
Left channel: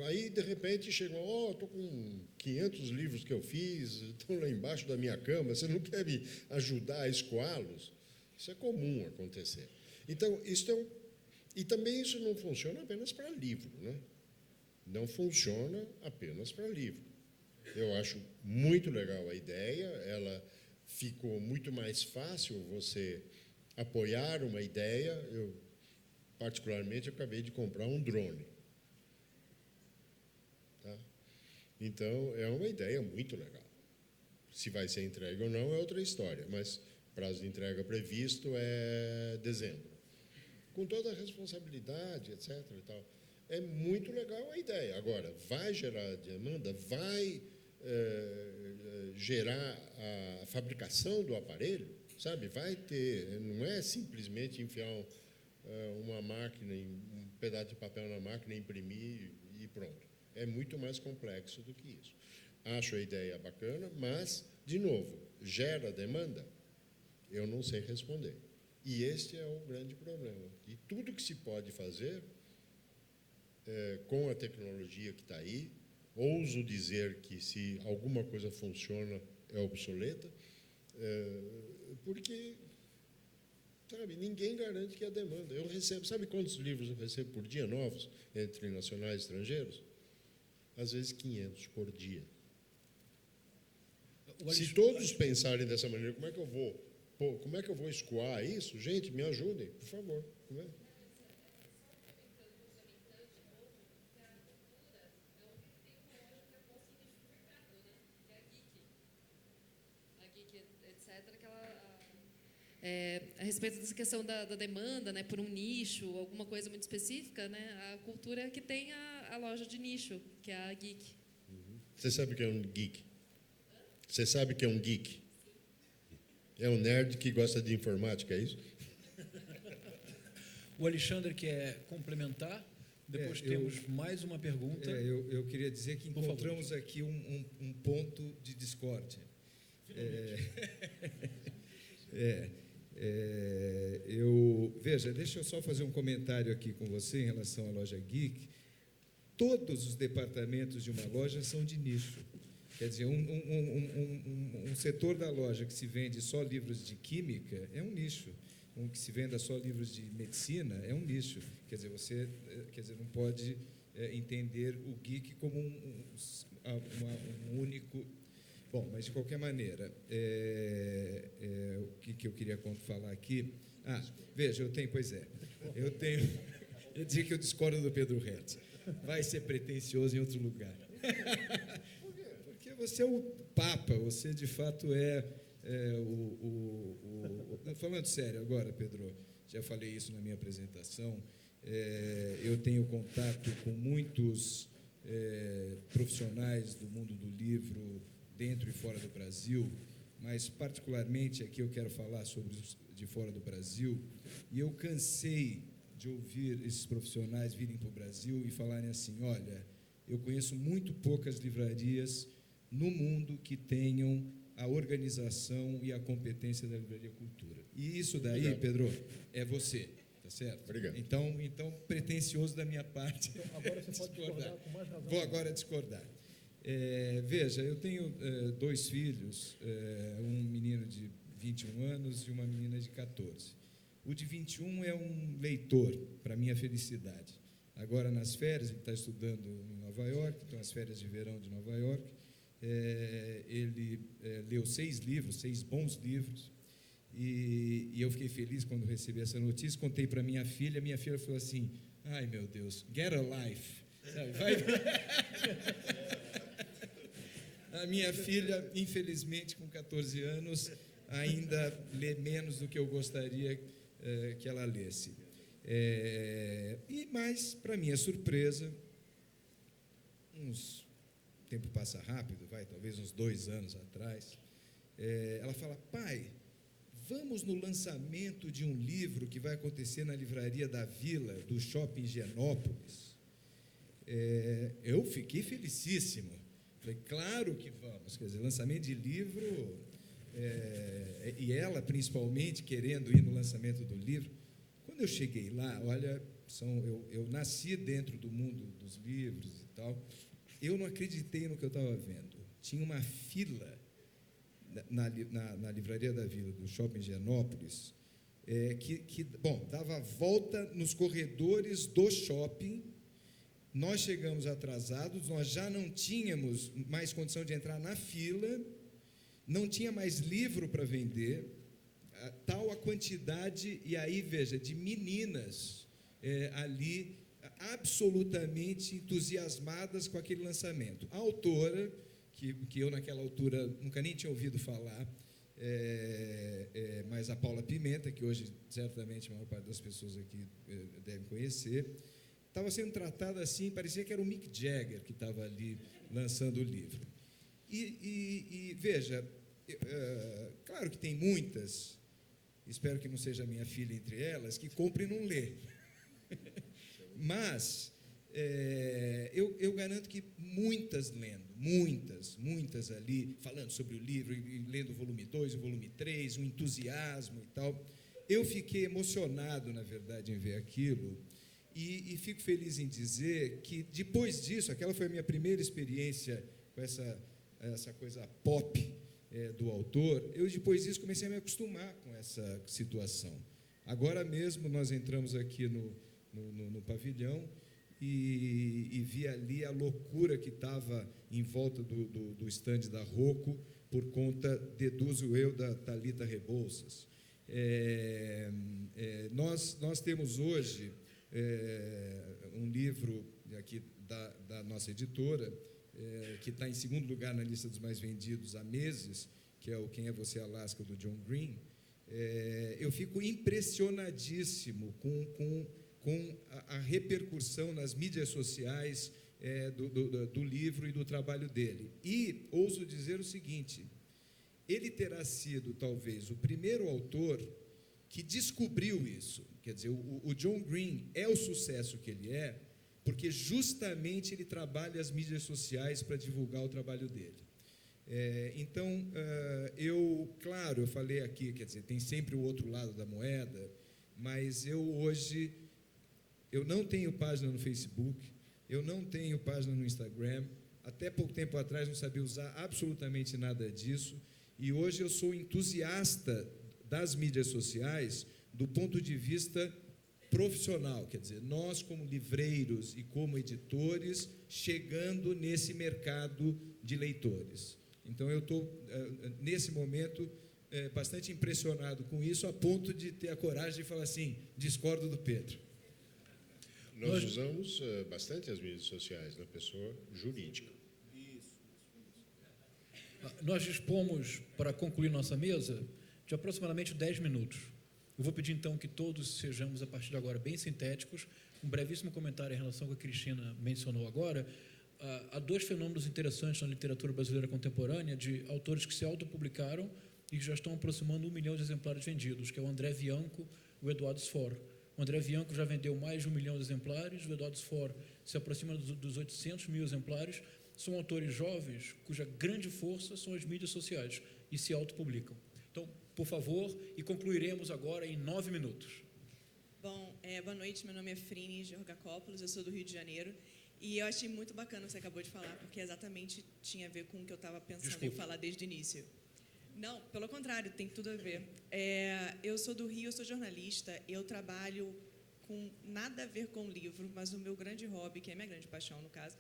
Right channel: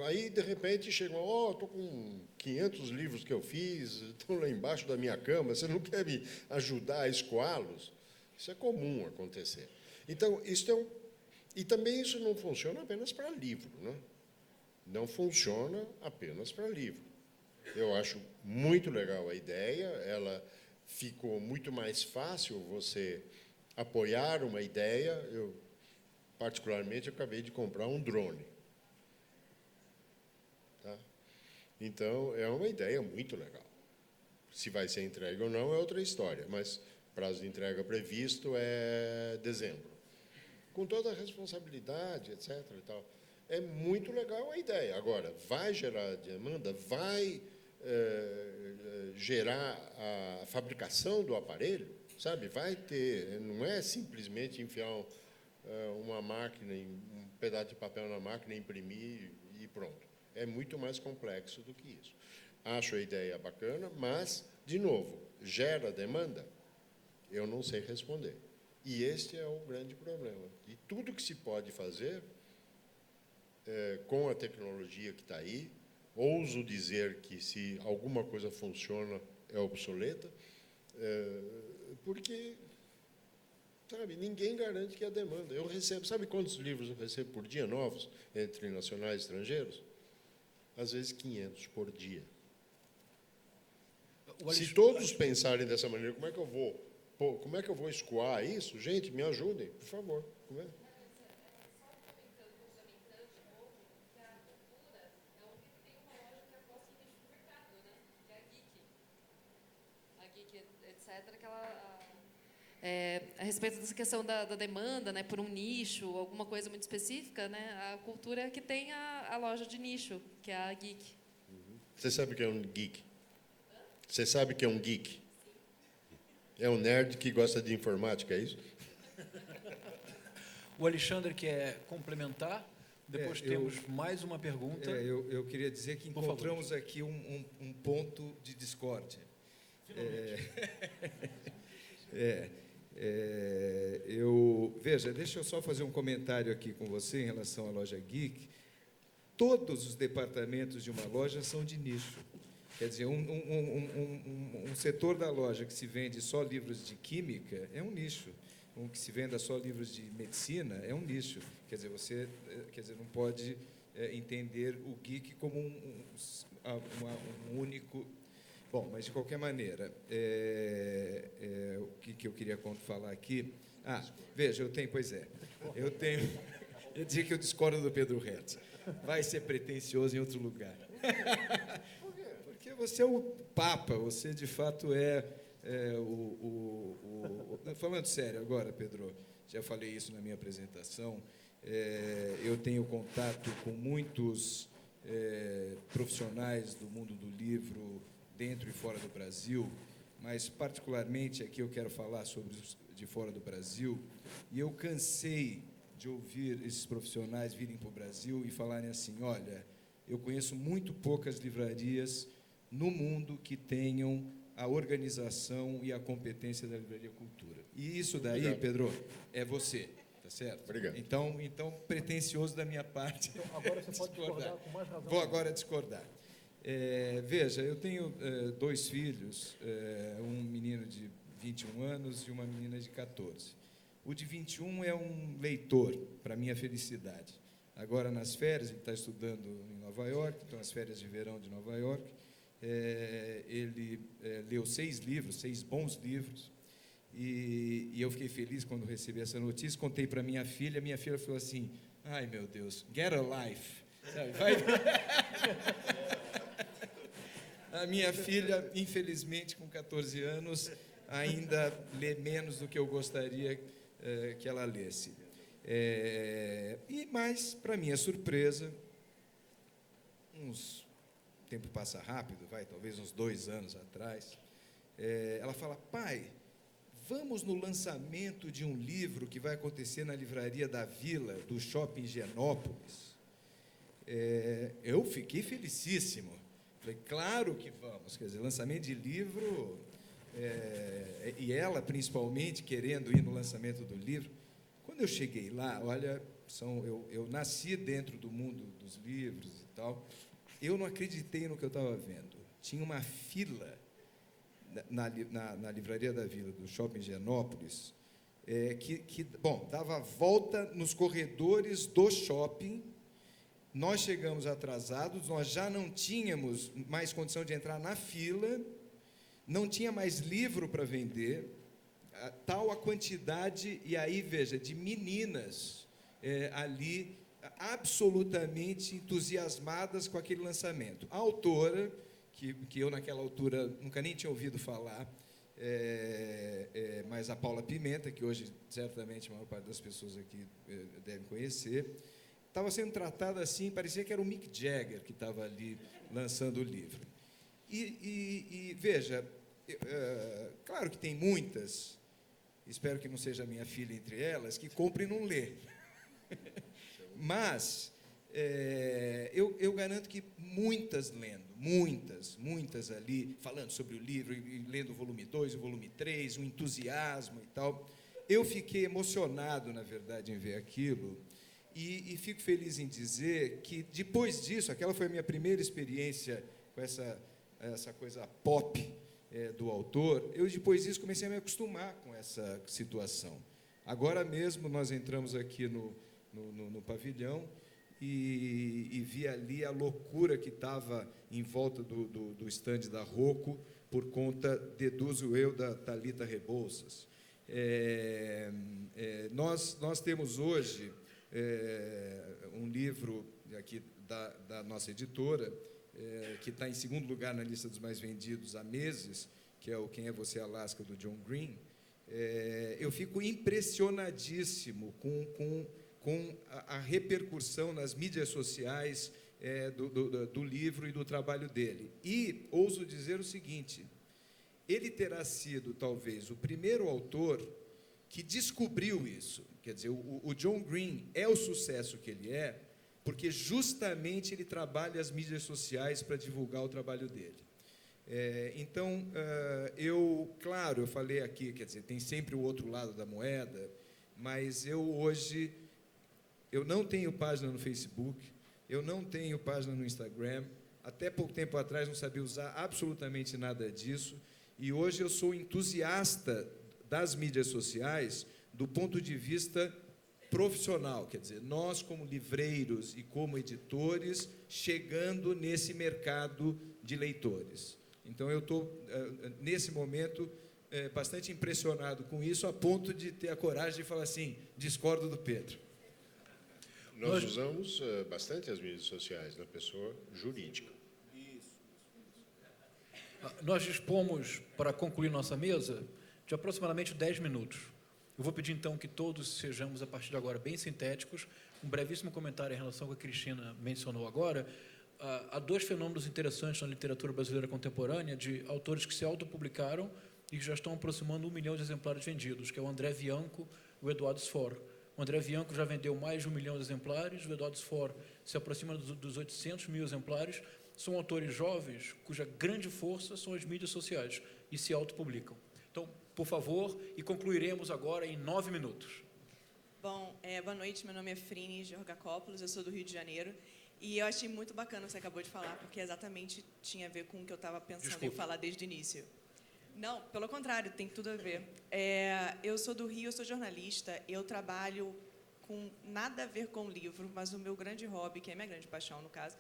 aí, de repente, chegam, estou com 500 livros que eu fiz, estão lá embaixo da minha cama, você não quer me ajudar a escoá-los? Isso é comum acontecer. Então, e também isso não funciona apenas para livro, né? Não funciona apenas para livro. Eu acho muito legal a ideia, ela ficou muito mais fácil você apoiar uma ideia. Eu, particularmente, acabei de comprar um drone. Tá? Então, é uma ideia muito legal. Se vai ser entregue ou não é outra história, mas prazo de entrega previsto é dezembro. Com toda a responsabilidade, etc. E tal. É muito legal a ideia. Agora, vai gerar demanda? Vai gerar a fabricação do aparelho? Sabe? Vai ter, não é simplesmente enfiar uma máquina, um pedaço de papel na máquina, imprimir e pronto. É muito mais complexo do que isso. Acho a ideia bacana, mas, de novo, gera demanda? Eu não sei responder. E este é o grande problema. E tudo que se pode fazer com a tecnologia que está aí, ouso dizer que se alguma coisa funciona, é obsoleta, porque, sabe, ninguém garante que a demanda. Eu recebo, sabe quantos livros eu recebo por dia novos, entre nacionais e estrangeiros? Às vezes 500 por dia. Se todos pensarem dessa maneira, como é que eu vou Pô, como é que eu vou escoar isso? Gente, me ajudem, por favor. Não é? A respeito dessa questão da demanda, né, por um nicho, alguma coisa muito específica, né, a cultura que tem a loja de nicho, que é a Geek. Você sabe o que é um geek? Você sabe o que é um geek? É um nerd que gosta de informática, é isso? O Alexandre quer complementar. Depois temos mais uma pergunta. Eu queria dizer que encontramos aqui um ponto de discórdia. Veja, deixa eu só fazer um comentário aqui com você em relação à loja Geek. Todos os departamentos de uma loja são de nicho. Quer dizer, um setor da loja que se vende só livros de química é um nicho. Um que se venda só livros de medicina é um nicho. Quer dizer, você não pode entender o geek como um único... Bom, mas de qualquer maneira, o que eu queria falar aqui... Veja, eu dizia que eu discordo do Pedro Hertz. Vai ser pretensioso em outro lugar. Porque você é o Papa, você de fato falando sério agora, Pedro, já falei isso na minha apresentação, eu tenho contato com muitos profissionais do mundo do livro, dentro e fora do Brasil, mas particularmente aqui eu quero falar sobre os de fora do Brasil, e eu cansei de ouvir esses profissionais virem para o Brasil e falarem assim, olha, eu conheço muito poucas livrarias no mundo que tenham a organização e a competência da Livraria Cultura. E isso daí, obrigado. Pedro, é você, tá certo? Obrigado. Então pretensioso da minha parte. Então, agora você pode discordar com mais razão. Vou agora discordar. Veja, eu tenho 2 filhos, um menino de 21 anos e uma menina de 14. O de 21 é um leitor, para minha felicidade. Agora, nas férias, ele está estudando em Nova York, então, nas férias de verão de Nova York, ele leu 6 livros, 6 bons livros, e eu fiquei feliz quando recebi essa notícia, contei para minha filha falou assim, ai meu Deus, get a life. A minha filha, infelizmente, com 14 anos, ainda lê menos do que eu gostaria que ela lesse. Mas, para minha surpresa, o tempo passa rápido, talvez uns 2 anos atrás, ela fala, pai, vamos no lançamento de um livro que vai acontecer na Livraria da Vila, do Shopping Higienópolis. Eu fiquei felicíssimo. Falei, claro que vamos. Quer dizer, lançamento de livro, e ela, principalmente, querendo ir no lançamento do livro. Quando eu cheguei lá, olha, eu nasci dentro do mundo dos livros e tal, eu não acreditei no que eu estava vendo. Tinha uma fila na Livraria da Vila, do Shopping Higienópolis, dava a volta nos corredores do shopping. Nós chegamos atrasados, nós já não tínhamos mais condição de entrar na fila, não tinha mais livro para vender, tal a quantidade, e aí, veja, de meninas ali, absolutamente entusiasmadas com aquele lançamento. A autora, que eu naquela altura nunca nem tinha ouvido falar, mas a Paula Pimenta, que hoje certamente a maior parte das pessoas aqui deve conhecer, estava sendo tratada assim, parecia que era o Mick Jagger que estava ali lançando o livro. E veja, claro que tem muitas, espero que não seja a minha filha entre elas, que compra e não lê. Mas eu garanto que muitas lendo, muitas ali, falando sobre o livro, e lendo o volume 2, o volume 3, o entusiasmo e tal. Eu fiquei emocionado, na verdade, em ver aquilo. E fico feliz em dizer que, depois disso, aquela foi a minha primeira experiência com essa coisa pop do autor, eu, depois disso, comecei a me acostumar com essa situação. Agora mesmo, nós entramos aqui no pavilhão e vi ali a loucura que estava em volta do estande da Rocco, por conta, deduzo eu, da Thalita Rebouças. Nós temos hoje um livro aqui da nossa editora, que está em segundo lugar na lista dos mais vendidos há meses, que é o Quem é Você, Alaska, do John Green. Eu fico impressionadíssimo com a repercussão nas mídias sociais do livro e do trabalho dele. E ouso dizer o seguinte: ele terá sido, talvez, o primeiro autor que descobriu isso. Quer dizer, o John Green é o sucesso que ele é, porque justamente ele trabalha as mídias sociais para divulgar o trabalho dele. Então, eu falei aqui, quer dizer, tem sempre o outro lado da moeda, mas hoje não tenho página no Facebook, eu não tenho página no Instagram, até pouco tempo atrás não sabia usar absolutamente nada disso, e hoje eu sou entusiasta das mídias sociais do ponto de vista profissional, quer dizer, nós como livreiros e como editores chegando nesse mercado de leitores. Então eu estou, nesse momento, bastante impressionado com isso, a ponto de ter a coragem de falar assim, discordo do Pedro. Nós usamos bastante as mídias sociais na pessoa jurídica. Nós dispomos, para concluir nossa mesa, de aproximadamente 10 minutos. Eu vou pedir, então, que todos sejamos, a partir de agora, bem sintéticos. Um brevíssimo comentário em relação ao que a Cristina mencionou agora. Há dois fenômenos interessantes na literatura brasileira contemporânea, de autores que se autopublicaram e que já estão aproximando 1 milhão de exemplares vendidos, que é o André Bianco e o Eduardo Sfor. O André Bianco já vendeu mais de 1 milhão de exemplares, o Eduardo Sfor se aproxima dos 800 mil exemplares. São autores jovens, cuja grande força são as mídias sociais, e se autopublicam. Então, por favor, e concluiremos agora em 9 minutos. Bom, boa noite, meu nome é Frine Georgakopoulos, eu sou do Rio de Janeiro, e eu achei muito bacana o que você acabou de falar, porque exatamente tinha a ver com o que eu estava pensando em falar desde o início. Não, pelo contrário, tem tudo a ver. Eu sou do Rio, eu sou jornalista, eu trabalho com nada a ver com o livro, mas o meu grande hobby, que é a minha grande paixão, no caso,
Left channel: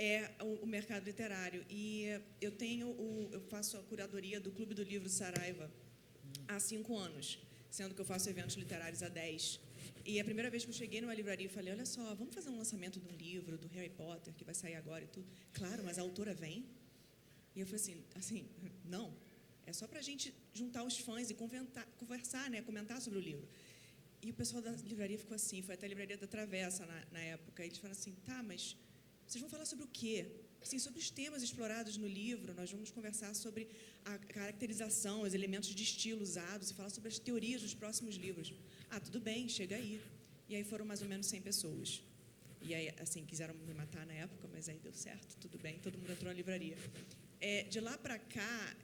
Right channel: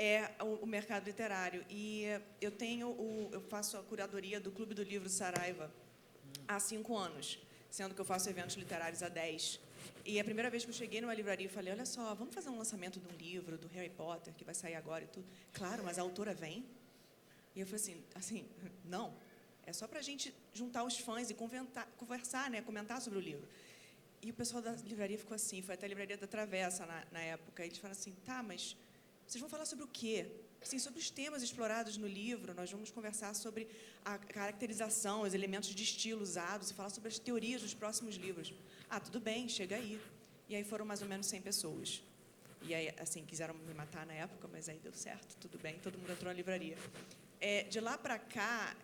é o mercado literário. E eu faço a curadoria do Clube do Livro de Saraiva há 5 anos, sendo que eu faço eventos literários há 10. E a primeira vez que eu cheguei numa livraria, eu falei, olha só, vamos fazer um lançamento de um livro do Harry Potter, que vai sair agora e tudo. Claro, mas a autora vem? E eu falei assim, não, é só pra gente juntar os fãs e conversar, né, comentar sobre o livro. E o pessoal da livraria ficou assim, foi até a livraria da Travessa na época, e eles falaram assim, tá, mas vocês vão falar sobre o quê? Sim, sobre os temas explorados no livro, nós vamos conversar sobre a caracterização, os elementos de estilo usados, falar sobre as teorias dos próximos livros. Ah, tudo bem, chega aí. E aí foram mais ou menos 100 pessoas. E aí, assim, quiseram me matar na época, mas aí deu certo, tudo bem, todo mundo entrou na livraria. De lá para cá,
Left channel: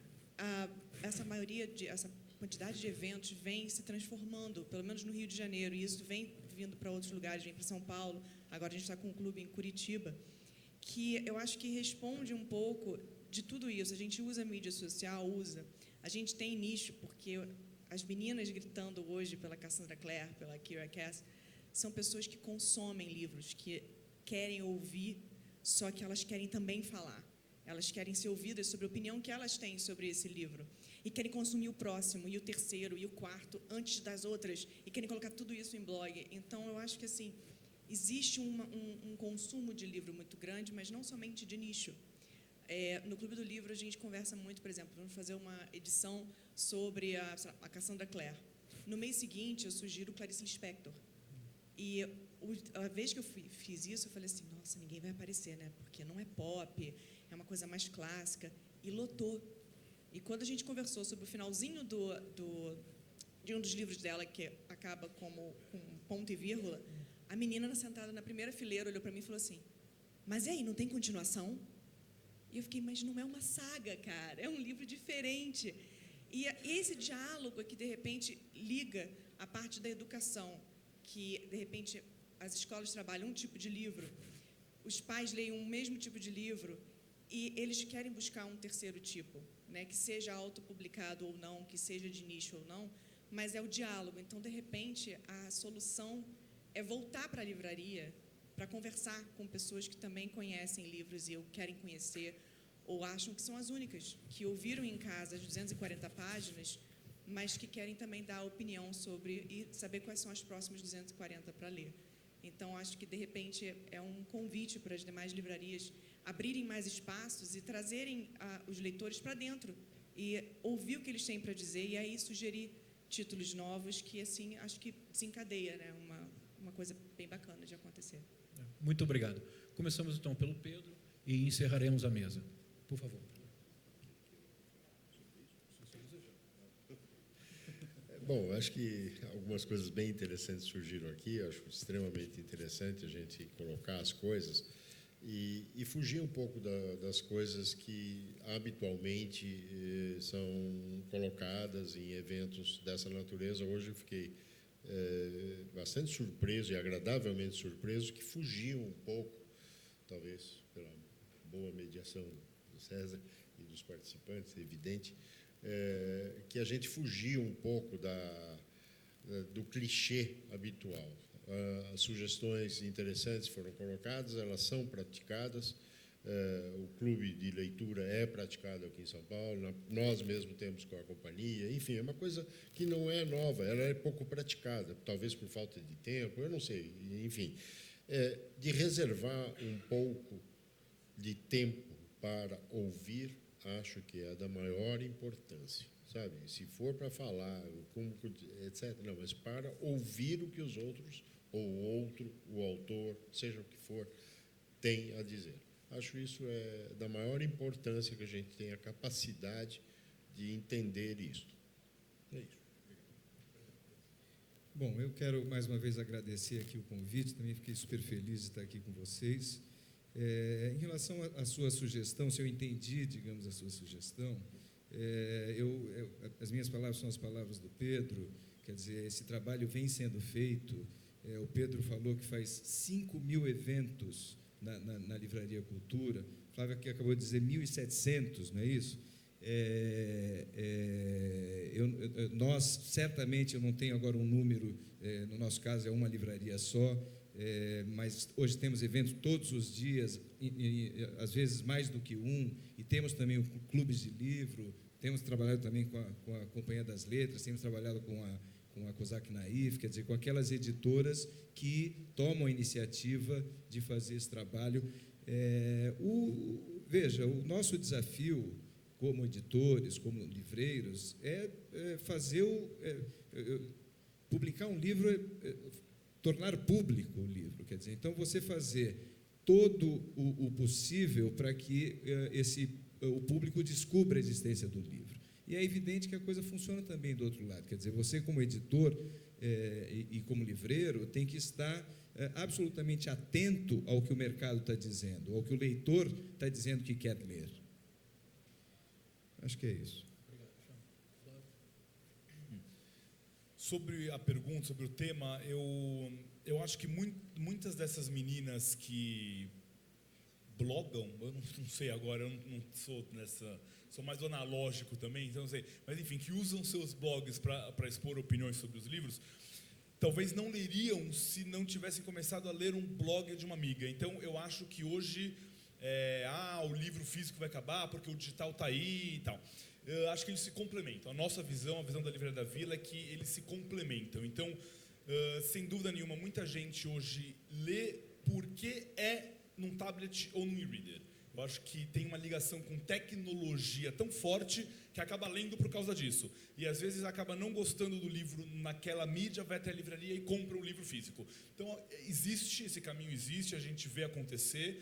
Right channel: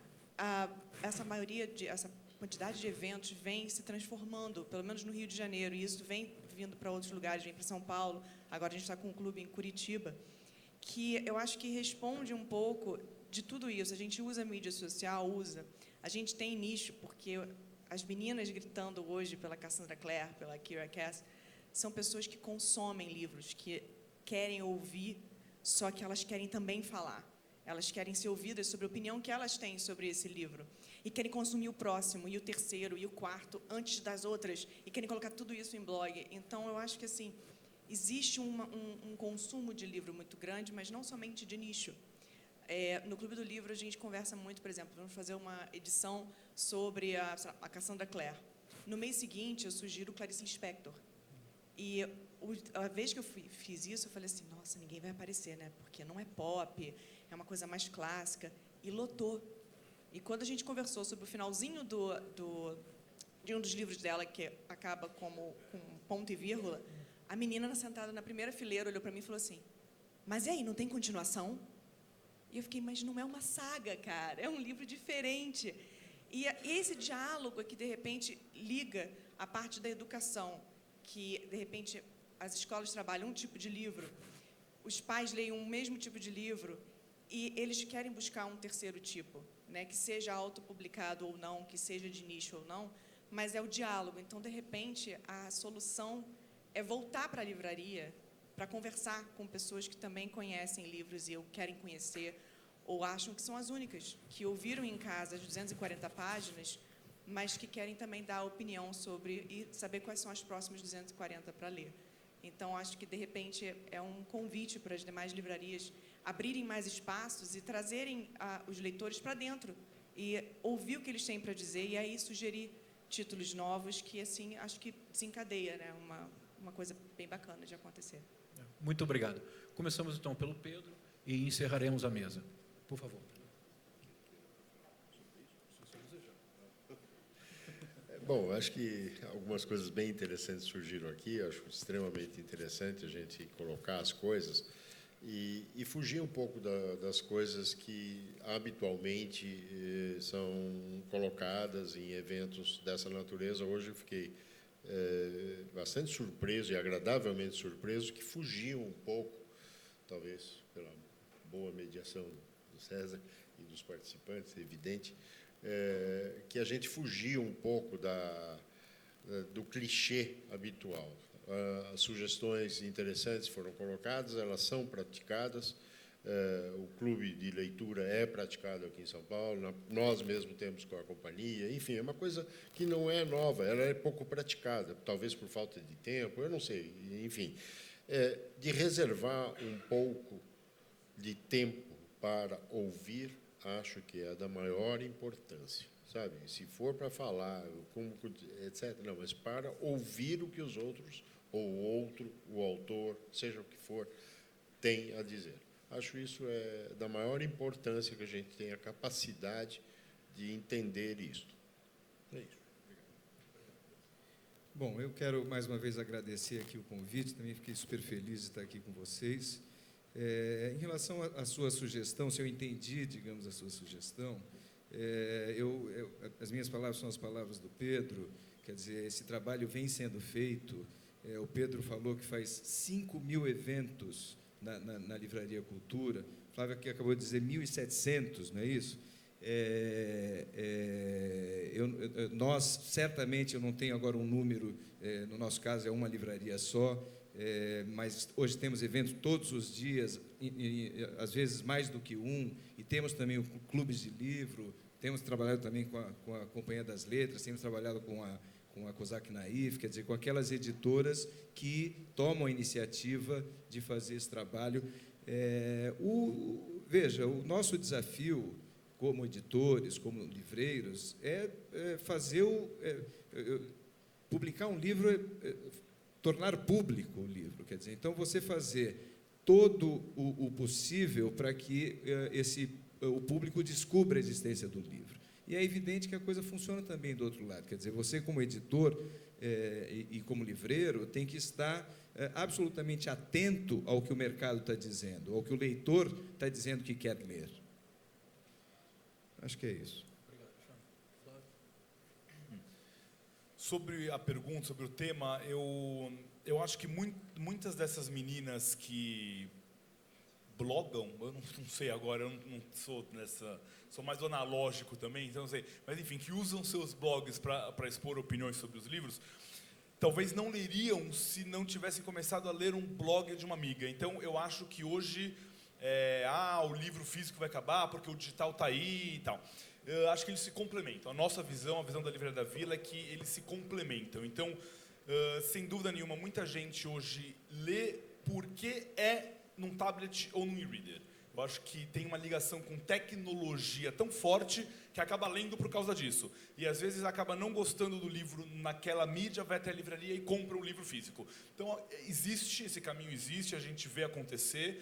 essa quantidade de eventos vem se transformando, pelo menos no Rio de Janeiro, e isso vem vindo para outros lugares, vem para São Paulo, agora a gente está com um clube em Curitiba, que eu acho que responde um pouco de tudo isso. A gente usa a mídia social, a gente tem nicho, porque as meninas gritando hoje pela Cassandra Clare, pela Kira Cass, são pessoas que consomem livros, que querem ouvir, só que elas querem também falar. Elas querem ser ouvidas sobre a opinião que elas têm sobre esse livro. E querem consumir o próximo, e o terceiro, e o quarto, antes das outras, e querem colocar tudo isso em blog. Então, eu acho que, assim, existe um consumo de livro muito grande, mas não somente de nicho. No Clube do Livro, a gente conversa muito, por exemplo, vamos fazer uma edição sobre a Cassandra Clare. No mês seguinte, eu sugiro Clarice Lispector. E a vez que eu fiz isso, eu falei assim, nossa, ninguém vai aparecer, né? Porque não é pop, é uma coisa mais clássica. E lotou. E quando a gente conversou sobre o finalzinho de um dos livros dela, que acaba com ponto e vírgula, a menina sentada na primeira fileira olhou para mim e falou assim, mas e aí, não tem continuação? E eu fiquei, mas não é uma saga, cara, é um livro diferente. E esse diálogo é que, de repente, liga a parte da educação, que, de repente, as escolas trabalham um tipo de livro, os pais leem um mesmo tipo de livro, e eles querem buscar um terceiro tipo, né, que seja autopublicado ou não, que seja de nicho ou não, mas é o diálogo. Então, de repente, a solução é voltar para a livraria para conversar com pessoas que também conhecem livros e ou querem conhecer, ou acham que são as únicas, que ouviram em casa as 240 páginas, mas que querem também dar opinião sobre e saber quais são as próximas 240 para ler. Então, acho que, de repente, é um convite para as demais livrarias abrirem mais espaços e trazerem os leitores para dentro e ouvir o que eles têm para dizer e aí sugerir títulos novos que, assim, acho que desencadeia, né, uma coisa bem bacana de acontecer. Muito obrigado. Começamos, então, pelo Pedro e encerraremos a mesa. Por favor. Bom, acho que algumas coisas bem interessantes surgiram aqui. Acho extremamente interessante a gente colocar as coisas e fugir um pouco das coisas que habitualmente são colocadas em eventos dessa natureza. Hoje eu fiquei bastante surpreso e agradavelmente surpreso que fugiam um pouco, talvez pela boa mediação do César e dos participantes, é evidente, que a gente fugia um pouco do clichê habitual. As sugestões interessantes foram colocadas, elas são praticadas. O clube de leitura é praticado aqui em São Paulo, nós mesmos temos com a companhia, enfim, é uma coisa que não é nova, ela é pouco praticada, talvez por falta de tempo, eu não sei, enfim. De reservar um pouco de tempo para ouvir, acho que é da maior importância, sabe? Se for para falar, etc., não, mas para ouvir o que os outros, ou o outro, o autor, seja o que for, tem a dizer. Acho isso da maior importância que a gente tenha a capacidade de entender isso. É isso. Bom, eu quero mais uma vez agradecer aqui o convite, também fiquei super feliz de estar aqui com vocês. Em relação à sua sugestão, se eu entendi, digamos, a sua sugestão, as minhas palavras são as palavras do Pedro, quer dizer, esse trabalho vem sendo feito. O Pedro falou que faz 5.000 eventos na Livraria Cultura, Flávia que acabou de dizer 1.700, não é isso? Nós, certamente, eu não tenho agora um número, no nosso caso é uma livraria só, mas hoje temos eventos todos os dias, às vezes mais do que um, e temos também clubes de livro, temos trabalhado também com a Companhia das Letras, temos trabalhado com a Cosac Naif, quer dizer, com aquelas editoras que tomam a iniciativa de fazer esse trabalho. Veja, o nosso desafio como editores, como livreiros, é fazer publicar um livro, tornar público o livro, quer dizer, então você fazer todo o possível para que o público descubra a existência do livro. E é evidente que a coisa funciona também do outro lado, quer dizer, você como editor e como livreiro tem que estar absolutamente atento ao que o mercado está dizendo, ao que o leitor está dizendo que quer ler. Acho que é isso. Sobre a pergunta, sobre o tema, eu acho que muitas dessas meninas que blogam, eu não sei agora, eu não sou nessa... Sou mais analógico também, então não sei. Mas, enfim, que usam seus blogs para expor opiniões sobre os livros, talvez não leriam se não tivessem começado a ler um blog de uma amiga. Então, eu acho que hoje, o livro físico vai acabar porque o digital está aí e tal. Eu acho que eles se complementam. A nossa visão, a visão da Livraria da Vila é que eles se complementam. Então, sem dúvida nenhuma, muita gente hoje lê porque é num tablet ou num e-reader. Eu acho que tem uma ligação com tecnologia tão forte que acaba lendo por causa disso. E às vezes acaba não gostando do livro naquela mídia, vai até a livraria e compra um livro físico. Então, esse caminho existe, a gente vê acontecer.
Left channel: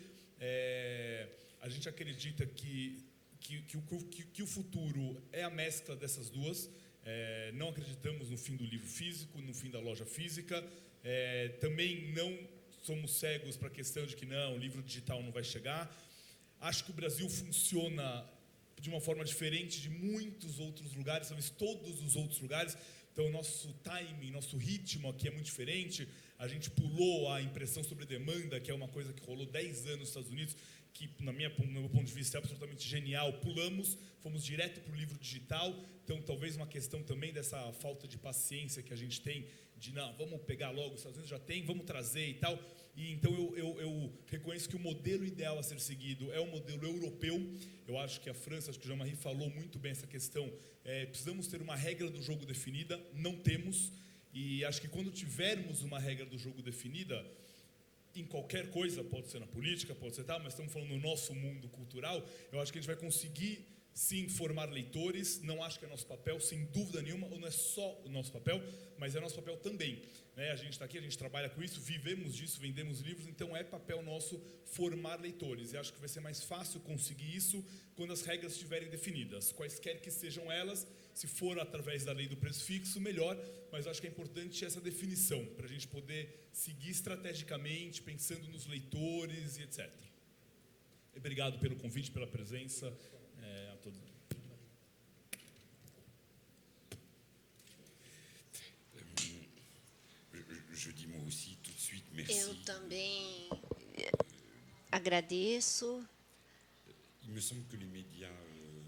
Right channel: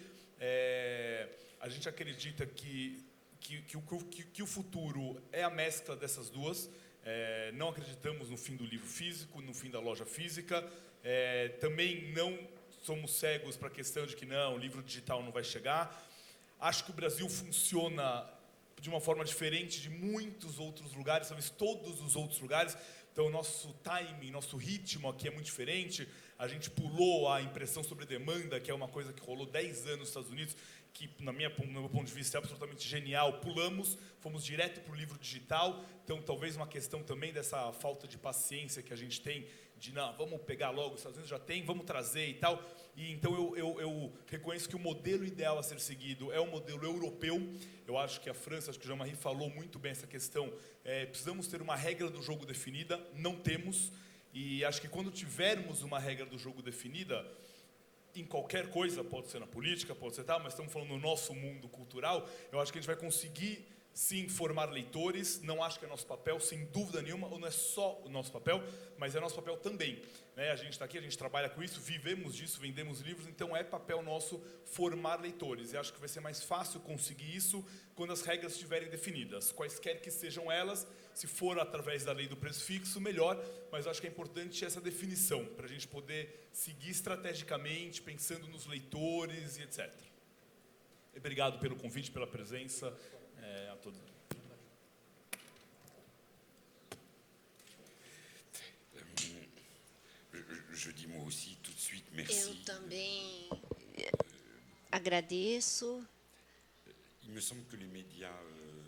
A gente acredita que o futuro é a mescla dessas duas. Não acreditamos no fim do livro físico, no fim da loja física. Também não somos cegos para a questão de que o livro digital não vai chegar. Acho que o Brasil funciona de uma forma diferente de muitos outros lugares, talvez todos os outros lugares. Então, nosso timing, nosso ritmo aqui é muito diferente. A gente pulou a impressão sobre demanda, que é uma coisa que rolou 10 anos nos Estados Unidos, que, no meu ponto de vista, é absolutamente genial. Pulamos, fomos direto para o livro digital. Então, talvez uma questão também dessa falta de paciência que a gente tem não, vamos pegar logo, os Estados Unidos já tem, vamos trazer e tal. E então eu reconheço que o modelo ideal a ser seguido é o modelo europeu. Eu acho que a França, acho que o Jean-Marie falou muito bem essa questão, precisamos ter uma regra do jogo definida, não temos, e acho que quando tivermos uma regra do jogo definida, em qualquer coisa, pode ser na política, pode ser tal, mas estamos falando no nosso mundo cultural, eu acho que a gente vai conseguir sim formar leitores. Não acho que é nosso papel, sem dúvida nenhuma, ou não é só o nosso papel, mas é nosso papel também, né? A gente está aqui, a gente trabalha com isso, vivemos disso, vendemos livros, então é papel nosso formar leitores. E acho que vai ser mais fácil conseguir isso quando as regras estiverem definidas, quaisquer que sejam elas. Se for através da lei do preço fixo, melhor, mas acho que é importante essa definição, para a gente poder seguir estrategicamente, pensando nos leitores e etc. Obrigado pelo convite, pela presença, a todos. Eu também agradeço.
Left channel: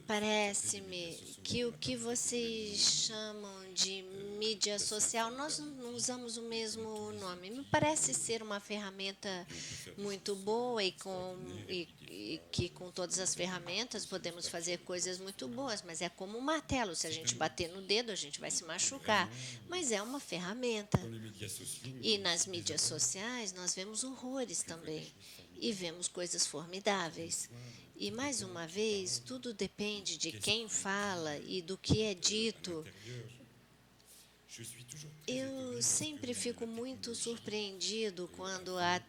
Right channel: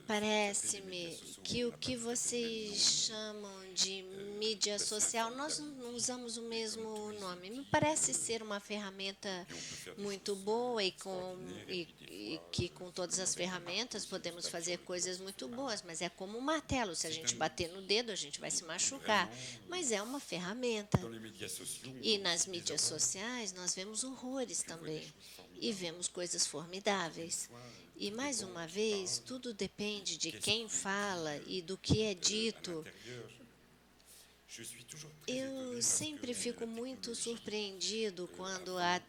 Parece-me que o que vocês chamam de mídia social, nós não usamos o mesmo nome. Me parece ser uma ferramenta muito boa e que com todas as ferramentas podemos fazer coisas muito boas, mas é como um martelo. Se a gente bater no dedo, a gente vai se machucar. Mas é uma ferramenta. E nas mídias sociais nós vemos horrores também. E vemos coisas formidáveis. E, mais uma vez, tudo depende de quem fala e do que é dito. Eu sempre fico muito surpreendido quando a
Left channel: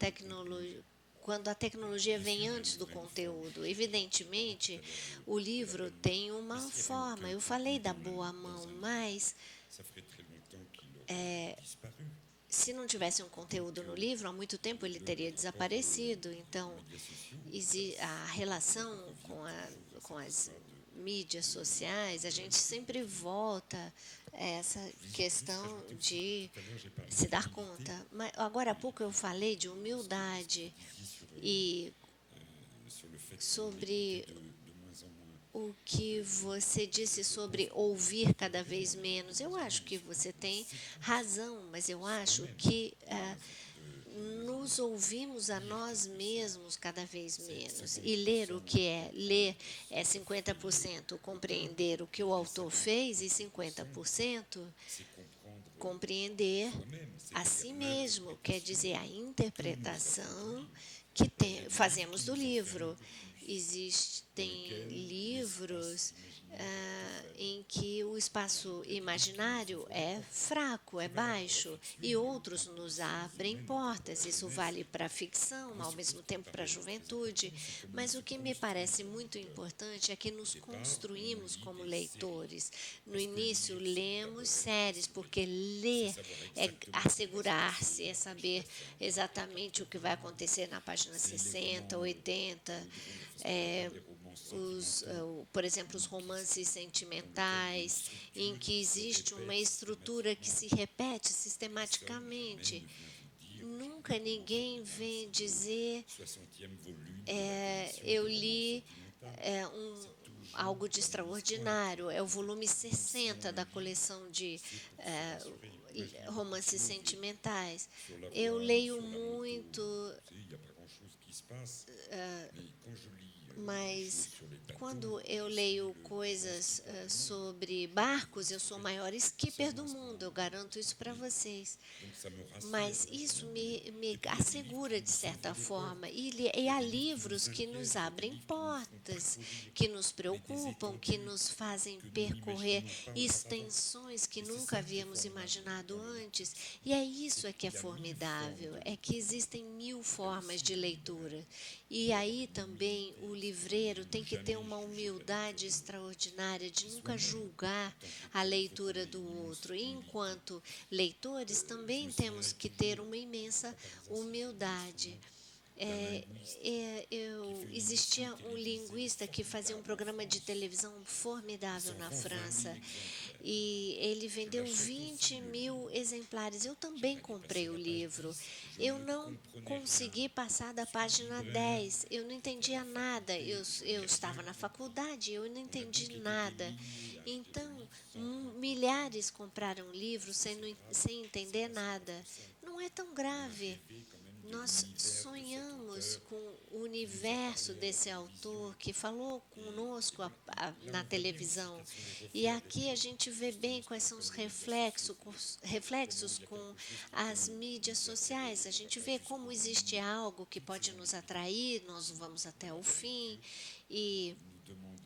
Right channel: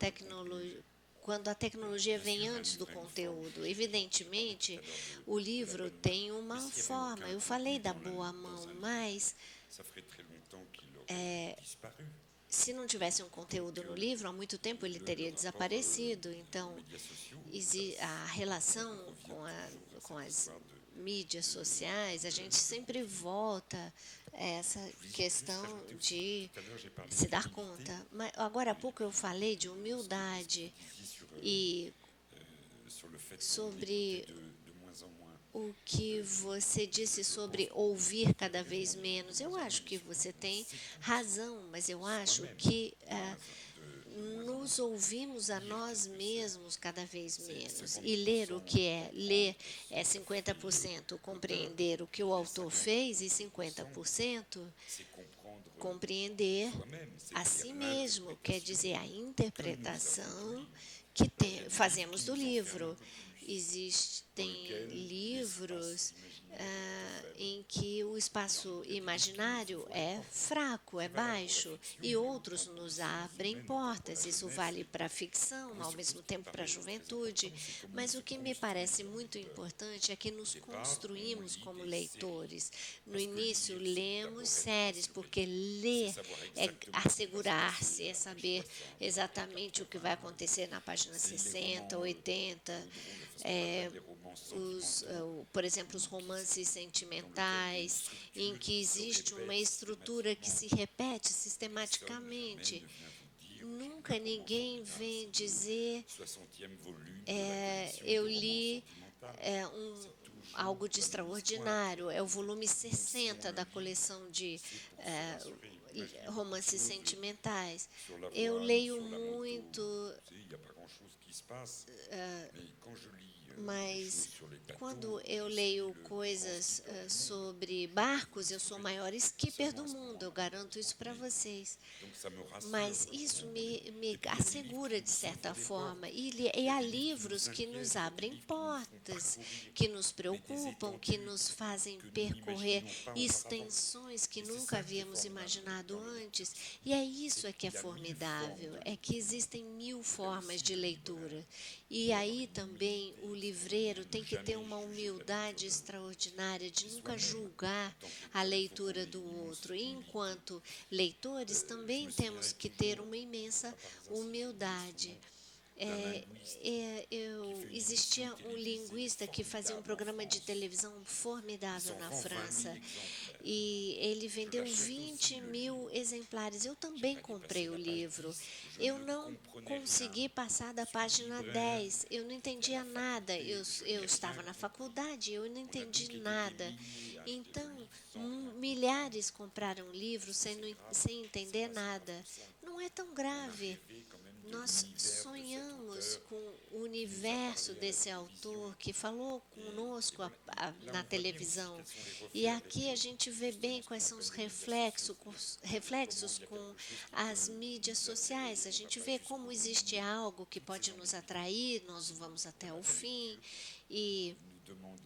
tecnologia vem antes do conteúdo. Evidentemente, o livro tem uma forma. Eu falei da boa mão, mas se não tivesse um conteúdo no livro, há muito tempo ele teria desaparecido. Então, a relação com as mídias sociais, a gente sempre volta a essa questão de se dar conta. Mas agora há pouco eu falei de humildade e sobre o que você disse sobre ouvir cada vez menos. Eu acho que você tem razão, mas eu acho que nos ouvimos a nós mesmos cada vez menos. E ler o que é? Ler é 50% compreender o que o autor fez e 50% compreender a si mesmo, quer dizer, a interpretação que fazemos do livro. Existem livros em que o espaço imaginário é fraco, é baixo, e outros nos abrem portas. Isso vale para a ficção, ao mesmo tempo para a juventude. Mas o que me parece muito importante é que nos construímos como leitores. No início, lemos séries, porque ler é assegurar-se, é saber exatamente o que vai acontecer na página 60, 80, por exemplo, os romances sentimentais, em que existe uma estrutura que se repete sistematicamente. Nunca ninguém vem dizer eu li algo de extraordinário. É o volume 60 da coleção de romances sentimentais. Eu leio muito, mas quando eu leio coisas sobre barcos, eu sou o maior skipper do mundo, eu garanto isso para vocês. Mas isso me assegura, de certa forma. E há livros que nos abrem portas, que nos preocupam, que nos fazem percorrer extensões que nunca havíamos imaginado antes. E é isso que é formidável, é que existem 1000 formas de leitura. E aí também o livreiro tem que ter uma humildade extraordinária de nunca julgar a leitura do outro. E enquanto leitores também temos que ter uma imensa humildade. existia um linguista que fazia um programa de televisão formidável na França e ele vendeu 20 mil exemplares. Eu também comprei o livro. Eu não consegui passar da página 10. Eu não entendia nada. Eu estava na faculdade, eu não entendi nada. Então, milhares compraram o livro sem entender nada. Não é tão grave. Nós sonhamos com o universo desse autor que falou conosco na televisão. E aqui a gente vê bem quais são os reflexos com as mídias sociais. A gente vê como existe algo que pode nos atrair, nós vamos até o fim. E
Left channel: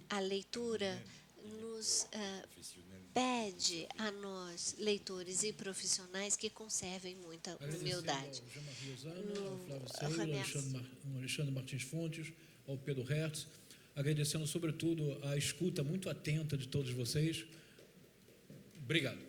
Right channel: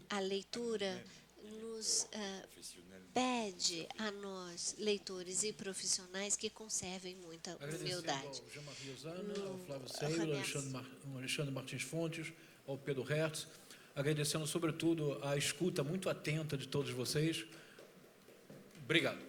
a leitura nos pede a nós, leitores e profissionais, que conservem muita humildade. Alexandre Martins Fontes, ao Pedro Hertz, agradecendo sobretudo a escuta muito atenta de todos vocês. Obrigado.